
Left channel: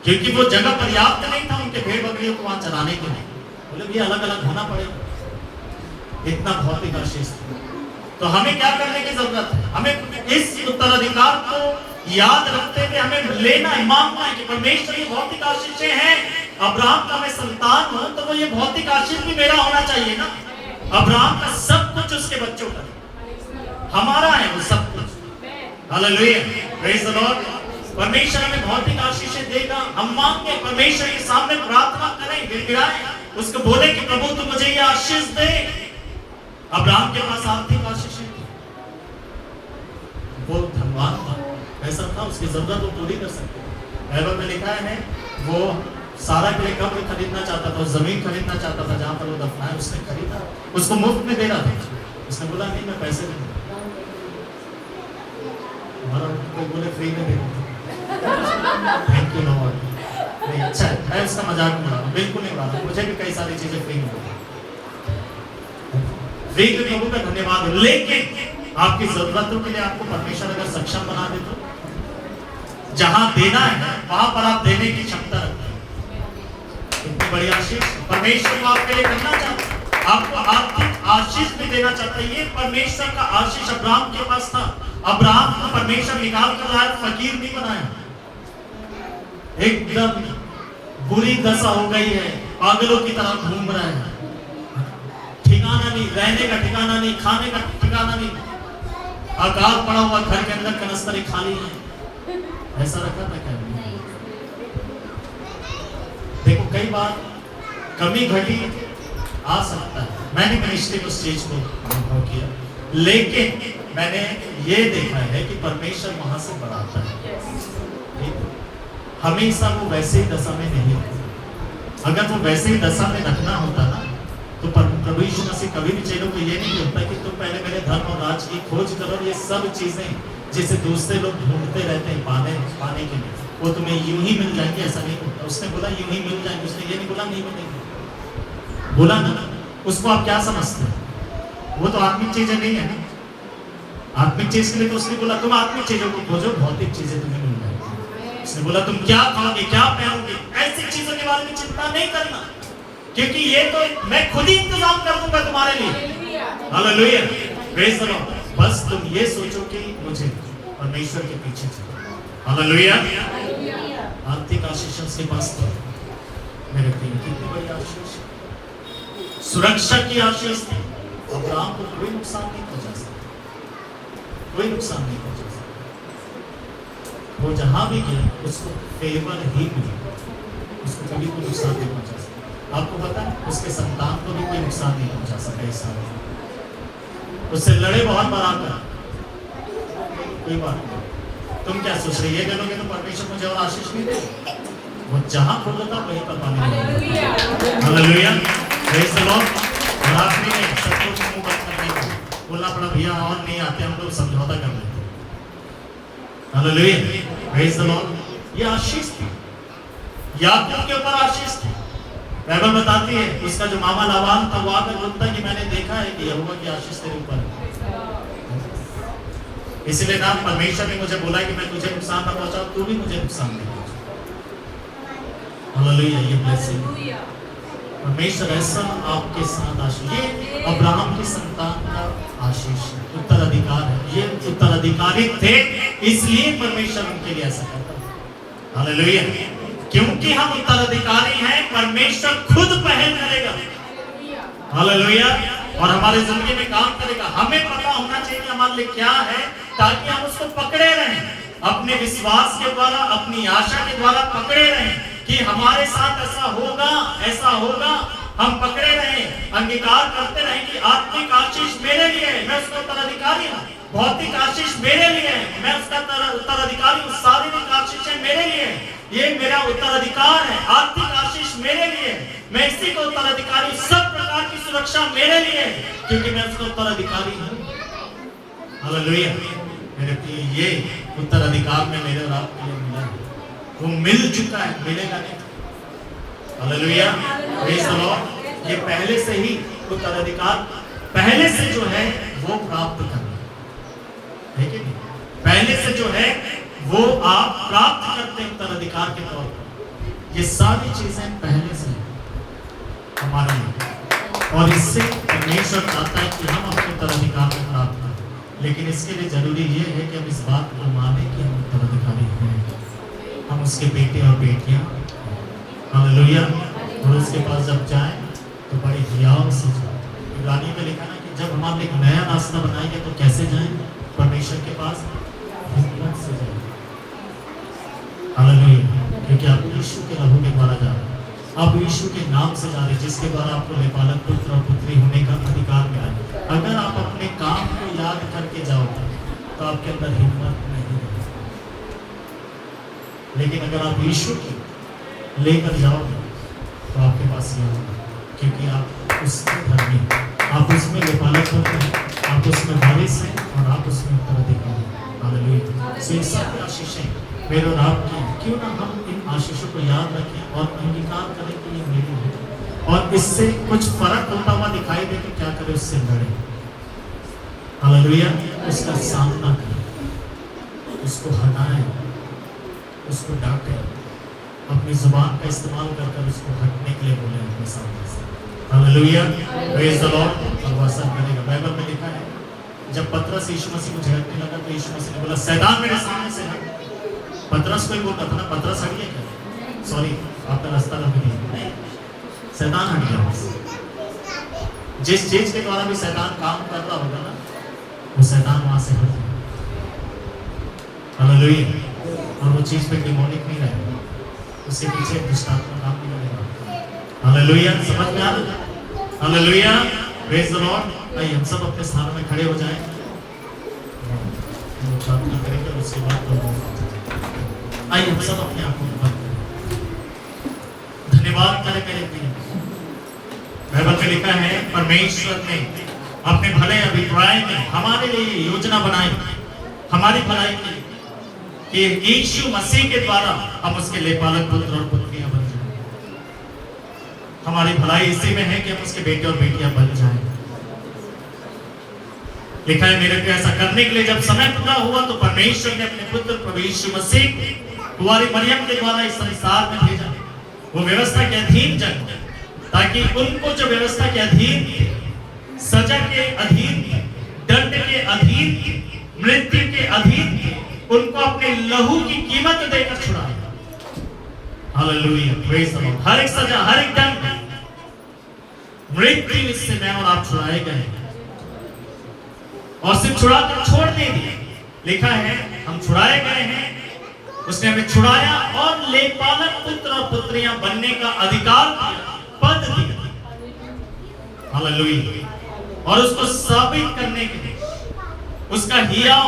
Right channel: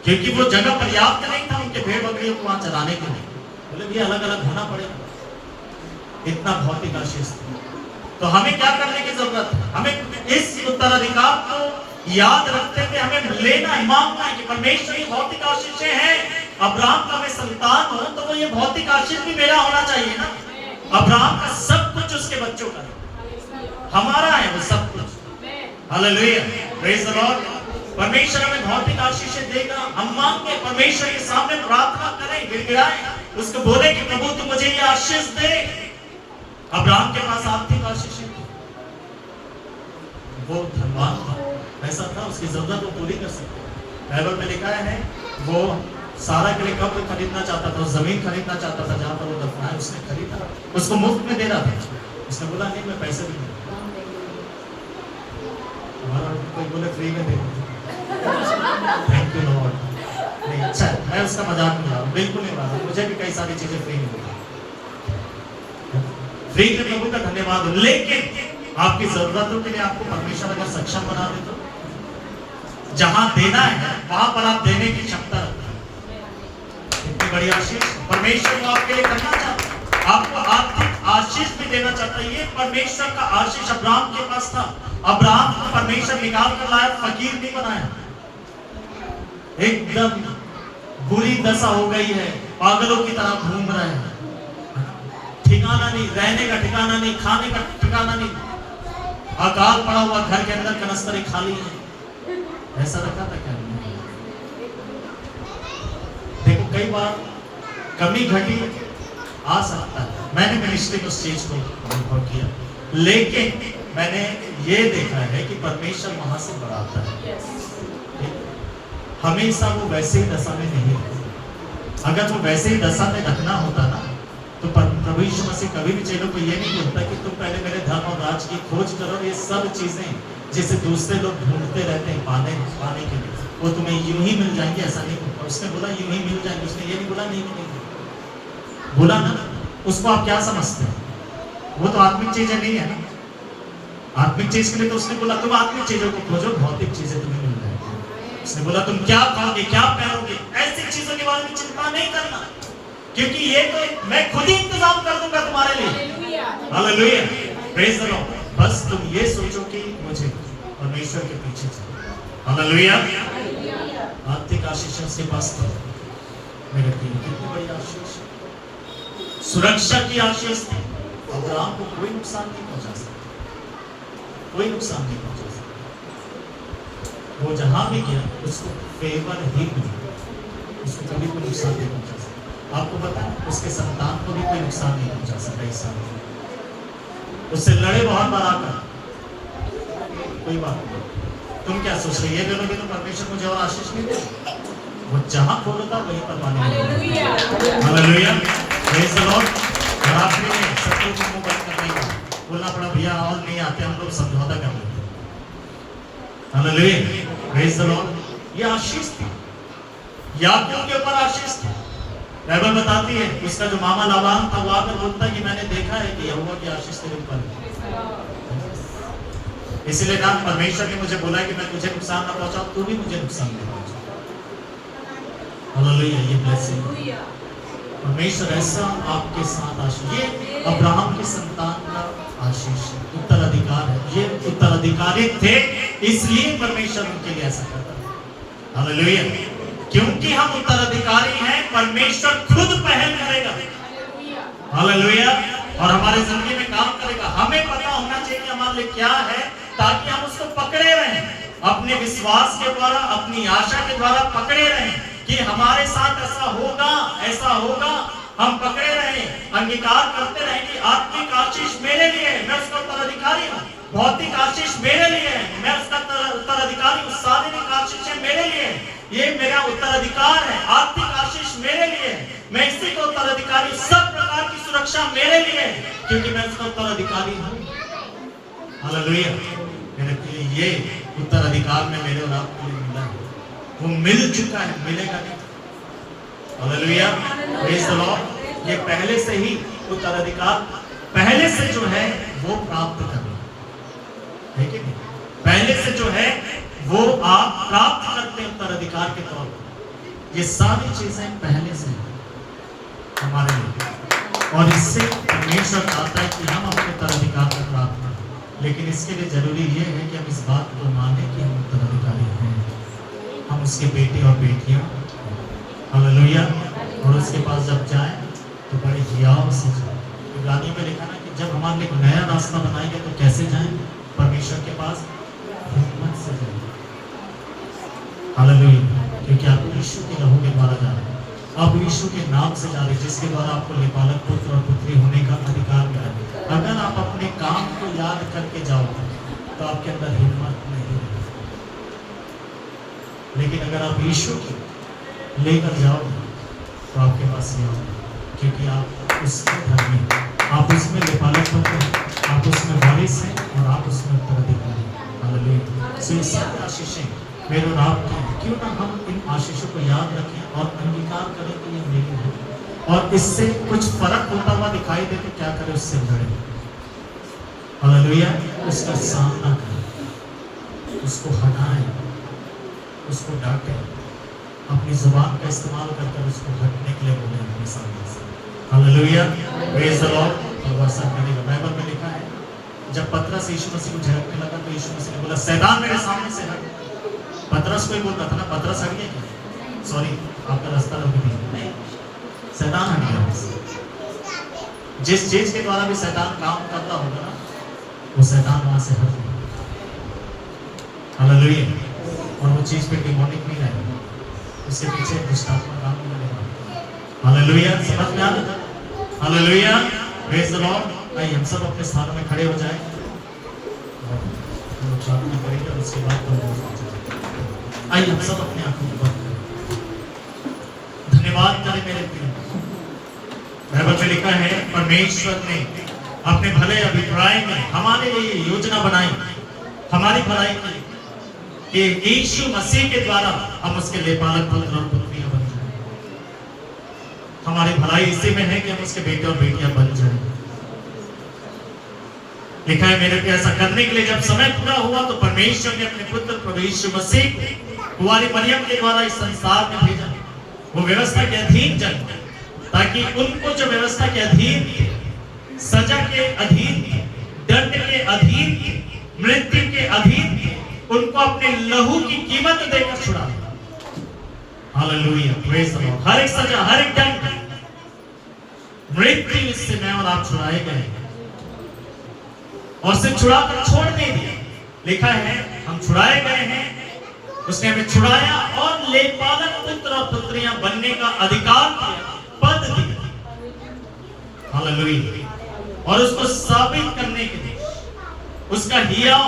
क्योंकि वो जगह पर्याप्त नहीं था उनके भेड़ बकरियों को वहां चराने के लिए। बोले भी अलग अलग होना पड़ेगा, इतना भौतिक आशीष था। तो हमें क्या करने की जरूरत है? हमें इस उत्तराधिकार को याद रखते हुए हमें लेना है, मांगना है कि परमेश्वर ये भौतिक आशीषें हैं। अब्राहम का मैं संतान हूं तो वो ये भौतिक आशीष भी मेरा होना चाहिए ना। अब्राहम का सब कुछ उसके बच्चों का हमारा है, वो सब कुछ। Hallelujah, praise the Lord. परमेश्वर हमें भौतिक आशीषें देगा। हम मांगे, परमेश्वर के सामने प्रार्थना करें, गिड़गिड़ाएं, उसको बोले कि प्रभु तू मुझे ये आशीष दे। अब्राहम के पास आर्थिक आशीषें थी, वो धनवान था, ऐसा था, उसकी जरूरत वो पूरी कर सकते। बाइबल में लिखा है वो सारा के लिए कब्र खरीदना चाहता था, जमीन खरीदना चाहता था जहां पर वो दफनाए, उसने खरीदा, उसको मुफ्त में दे रहा था। उसने बोला नहीं मैं पैसे भी नहीं, हमारा कोई बोले फ्री में दे, थैंक यू लॉर्ड। नहीं अच्छा है, मैं उसका मजाक नहीं उड़ा रहा हूं, बिल्कुल नहीं उड़ा रहा हूं, मुझे भी कई सारी चीजें फ्री में मिली, फ्री के प्रभु का धन्यवाद हो। लेकिन आपकी जरूरतों के लिए आपको परमेश्वर अगर सक्षम बना दे तो जहां देना है वहां पर आप देने की क्षमता रखते हैं। इतनी बड़ी आशीष परमेश्वर आपके लिए करना चाहता है, आपको आर्थिक आशीष भी देना चाहता है। ये परमेश्वर का आशीष अब्राहम के पास था। अब्राहम को परमेश्वर निकाल कर लाया, फकीर नहीं बनाया। एकदम बुरी दशा हो गई है, पागलों की तरह घूम रहे हैं, ठिकाना नहीं, रहने का ठिकाना नहीं, खाने का ठिकाना नहीं, अकाल पड़ा हुआ, घर के अंदर कनस्तरें खाली हैं। ऐसा रखा था क्या? देखो कई बार कमी घटी आ सकता है, मैंने मिनिस्ट्री उस चीज को अनुभव किया, लेकिन मैंने ये देखा है कि परमेश्वर वहां से बढ़ाता है। हमेशा वो वैसे ही दशा में नहीं रहता। अगर वो वैसे ही दशा में रखना होता ना तो प्रभु यीशु मसीह कभी भी चेलों को ये नहीं बोलता कि तुम पहले मेरे धर्म और राज की खोज करो, ये सब चीजें जिसे दूसरे लोग ढूंढते रहते हैं पाने के लिए, वो तुम्हें यूं ही मिल जाएंगे, ऐसा नहीं होता। उसने बोला यूं ही मिल जाएंगे, उसने ये नहीं बोला नहीं मिलेंगे, बोला ना। उसको आप क्या समझते हैं? वो तो आत्मिक चीजें नहीं है ना। आत्मिक चीज के लिए तो उसने बोला तुम आत्मिक चीजों को खोजो, भौतिक चीजें तुम्हें मिल जाएंगी। उसने बोला तुम क्या खाओगे, क्या पहनोगे, ऐसी चीजों के बारे में चिंता नहीं करना, क्योंकि ये तो मैं खुद ही इंतजाम कर दूंगा तुम्हारे लिए। Hallelujah, praise the Lord. बस तुम ये सोचो कि मुझे परमेश्वर के पीछे चलो। हालेलुया, आर्थिक आशीष उसके पास था। मेरे प्रिय, कितनी बड़ी आशीष, सुरक्षा की आशीष थी। अब्राहम को कोई नुकसान नहीं पहुंचा सकता, कोई नुकसान नहीं पहुंचा सकता। वो जहां भी गया उसको फेवर ही मिला, उसको कभी कोई नुकसान नहीं पहुंचा सकता। आपको पता है उसके संतान को भी कोई नुकसान नहीं पहुंचा सका इस साल में। उससे लड़े बहुत बार आकर, कोई बात नहीं। तुम क्या सोच रहे, ये दोनों तो परमेश्वर मुझे और आशीष नहीं दे, वो जहां खोलता वहीं पर पानी। Hallelujah, praise the Lord. और आखिरी में सबको मुंह बंद करने का बोलना पड़ा, भैया और नहीं आते, हम लोग समझौता कर लेते। Hallelujah, praise the Lord. ये आशीष था, याकूब के ऊपर आशीष था। बाइबल बताती है उसका जो मामा लाबान था वो आकर बोलता है कि मैंने देखा है कि यहोवा की आशीष तेरे ऊपर है। इसलिए ना परमेश्वर ने मुझे बोला कि मैं तुझे नुकसान ना पहुंचाऊं, तू भी मुझे नुकसान नहीं पहुंचा। हालेलुया, ये ब्लेसिंग परमेश्वर ऐसा आपके साथ आशीष, ये अब्राहम की संतान का आशीष उत्तराधिकार है। ये उत्तराधिकारी थे इसलिए परमेश्वर उनके लिए ऐसा करता है। हालेलुया, क्योंकि हम उत्तराधिकारी हैं, परमेश्वर खुद पहल करेगा। हालेलुया, और हमारी जिंदगी में काम करेगा। हमें पता होना चाहिए कि हमारे लिए क्या है, ताकि हम उसको पकड़े रहें, अपने विश्वास के द्वारा, अपनी आशा के द्वारा पकड़े रहें कि हमारे साथ ऐसा होगा, ऐसा होगा। हम पकड़े रहें, अंगीकार करते रहें कि आत्मिक आशीष मेरे लिए है, मैं उसका उत्तराधिकारी हूँ। भौतिक आशीष मेरे लिए है, मैं उसका उत्तराधिकारी हूँ। शारीरिक आशीष मेरे लिए है, ये मेरा उत्तराधिकार है। आर्थिक आशीष मेरे लिए है, मैं इसी को उत्तराधिकारी। सब प्रकार की सुरक्षा मेरे लिए है, क्योंकि मैं उसका उत्तराधिकारी हूँ। हालेलुया, मेरे प्रिय, ये उत्तराधिकार में मेरे और आपके लिए मिला है, वो मिल चुका है, मिलेगा नहीं। Hallelujah, praise the Lord. ये पहले से ही उत्तराधिकार पहले से जो है वो प्राप्त करना है कि नहीं? पहले से जो है वो आप प्राप्त करते हैं उत्तराधिकार के तौर पर। ये सारी चीजें पहले से हमारे लिए, और इससे परमेश्वर चाहता है कि हम अपने उत्तराधिकार को प्राप्त करें। लेकिन इसके लिए जरूरी ये है कि हम इस बात को माने कि हम उत्तराधिकारी हैं, हम उसके बेटे और बेटियां। हालेलुया, और उसके पास जब जाएं तो बड़े हियाव से जाएं। इब्रानियों में लिखा ना कि जब हमारे लिए एक नया रास्ता बनाएंगे तो कैसे जाएं? परमेश्वर के पास हिम्मत से जाएं। हालेलुया, क्योंकि आप यीशु के लहू के द्वारा जा रहे हैं, आप यीशु के नाम से जा रहे हैं, जिसके द्वारा आपको लेपालक पुत्र और पुत्री होने का अधिकार मिला है। अगर आप अपने काम को याद करके जाओगे तो आपके अंदर हिम्मत नहीं रहेगी, लेकिन अगर आप यीशु की लेकर जाओगे तो आपके पास ये होगा, क्योंकि आप उसके धर्मी हैं, आप उसमें लेपालक पुत्र हैं, आप उसमें वारिस हैं और आप उसमें उत्तराधिकारी हैं। हालेलुया, सो ये सब आशीषें मेरे और आपकी, क्यों ना हम इन आशीषों को याद रखें और अंगीकार करें कि ये मेरी है, और इससे कुछ फर्क होता हुआ दिखाई दे तो क्या करें, उससे लड़े। हालेलुया, उसका सामना करें, उसको हटाएं, उसको डांटें, अपनी जुबान का इस्तेमाल कर उसको हटने के लिए बोले अपने सामने से। Hallelujah, praise the Lord. और वो ऐसा करेगा। बाइबल में लिखा है जब पतरस यीशु मसीह को झिड़कने लगा तो यीशु मसीह ने बोला, शैतान मेरे सामने से हट। पतरस को ही बोल रहा था ना, पतरस हट गया क्या? सॉरी, आपका रास्ता रख नहीं, शैतान हट गया। जिस चीज के द्वारा भी शैतान काम कर रहा होगा ना, वो शैतान वहां से हट गया। हालेलुया, और वो चीज पे डिमोनिक नहीं रहेगा, उसके पीछे दुष्टात्मा काम नहीं करेगा। हालेलुया, समझ में आ रहा है? Hallelujah, praise the Lord. आइए हम सब अपने स्थानों में खड़े हो जाएं, हम प्रार्थना करेंगे और उसके बाद आइए हम सब अपने आंखों को बंद करें। धन्यवाद करें मेरे प्रिय। बाइबल में लिखा है परमेश्वर ने अपने भले अभिप्राय में हमारे लिए योजना बनाई, हमारी भलाई के लिए, कि यीशु मसीह के द्वारा हम उसके लेपालक पुत्र और पुत्रियां बन जाएं। हमारी भलाई इसी में है कि हम उसके बेटे और बेटियां बन जाएं। लिखा है मेरे पे, ऐसा करने के लिए जब समय पूरा हुआ तो परमेश्वर ने अपने पुत्र प्रभु यीशु मसीह को कुंवारी मरियम के द्वारा इस संसार में भेजा। वो व्यवस्था के अधीन जन्म, ताकि उनको जो व्यवस्था के अधीन थे, सजा के अधीन थे, दंड के अधीन थे, मृत्यु के अधीन थे, उनको अपने लहू की कीमत देकर छुड़ा दिया। Hallelujah, praise the lord. हर एक सजा, हर एक दंड, मृत्यु इससे मैं और आप छुड़ाए गए, और सिर्फ छुड़ाकर छोड़ नहीं दिया। लिखा है हम छुड़ाए गए हैं, उसने हमें छुड़ाया और लेपालक पुत्र और पुत्रियां बनने का अधिकार दिया, पद दिया। हालेलुया, और उसको साबित करने के लिए उसका हियाव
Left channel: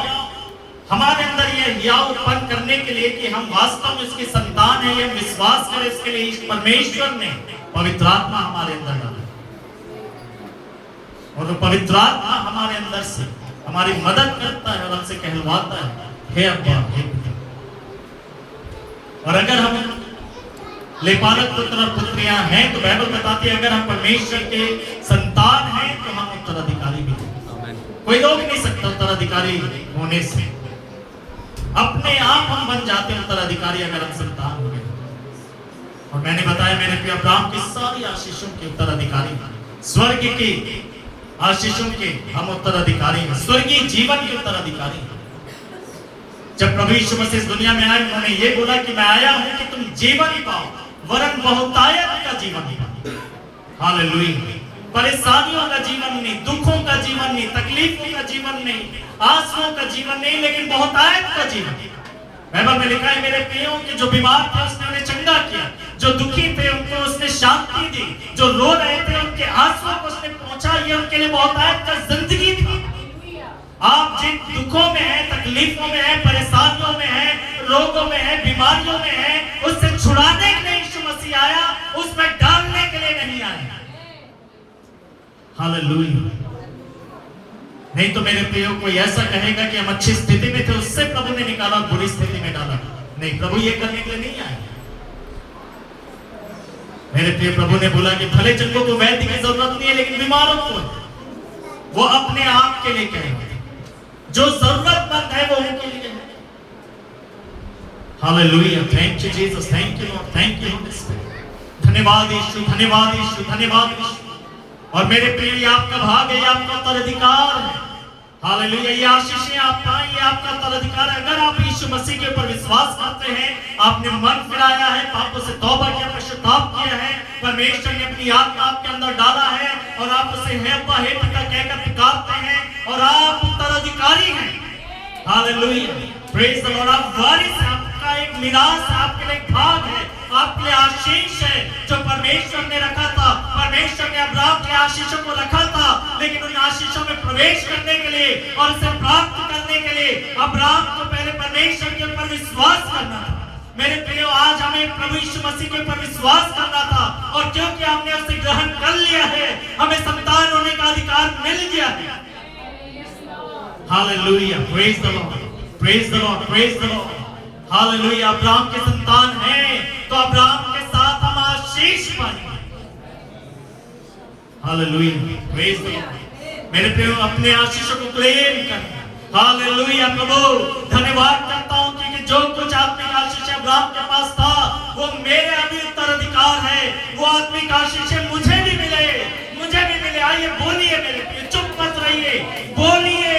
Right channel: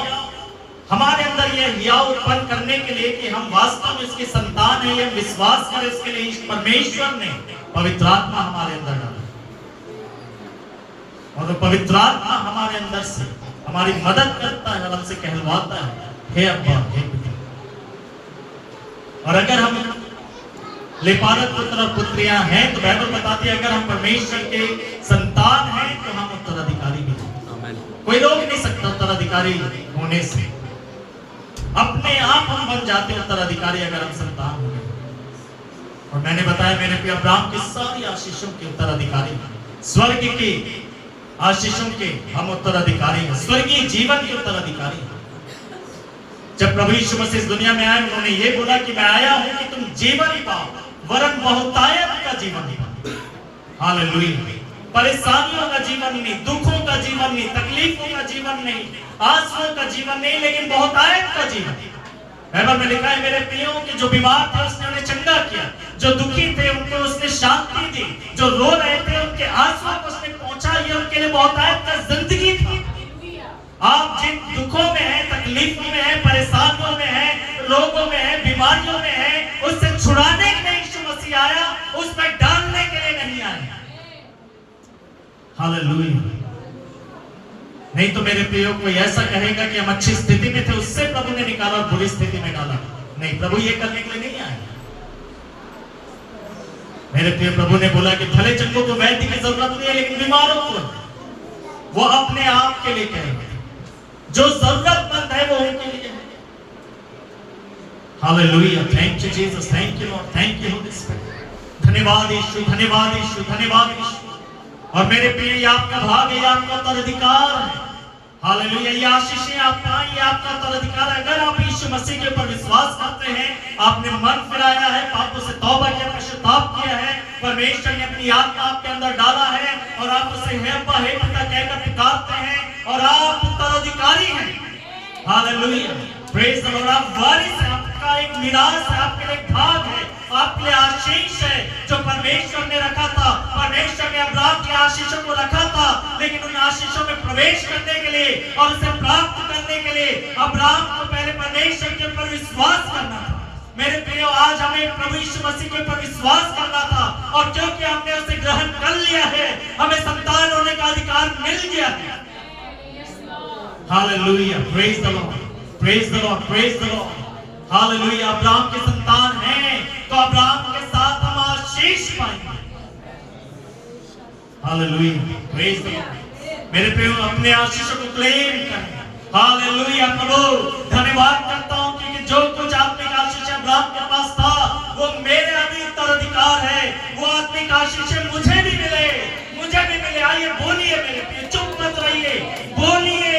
हमारे अंदर ये हियाव उत्पन्न करने के लिए कि हम वास्तव में उसकी संतान है, ये हम विश्वास करें, इसके लिए परमेश्वर ने पवित्र आत्मा हमारे अंदर डाला, और वो पवित्र आत्मा हमारे अंदर से हमारी मदद करता है और हमसे कहलवाता है हे अब्बा हे पिता। और अगर हम लेपालक पुत्र और पुत्रियां हैं तो बाइबल बताती है अगर हम परमेश्वर के संतान हैं तो हम उत्तराधिकारी भी हैं। कोई रोक नहीं सकता उत्तराधिकारी होने से, अपने आप हम बन जाते हैं उत्तराधिकारी अगर हम संतान हो गए। और मैंने बताया मेरे प्रिय अब्राहम की सारी आशीषों के उत्तराधिकारी, स्वर्ग की आशीषों के हम उत्तराधिकारी हैं, स्वर्गीय जीवन के उत्तराधिकारी हैं। जब प्रभु यीशु मसीह इस दुनिया में आए उन्होंने ये बोला कि मैं आया हूं कि तुम जीवन पाओ, वरन बहुतायत का जीवन पाओ। हालेलुया। परेशानियों का जीवन नहीं, दुखों का जीवन नहीं, तकलीफों का जीवन नहीं, आंसुओं का जीवन नहीं, लेकिन बहुतायत का जीवन। बाइबल में लिखा है मेरे प्रियो कि जो बीमार थे उसने उन्हें चंगा किया, जो दुखी थे उनको उसने शांति दी, जो रो रहे थे उनके आंसुओं को उसने पहुंचा। ये उनके लिए बहुतायत का जिंदगी थी। आप जिन दुखों में हैं, तकलीफों में हैं, परेशानियों में हैं, रोगों में हैं, बीमारियों में हैं, उससे छुड़ाने के लिए यीशु मसीह आया, उसमें डालने के लिए नहीं आया। हालेलुया। नहीं तो मेरे प्रियो कोई ऐसा कहेगा कि हम अच्छी स्थिति में थे उससे प्रभु ने निकाला और बुरी स्थिति में डाला। नहीं, प्रभु ये करने के लिए नहीं आया। मेरे प्रिय प्रभु ने बोला कि भले चंगों को वैद्य की जरूरत नहीं है लेकिन बीमारों को वो अपने आप के लिए कहेंगे, जो जरूरतमंद है वो उनके लिए है। Hallelujah. Thank you Jesus, thank you Lord, thank you Holi spirit. धन्यवाद यीशु, धन्यवाद यीशु, धन्यवाद यीशु। और मेरे प्रिय ये आपका भाग है, ये आपका उत्तराधिकार है। हालेलुया। ये आशीषें आपका, ये आपका उत्तराधिकार है। अगर आप यीशु मसीह के ऊपर विश्वास करते हैं, आपने मन फिराया है, पापों से तौबा किया, पश्चाताप किया है, परमेश्वर ने अपनी आत्मा आपके अंदर डाला है और आप उसे हे पिता कहकर पुकारते हैं और आप उत्तराधिकारी हैं। हालेलुया। Praise the lord. आप वारिस हैं, आपका एक मिरास है, आपके लिए एक भाग है, आपके लिए आशीष है जो परमेश्वर ने रखा था। परमेश्वर ने अब्राहम के आशीषों को रखा था, लेकिन उन आशीषों में प्रवेश करने के लिए और उसे प्राप्त करने के लिए अब्राहम को पहले परमेश्वर के ऊपर विश्वास करना था। मेरे प्रियो, आज हमें प्रभु यीशु मसीह के ऊपर विश्वास करना था और क्योंकि हमने उसे ग्रहण कर लिया है, हमें संतान होने का अधिकार मिल गया है। Hallelujah. Praise the Lord, praise the Lord, praise the lord. Hallelujah. Abraham के संतान हैं तो अब्राहम के साथ हम आशीष पाएंगे। हालेलुया। Praise the Lord. मेरे प्रियो, अपने आशीषों को क्लेम करें। हालेलुया। प्रभु धन्यवाद करता हूं कि जो कुछ आत्मिक आशीष अब्राहम के पास था वो मेरे अभी उत्तराधिकार है। वो आत्मिक आशीष मुझे भी मिले, मुझे भी मिले। आइए बोलिए मेरे प्रिय, चुप मत रहिए, बोलिए,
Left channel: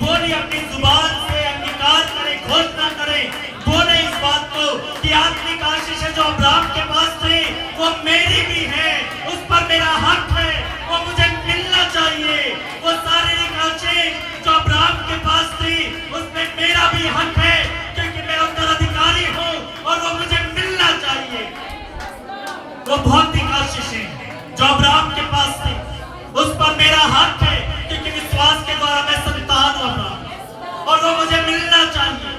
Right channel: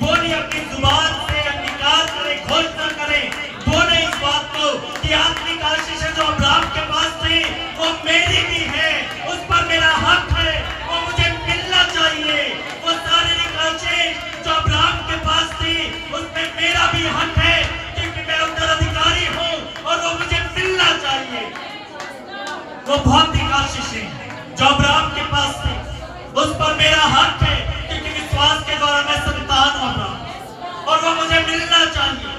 बोलिए, अपनी जुबान से अंगीकार करें, घोषणा करें, बोले इस बात को कि आत्मिक आशीष जो अब्राहम के पास थी वो मेरी भी है, उस पर मेरा हक है, वो मुझे मिलना चाहिए। वो शारीरिक आशीष जो अब्राहम के पास थी उसमें मेरा भी हक है क्योंकि मैं उत्तराधिकारी हूँ और वो मुझे मिलना चाहिए। वो भौतिक आशीष जो अब्राहम के पास थी उस पर मेरा हक है क्योंकि विश्वास के द्वारा मैं संतान हूँ अब्राहम और वो मुझे मिलना चाहिए,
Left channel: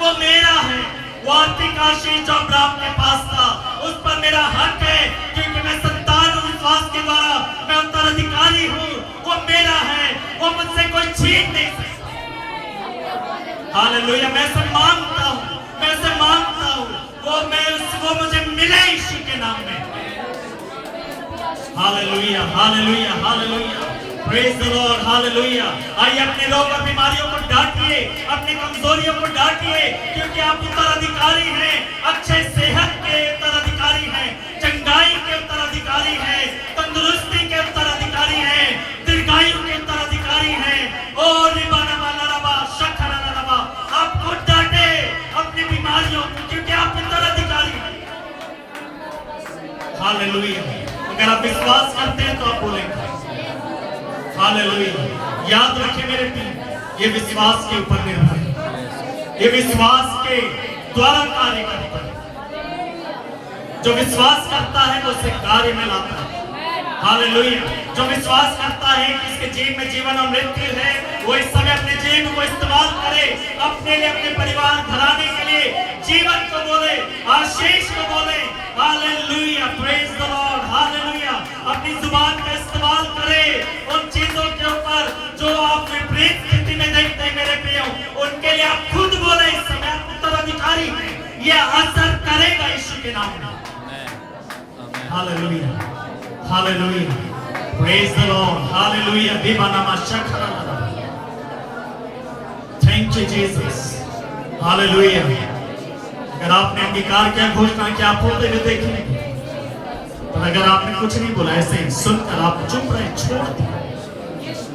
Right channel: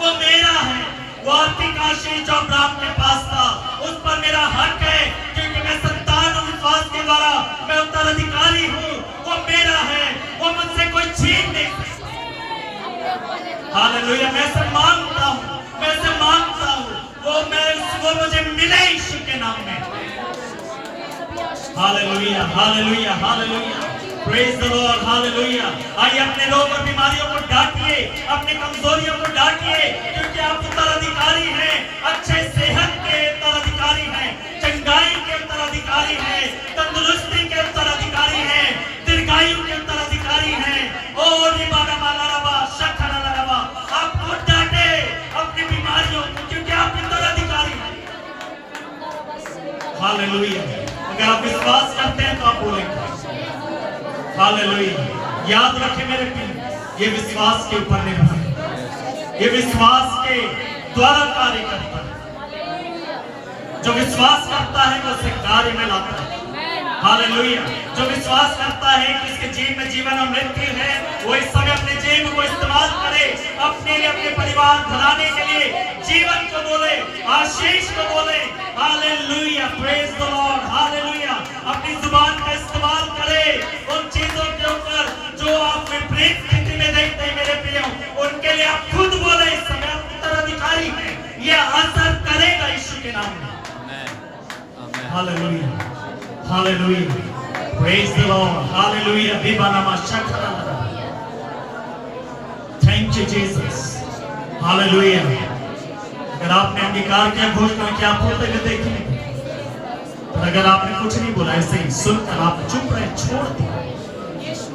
वो मेरा है। वो आत्मिक आशीष जो अब्राहम के पास था उस पर मेरा हक है क्योंकि मैं संतान हूँ, विश्वास के द्वारा मैं उत्तराधिकारी हूँ, वो मेरा है, वो मुझसे कोई छीन नहीं सकता। हालेलुया। मैं से मांगता हूँ, मैं से मांगता हूँ, वो मुझे मिले यीशु के नाम में। Hallelujah, hallelujah, hallelujah. Praise the lord. Hallelujah. आइए अपने रोग और बीमारियों को डांटिए, अपनी कमजोरियों को डांटिए क्योंकि आप उत्तराधिकारी हैं, अच्छे सेहत के उत्तराधिकारी हैं, चंगाई के उत्तराधिकारी हैं, तंदुरुस्ती के उत्तराधिकारी हैं, दीर्घायु के उत्तराधिकारी हैं। ओ निबाना वाला रबा शखरा रबा, आपको डांटे अपनी बीमारियों को क्योंकि आप उत्तराधिकारी हैं। हालेलुया। अगर आप विश्वास करते हैं तो आप बोलेंगे हालेलुया। याद रखें मेरे प्रिय, ये विश्वास के ऊपर निर्भर है, ये विश्वास के द्वारा कार्य करता है। जो विश्वास करता है वो उसे कार्य में लाता है। हालेलुया। जो विश्वास करता है कि इसके जीवन में जीवन और मृत्यु है, वो इस समय अपने जीवन को इस्तेमाल करे, अपने लिए, अपने परिवार घराने के लिए जीवन को बोले, आशीष को बोले। Hallelujah. Praise the lord. Hallelujah. अपनी जुबान का इस्तेमाल करे उन चीजों के ऊपर जो आप विपरीत स्थिति में देखते हैं मेरे प्रियो, उनके लिए आप खुद बोले बीमारी में ये असर करेगा यीशु के नाम में। Hallelujah, hallelujah, praise the lord, hallelujah. दीवाना शक्र, थैंक यू जीसस, हालेलुया। अगर आपने अंगीकार किया, घोषणा किया, आप होते हुए देखेंगे। पर अगर आपने कुछ नहीं बोला, ऐसे ही सुनकर आप चुप रहे, छोड़ दिया,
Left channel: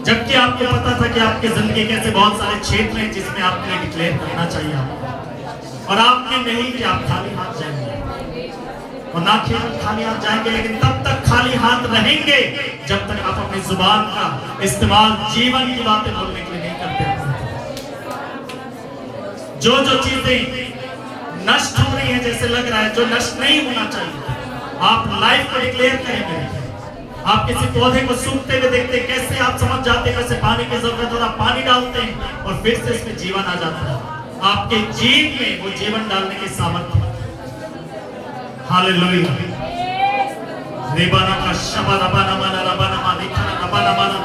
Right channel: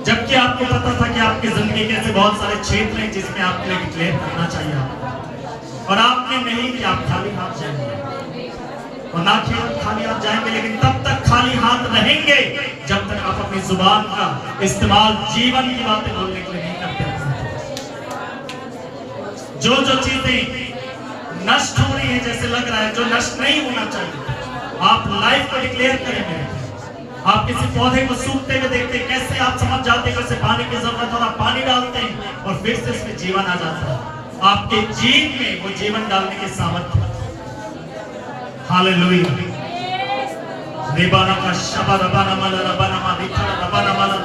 जबकि आपको पता था कि आपकी जिंदगी के ऐसे बहुत सारे क्षेत्र हैं जिसमें आपके लिए डिक्लेयर करना चाहिए आपको, और आपने नहीं कि आप खाली हाथ जाएंगे और ना केवल खाली हाथ जाएंगे, लेकिन तब तक खाली हाथ रहेंगे जब तक आप अपनी जुबान का इस्तेमाल जीवन की बातें बोलने के लिए नहीं करते। जो चीजें नष्ट हो रही है, जैसे लग रहा है, जो नष्ट नहीं होना चाहिए, आप लाइफ को डिक्लेयर करेंगे। आप किसी पौधे को सूखते हुए देखते हैं, कैसे आप समझ जाते हैं कैसे पानी की जरूरत है, और आप पानी डालते हैं और फिर से इसमें जीवन आ जाता है। आपके जीव में वो जीवन डालने की सामर्थ्य। हालेलुया, रिबाना का शबा रबाना माला रबाना मालिका रबाना माला।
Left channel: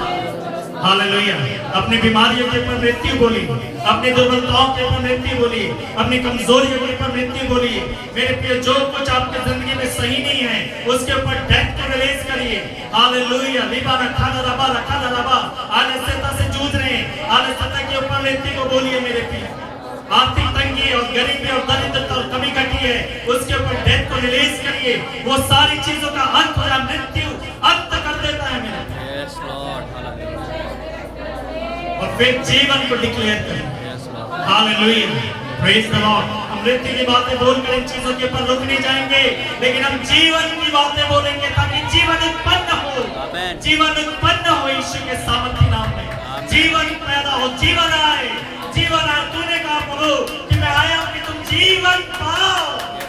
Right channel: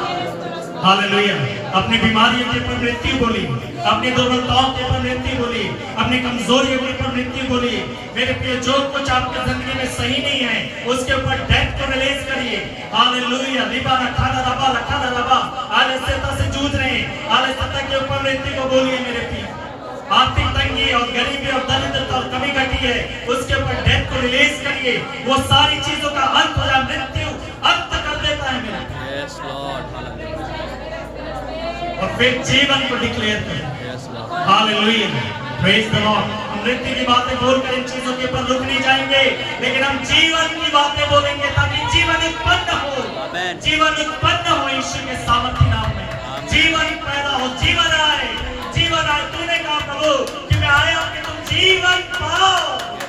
हालेलुया। अपनी बीमारियों के ऊपर मृत्यु बोली, अपनी दुर्बलताओं के ऊपर मृत्यु बोली, अपनी कमजोरियों के ऊपर मृत्यु बोली। मेरे प्रिय, जो कुछ आपकी जिंदगी में सही नहीं है, उसके ऊपर डेथ को रिलीज करिए। हालेलुया, रिबाना खाना रबा आलस्यता से जूझ रहे हैं, आलस्यता के ऊपर मृत्यु को बोलिए। मेरे प्रिय, आर्थिक तंगी और गरीबी और दरिद्रता और कमी घटी है, उसके ऊपर डेथ को रिलीज करिए। वो सारी चीजों का अंत हो जाए, मृत्यु अंत कर देता है मेरे। Yes Lord, hallelujah. और फिर जीवन को डिक्लेयर करें। Yes Lord, hallelujah, praise the Lord. हम मृत्यु की बातें बोलकर इन चीजों के ऊपर रुक नहीं जाएंगे, लेकिन हम जीवन की बातें बोलेंगे ताकि जीवन उत्पन्न हो। आमीन। जीवन उत्पन्न हो यीशु के सामर्थ्य नाम में। जीवन पैदा हो, जीवन आए, जीवन आए। तूने कहा प्रभु कि मैं आया हूं कि तुम जीवन पाओ,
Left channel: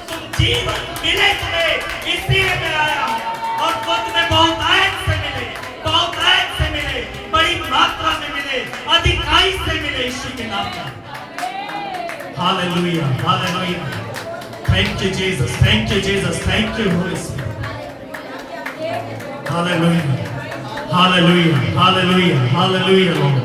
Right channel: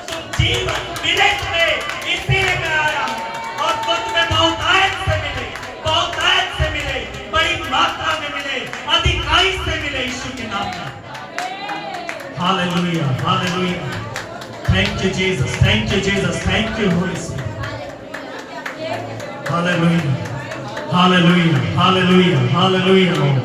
तुम जीवन मिले तुम्हें, इसीलिए मैं आया हूं। और वो तुम्हें बहुत आयत से मिले, बहुत आयत से मिले, बड़ी मात्रा में मिले, अधिकाई से मिले यीशु के नाम में। Hallelujah, hallelujah. Thank you Jesus, thank you Jesus, thank you Holi spirit. Hallelujah, hallelujah, hallelujah, hallelujah Lord.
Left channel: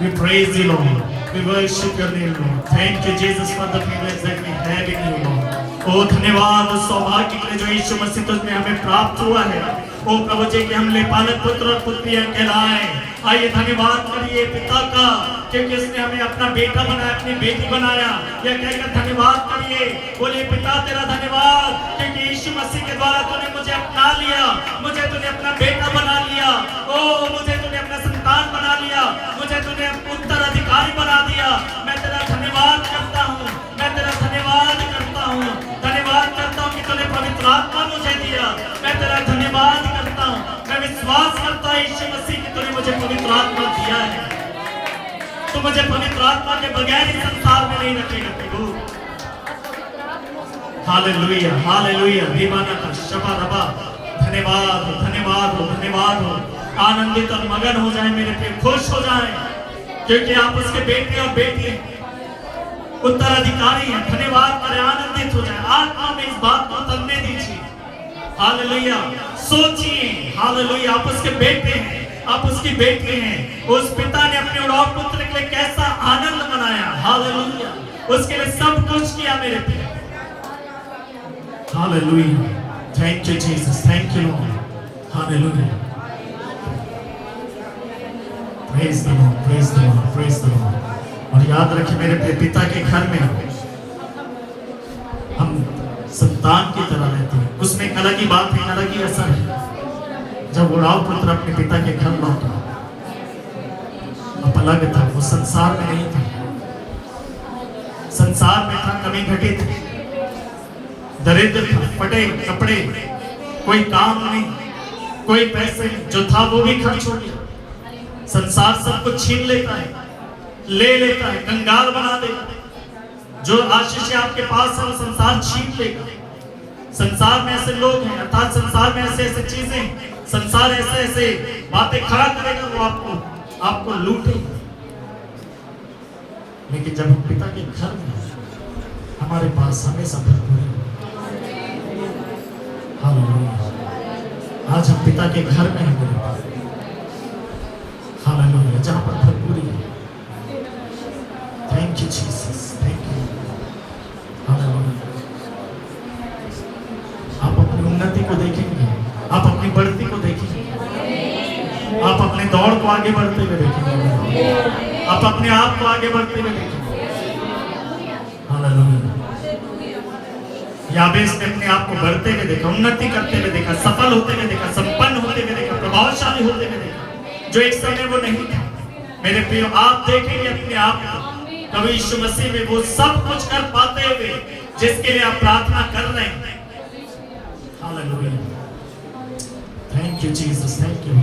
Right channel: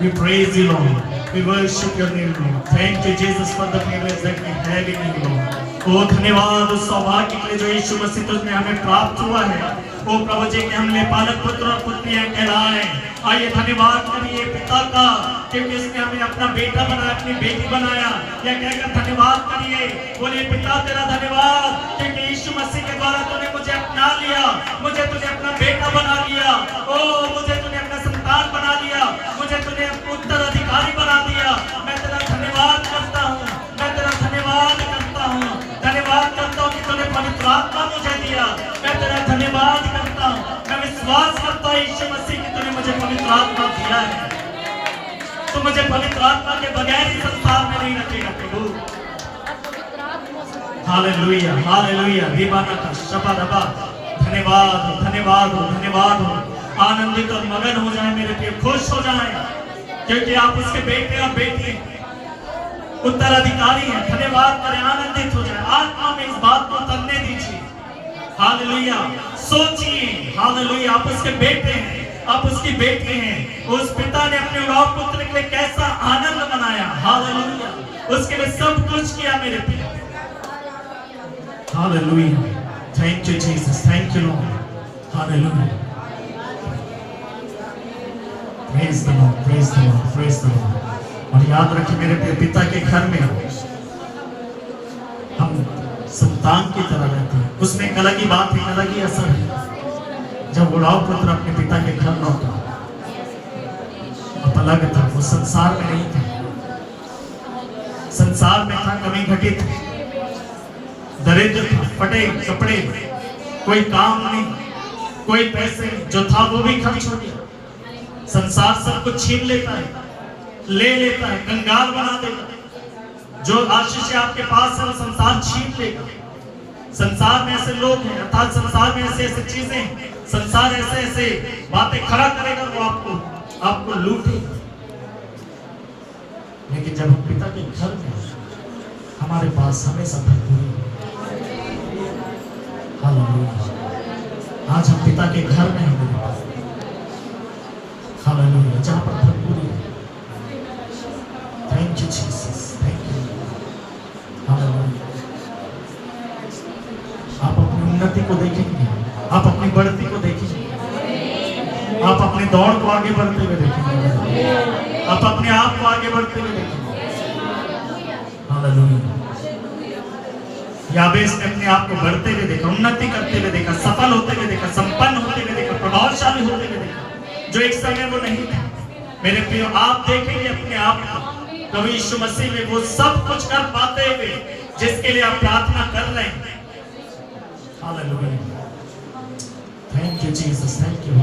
We praise you Lord. We worship your name Lord. Thank you Jesus for the privilege that we have in you Lord. ओ धन्यवाद उस सौभाग्य के लिए जो यीशु मसीह तुझ में हमें प्राप्त हुआ है। ओ प्रभु जी के हमने पालक पुत्र और पुत्रियां कहलाए। आइए धन्यवाद करिए पिता का, क्योंकि उसने हमें अपना बेटा बनाया, अपनी बेटी बनाया। यह कहकर धन्यवाद करिए, बोलिए पिता तेरा धन्यवाद, क्योंकि यीशु मसीह के द्वारा तूने मुझे अपना लिया, मुझे तूने अपना बेटा बना लिया। ओ मुझे तूने अपना संतान बना लिया, मुझे तूने उत्तराधिकारी बना दिया। मैं तेरा धन्यवाद करता हूँ, मैं तेरा धन्यवाद करता हूँ, धन्यवाद करता हूँ कि तूने पवित्र आत्मा मुझे दिया। मैं तेरा धन्यवाद करता हूँ, मैं विश्वास करता हूँ यीशु मसीह कि तूने मुझे पवित्र आत्मा दिया है। तो मुझे पवित्र आत्मा के बगैर ही संसार में नहीं रखेगा प्रभु। हालेलुया, हालेलुया, दीवाना का शबा रबा। धन्यवाद हो, धन्यवाद हो, धन्यवाद हो। आनंदित और मगन हो जाए मेरे प्रिय, खुश हो जाए, क्योंकि आप उसके बेटे और बेटी हैं, उत्तराधिकारी हैं। धन्यवाद करें, आनंदित हो जाए, आत्मा में इस बात को उतरने दीजिए। हालेलुया, सोचिए, हालेलुया, आप उसके बेटे हैं, आप उसकी बेटी हैं। उस पिता ने अपने उड़ाव पुत्र के लिए कैसा आनंद मनाया। हालेलुया, उसके लिए सब कुछ किया मेरे प्रिय। Hallelujah, thank you Jesus, thank you Lord. Hallelujah, praise the Lord, praise the Lord, praise the Lord. और याद रखिए मेरे प्रिय, पिता के घर में हम संतान की तरह रहते हैं। उसमें एक अलग ही बात है, अलग ही असर है। जब उड़ाव पुत्र अपने पिता के घर लौटा, अब अलग था, वो संसार में नहीं था। संसार में था, कमी घटित, दरिद्र था, फटे कपड़े, कोई काम नहीं, कोई पैसे, जो था वो भी खर्च हो गया। संसार सब कुछ छीन लेता है, ले लेता है, कंगाल बना देगा। जो आशीष आपके पास है वो संसार छीन लेगा। संसार में ऐसे लोग हैं, अर्थात संसार में ऐसे ऐसे चीजें, संसार ऐसे ऐसे बातें खड़ा करेगा, वो आपको लूटेगा। लेकिन जब हम पिता के घर में, हमारे पास हमेशा भरपूरी। हालेलुया, आज हम पिता के घर में हैं मेरे पास। हालेलुया, जहां पर भरपूरी है। Thank you Jesus, thank you. Hallelujah. को देखेंगे, आप अपनी बढ़ती को देखेंगे, आप अपने दौड़ को आगे बढ़ते हुए देखेंगे, आप अपने आप को आगे बढ़ते हुए देखेंगे। हालेलुया। याबेस ने अपने आप को बढ़ते हुए देखा, उन्नति करते हुए देखा, सफल होते हुए देखा, संपन्न होते हुए देखा, प्रभावशाली होते हुए देखा, जो एक समय वो नहीं था। मेरे प्रियो, आप देखेंगे अपने आप को कभी यीशु मसीह में वो सब कुछ कर पाते हुए जिसके लिए आप प्रार्थना कर रहे हैं। Hallelujah. Thank you Jesus, thank you.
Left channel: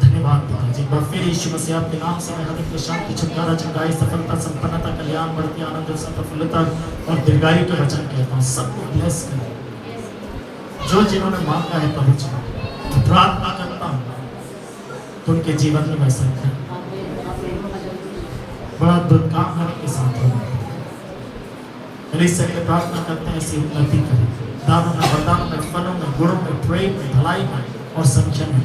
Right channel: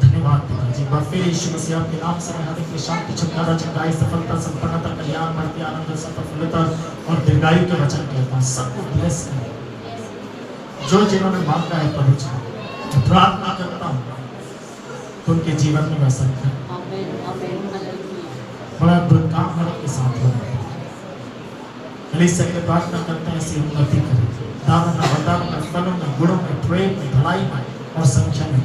धन्यवाद पिताजी। एक बार फिर यीशु मसीह आपके नाम से मैं हर एक शांति, छुटकारा, चंगाई, सफलता, संपन्नता, कल्याण, बढ़ती आनंद, प्रफुल्लता और दीर्घायु के वचन कहता हूँ। सबको ब्लेस करें जो जिन्होंने मांगा है पवित्र। प्रार्थना करता हूँ तो उनके जीवन में वैसा है बड़ा दुर्काम के साथ होगा। के प्रार्थना करते हैं ऐसी उन्नति करें, दानों में, वरदानों में, फलों में, गुणों में, प्रेम में, भलाई में और संख्या में।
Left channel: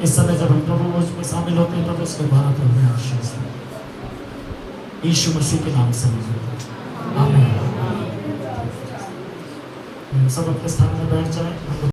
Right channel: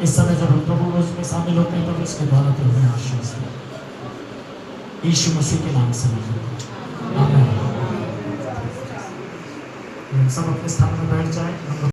इस समय जब हम प्रभु उसमें शामिल होते हैं तो उसके द्वारा तो हमें आशीष है। यीशु मसीह के नाम से आमीन। सब अपने स्थान में बैठ जाएं।